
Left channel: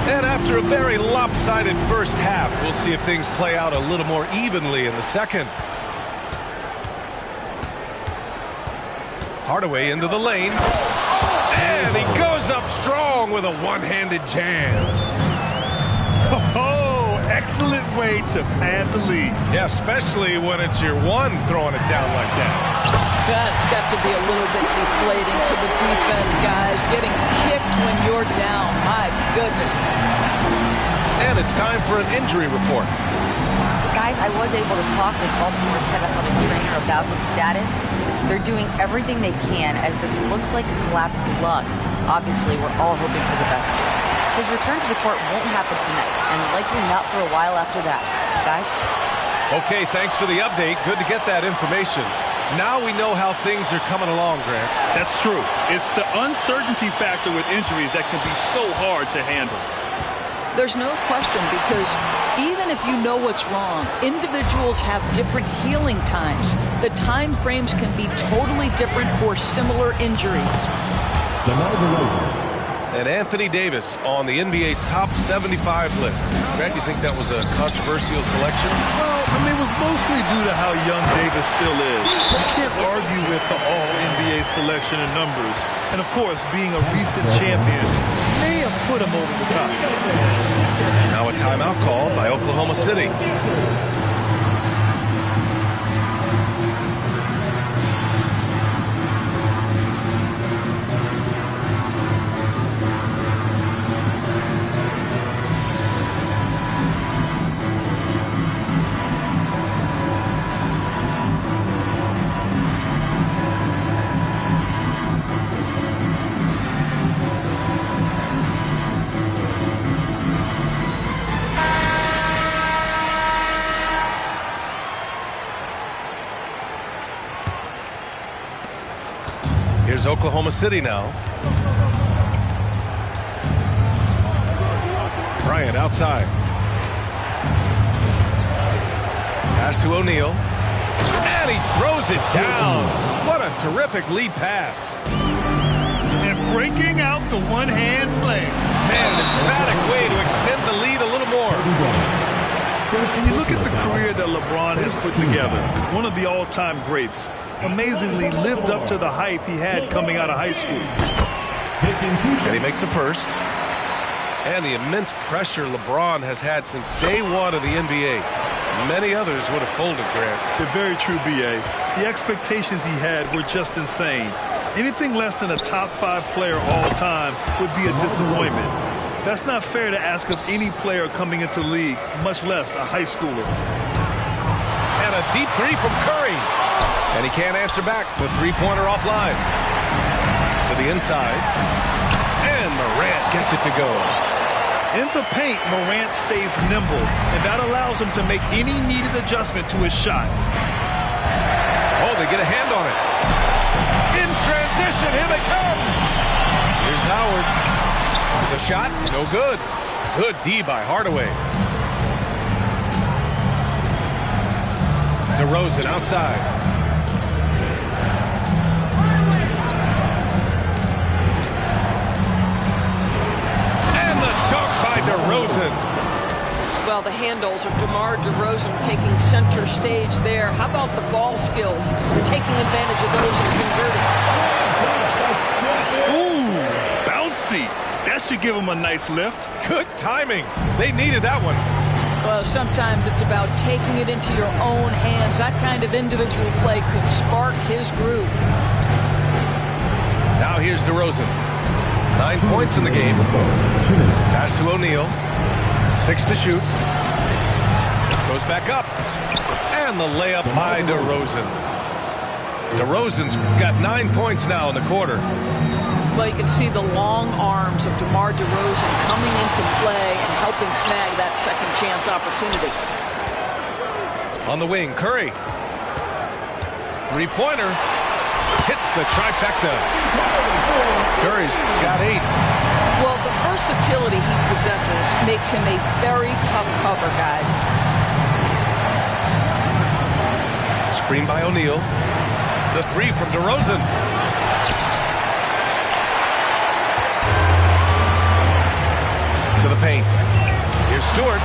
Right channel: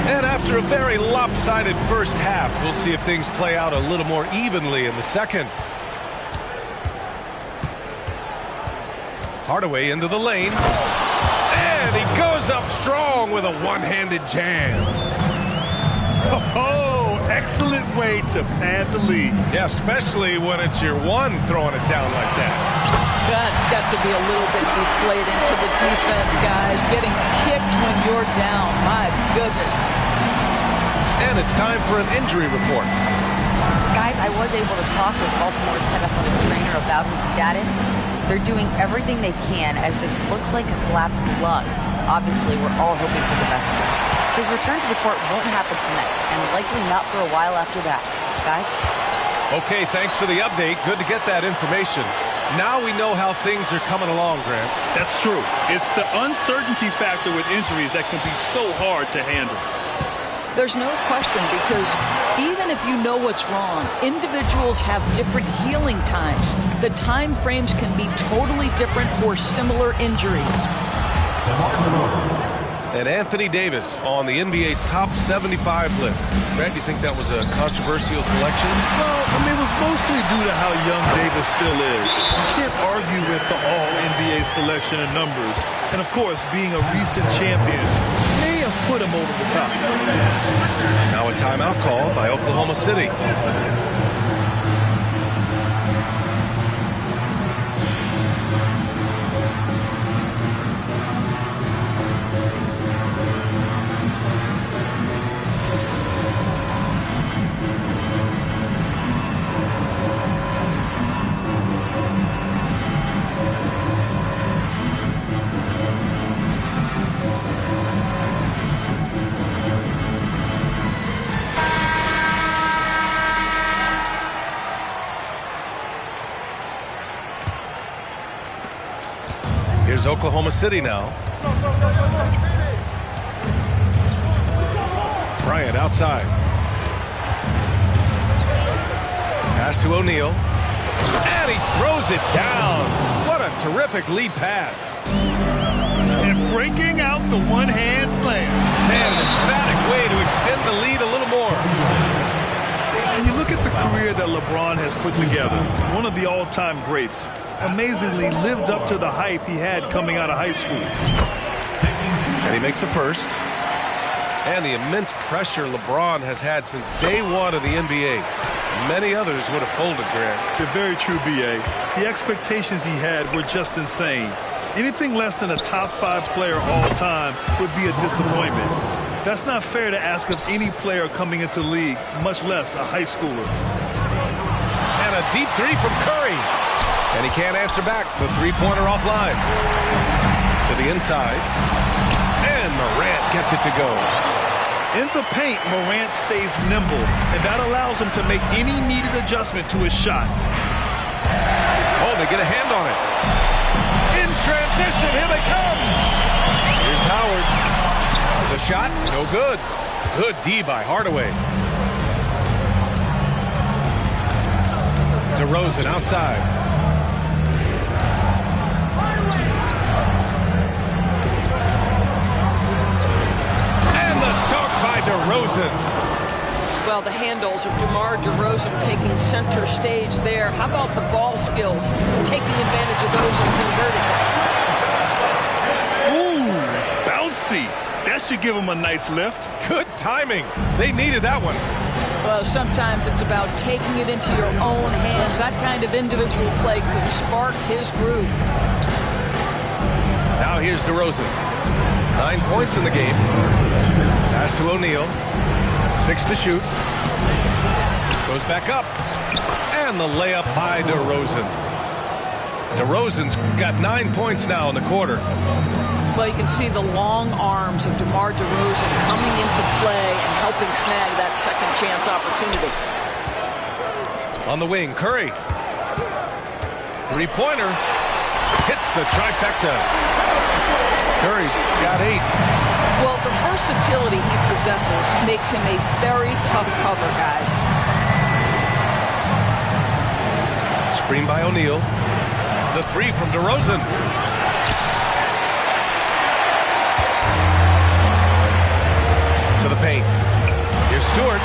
And after a very lopsided first half, we'll see if things play out a little more evenly in the second. Hardaway into the lane. And he goes up strong with a one-handed jam. Oh, excellent way to pad the lead. Yeah, especially when it's your one throwing it down like that. That's got to be a little bit deflating to the defense, guys. Getting kicked when you're down. My goodness. And it's time for an injury report. Guys, I was able to talk with Baltimore's head athletic trainer about his status. They're doing everything they can as this looks like a collapsed lung. Obviously, we're all hoping for the best here. His return to the court won't happen tonight, and likely not for a while after that. Guys? Okay, thanks for the update. Good to get that information. Now we know how things are coming along, Grant. That's true. It's the uncertainty factor with injuries that can be so hard to handle. There's no question, because even if you know what's wrong, individuals have different healing times. The time frames can be totally different for similar injuries. And Anthony Davis on the NBA's top 75 list. Grant, do you think that was a controversial selection? Well, I mean, it was mostly due to how young Davis still is. You can't argue with the all-NBA selection and numbers. And, of course, being a recent champion may have put him over the top. Now a timeout call by Oklahoma City. Here's Oklahoma City now. Bryant outside. Pass to O'Neal. And he throws it down. What a terrific lead pass. And breaking out the one-hand slam. Man, an emphatic way to extend the lead a little more. And you look at the career that LeBron has put together. One of the all-time greats. Amazingly lived up to the hype he had coming out of high school. And he makes the first. And the immense pressure LeBron has had since day one of the NBA. Many others would have folded, Grant. They're very true, B.A. The expectations he had were just insane. Anything less than a top 5 player all time would be a disappointment. That's not fair to ask of any player coming into the league, much less a high schooler. And a deep three from Curry. And he can't answer back. The three-pointer offline. To the inside. And Morant gets it to go. In the paint, Morant stays nimble, and that allows him to make any needed adjustment to his shot. Oh, they get a hand on it. In transition, here they come. Here's Howard. The shot, no good. Good D by Hardaway. DeRozan outside. And the dunk by DeRozan. Well, the handles of DeMar DeRozan taking center stage there. How about the ball skills? Taking advantage of those and converting. Ooh, bouncy. That should give him a nice lift. Good timing. They needed that one. Well, sometimes it's about taking it into your own hands. That kind of individual play could spark his groove. Now here's DeRozan. 9 points in the game. Pass to O'Neal. 6 to shoot. Goes back up. And the layup by DeRozan. DeRozan's got 9 points now in the quarter. Well, you can see the long arms of DeMar DeRozan coming into play and helping snag that second chance opportunity. On the wing, Curry. Three-pointer. Hits the trifecta. Curry's got 8. Well, the versatility he possesses makes him a very tough cover, guys. Screen by O'Neal. The three from DeRozan. To the paint. Here's Stewart.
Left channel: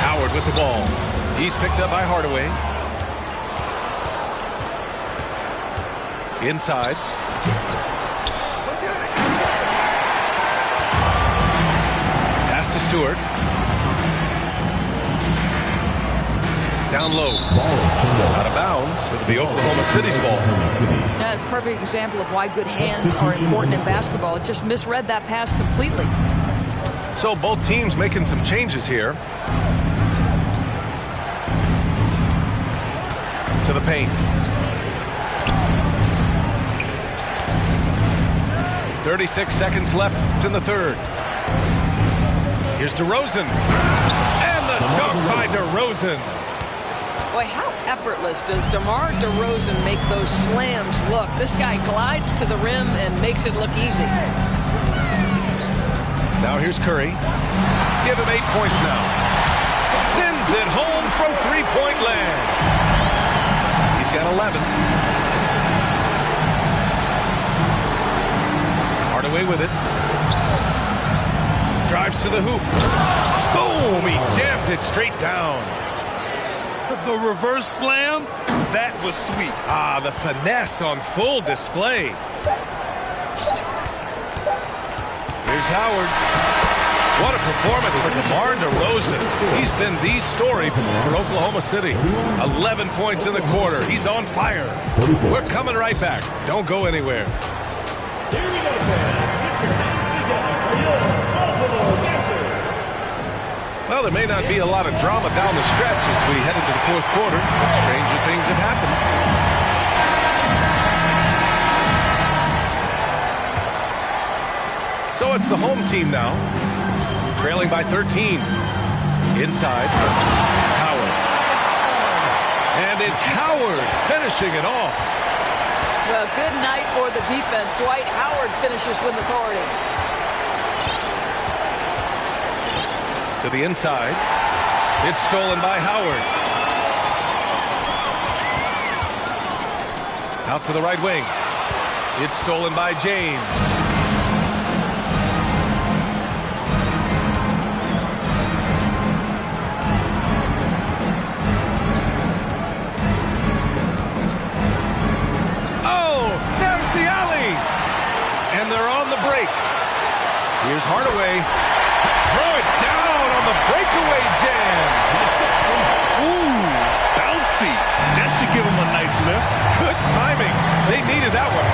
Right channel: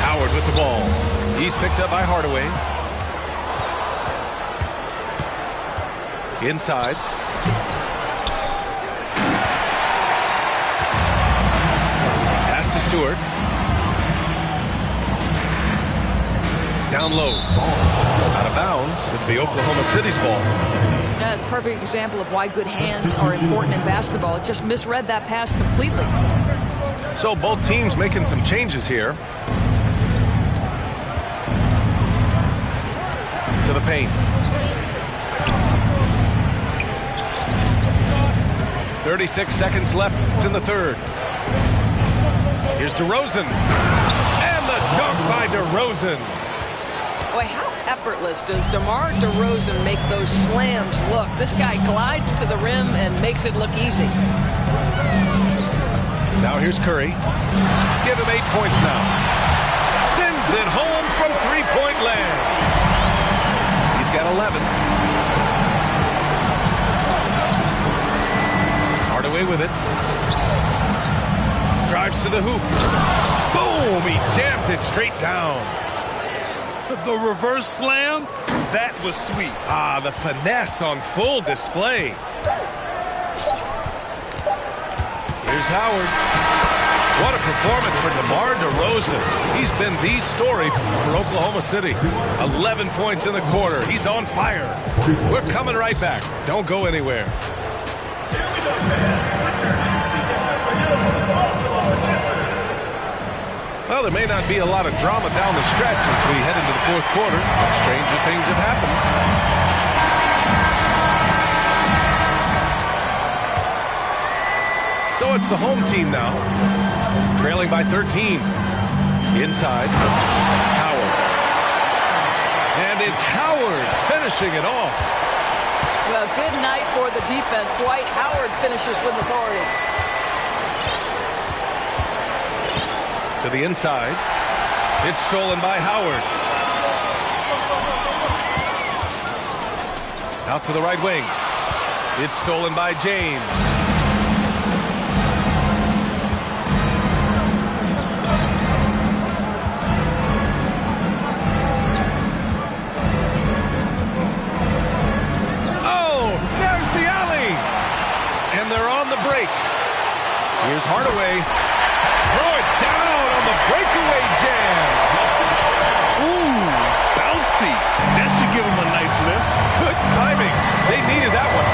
Howard with the ball. He's picked up by Hardaway. Inside. Pass to Stewart. Down low. Out of bounds. It'll be Oklahoma City's ball. That's a perfect example of why good hands are important in basketball. It just misread that pass completely. So both teams making some changes here. To the paint. 36 seconds left in the third. Here's DeRozan. And the dunk by DeRozan. Boy, how effortless does DeMar DeRozan make those slams look? This guy glides to the rim and makes it look easy. Now here's Curry. Give him 8 points now. Sends it home from three-point land. He's got 11. Hardaway with it. Drives to the hoop. Boom! He jams it straight down. The reverse slam, that was sweet. Ah, the finesse on full display. Here's Howard. What a performance for DeMar DeRozan. He's been the story for Oklahoma City. 11 points in the quarter. He's on fire. We're coming right back. Don't go anywhere. Here we go, fans. Put your hands together for your Baltimore Boxers. Well, there may not be a lot of drama down the stretch as we head into the fourth quarter, but stranger things have happened. So it's the home team now, trailing by 13. Inside, Howard. And it's Howard finishing it off. Well, good night for the defense. Dwight Howard finishes with authority. To the inside. It's stolen by Howard. Out to the right wing. It's stolen by James. Oh, there's the alley. And they're on the break. Here's Hardaway. Throw it down on the breakaway jam. Ooh, bouncy. That should give him a nice lift. Good timing. They needed that one.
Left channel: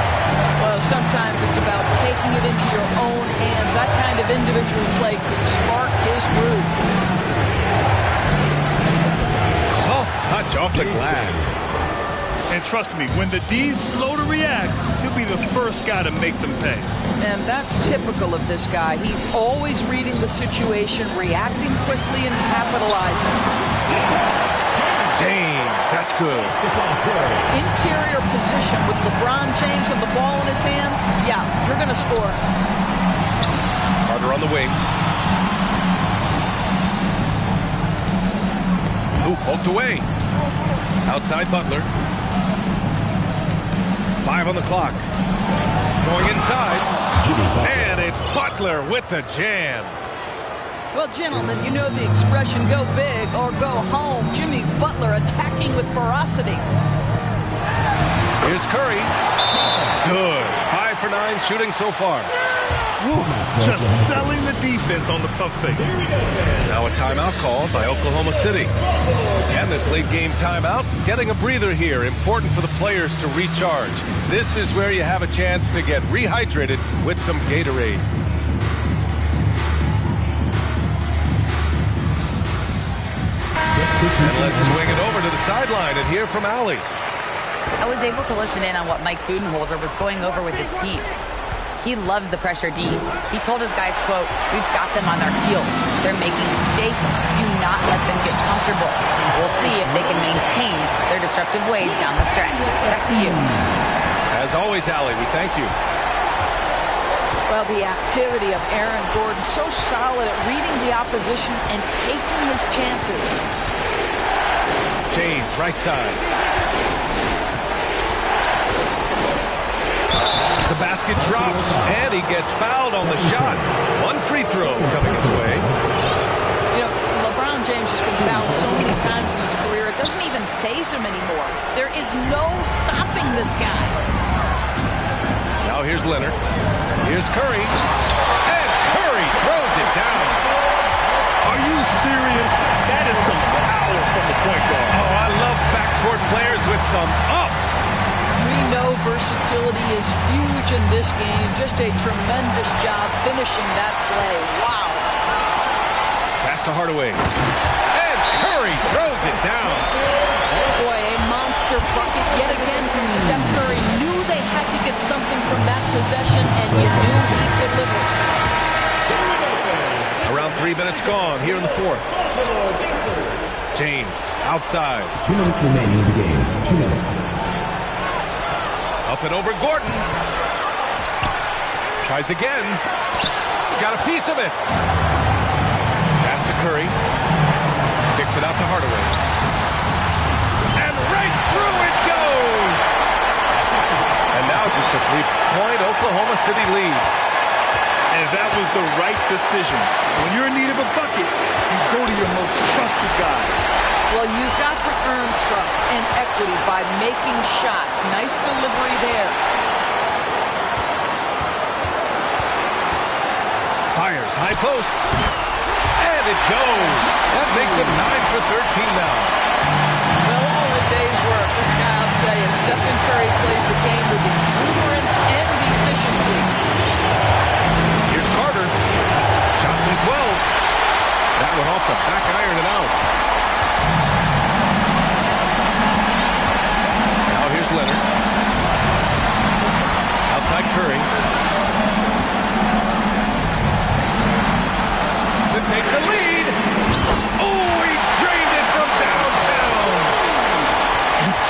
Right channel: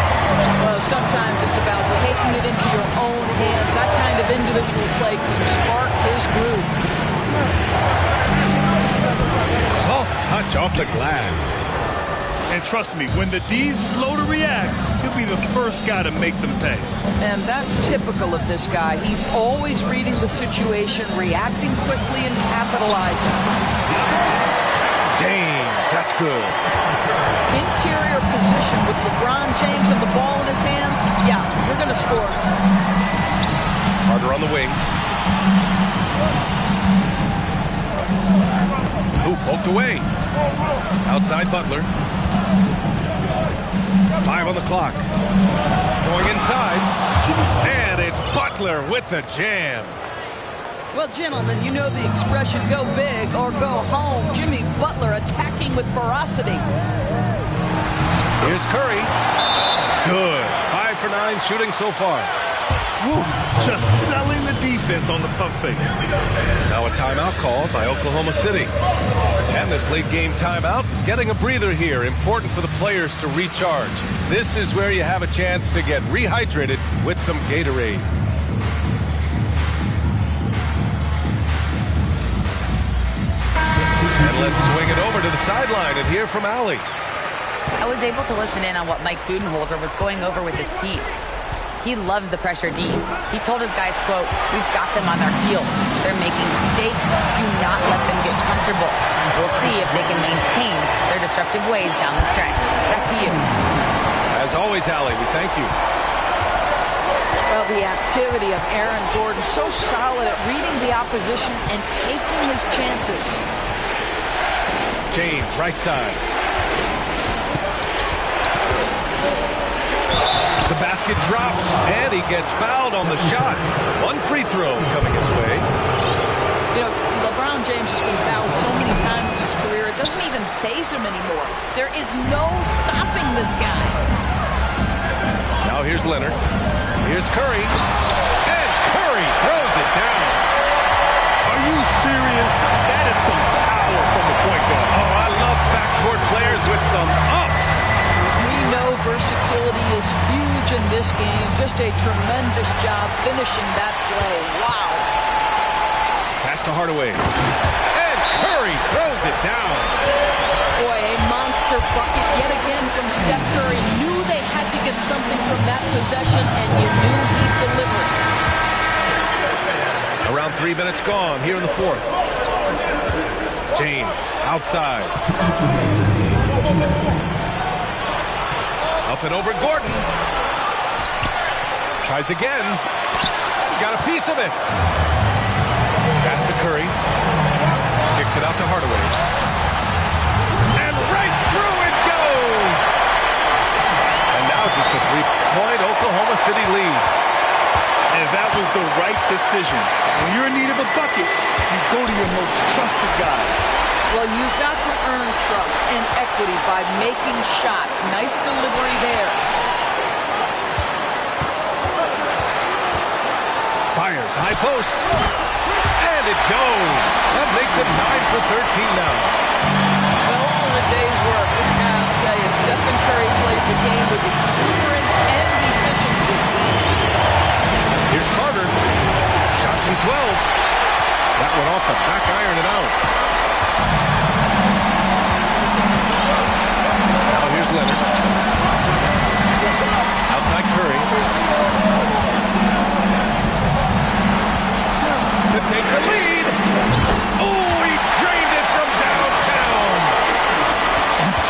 Well, sometimes it's about taking it into your own hands. That kind of individual play could spark his groove. Soft touch off the glass. And trust me, when the D's slow to react, he'll be the first guy to make them pay. And that's typical of this guy. He's always reading the situation, reacting quickly, and capitalizing. James, that's good. Interior position with LeBron James and the ball in his hands. Yeah, you're going to score. Carter on the wing. Ooh, poked away. Outside Butler. 5 on the clock. Going inside. And it's Butler with the jam. Well, gentlemen, you know the expression, go big or go home. Jimmy Butler attacking with ferocity. Here's Curry. Good. 5 for 9 shooting so far. Woo, just selling the defense on the pump fake. Now a timeout called by Oklahoma City. And this late game timeout, getting a breather here. Important for the players to recharge. This is where you have a chance to get rehydrated with some Gatorade. And let's swing it over to the sideline and hear from Allie. I was able to listen in on what Mike Budenholzer was going over with his team. He loves the pressure deep. He told his guys, quote, "We've got them on their heels. They're making mistakes. Do not let them get comfortable. We'll see if they can maintain their disruptive ways down the stretch." Back to you. As always, Allie, we thank you. Well, the activity of Aaron Gordon, so solid at reading the opposition and taking his chances. James, right side. The basket drops, and he gets fouled on the shot. One free throw coming his way. You know, LeBron James has been fouled so many times in his career, it doesn't even faze him anymore. There is no stopping this guy. Now here's Leonard. Here's Curry. And Curry throws it down. Are you serious? That is some power from the point guard. Oh, I love backcourt players with some ups. We know versatility is huge in this game. Just a tremendous job finishing that play. Wow. Pass to Hardaway. And Curry throws it down. Boy, a monster bucket yet again from Steph Curry. Knew they had to get something from that possession, and you knew he'd deliver. Around 3 minutes gone here in the fourth. James outside. 2 minutes remaining in the game. 2 minutes. Up and over Gordon. Tries again. Got a piece of it. Pass to Curry. Kicks it out to Hardaway. And right through it goes. And now just a 3-point Oklahoma City lead. And that was the right decision. When you're in need of a bucket, you go to your most trusted guys. Well, you've got to earn trust and equity by making shots. Nice delivery there. Fires, high post. And it goes. That makes it 9 for 13 now. Well, all in a day's work. This guy, I'll tell you, Stephen Curry plays the game with exuberance and efficiency. Here's Carter. Shot from 12. That one off the back iron and out. Now here's Leonard. Outside Curry. To take the lead. Oh, he drained it from downtown.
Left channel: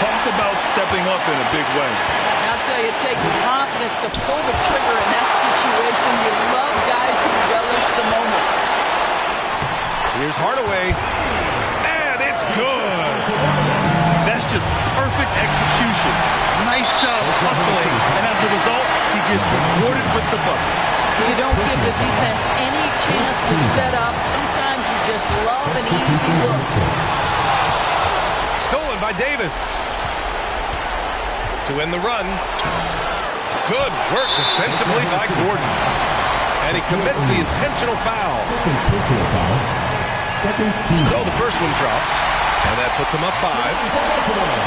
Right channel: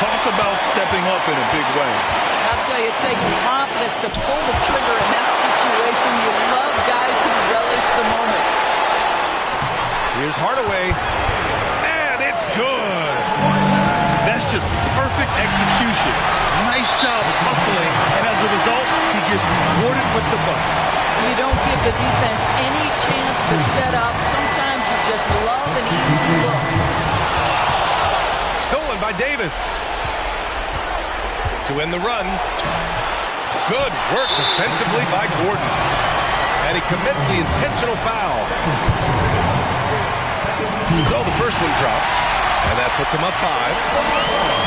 Talk about stepping up in a big way. I'll tell you, it takes confidence to pull the trigger in that situation. You love guys who relish the moment. Here's Hardaway, and it's good. That's just perfect execution. Nice job hustling, and as a result, he gets rewarded with the bucket. You don't give the defense any chance to set up. Sometimes you just love an easy look. Stolen by Davis. To end the run. Good work defensively by Gordon. And he commits the intentional foul. So the first one drops. And that puts him up 5.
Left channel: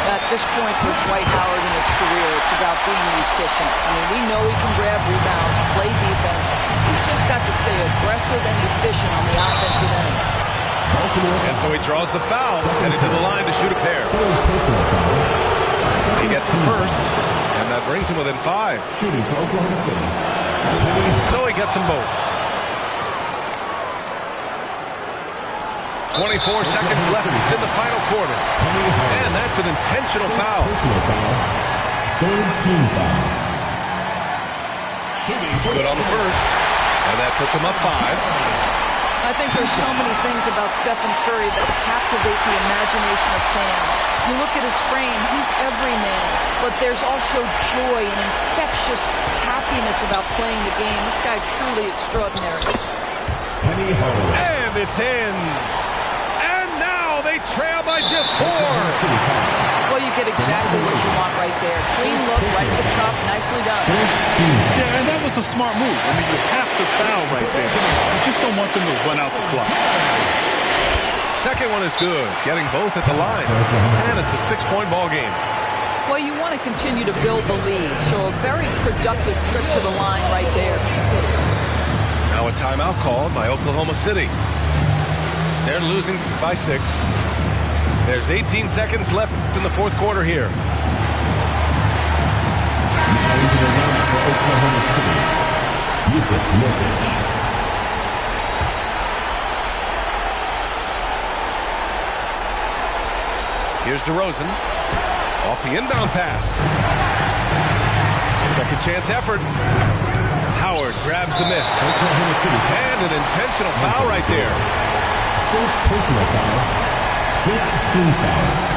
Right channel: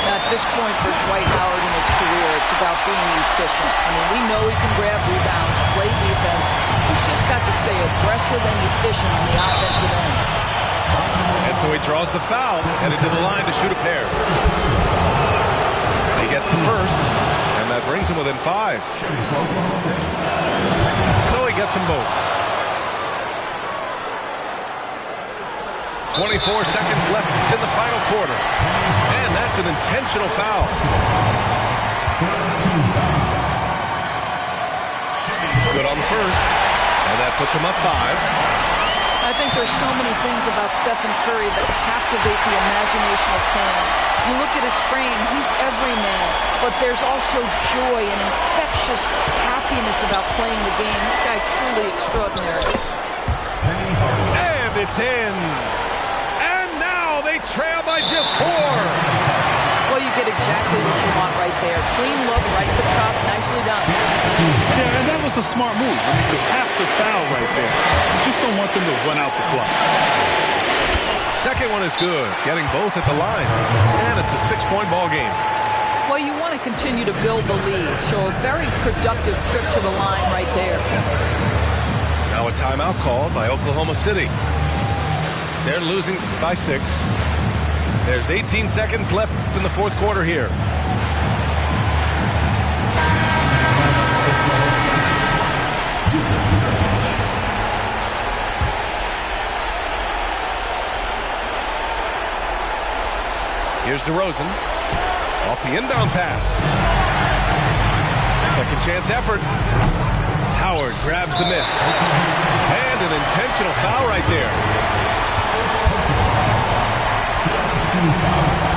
At this point for Dwight Howard in his career, it's about being efficient. I mean, we know he can grab rebounds, play defense. He's just got to stay aggressive and efficient on the offensive end. And so he draws the foul, headed to the line to shoot a pair. He gets the first, and that brings him within 5. So he gets them both. 24 seconds left in the final quarter. And that's an intentional foul. Good on the first. And that puts him up 5. I think there's so many things about Stephen Curry that captivate the imagination of fans. You look at his frame, he's every man. But there's also joy and infectious happiness about playing the game. This guy truly extraordinary. And it's in. They trail by just 4. Well, you get exactly what you want right there. Clean look, right at the cup, nicely done. Yeah, and that was a smart move. I mean, you have to foul right there. You just don't want them to run out the clock. Second one is good, getting both at the line. And it's a 6-point ball game. Well, you want to continue to build the lead, so a very productive trip to the line right there. Now a timeout called by Oklahoma City. They're losing by 6. There's 18 seconds left in the fourth quarter here. Here's DeRozan. Off the inbound pass. Second chance effort. Howard grabs the miss. And an intentional foul right there. First personal foul, 15 foul.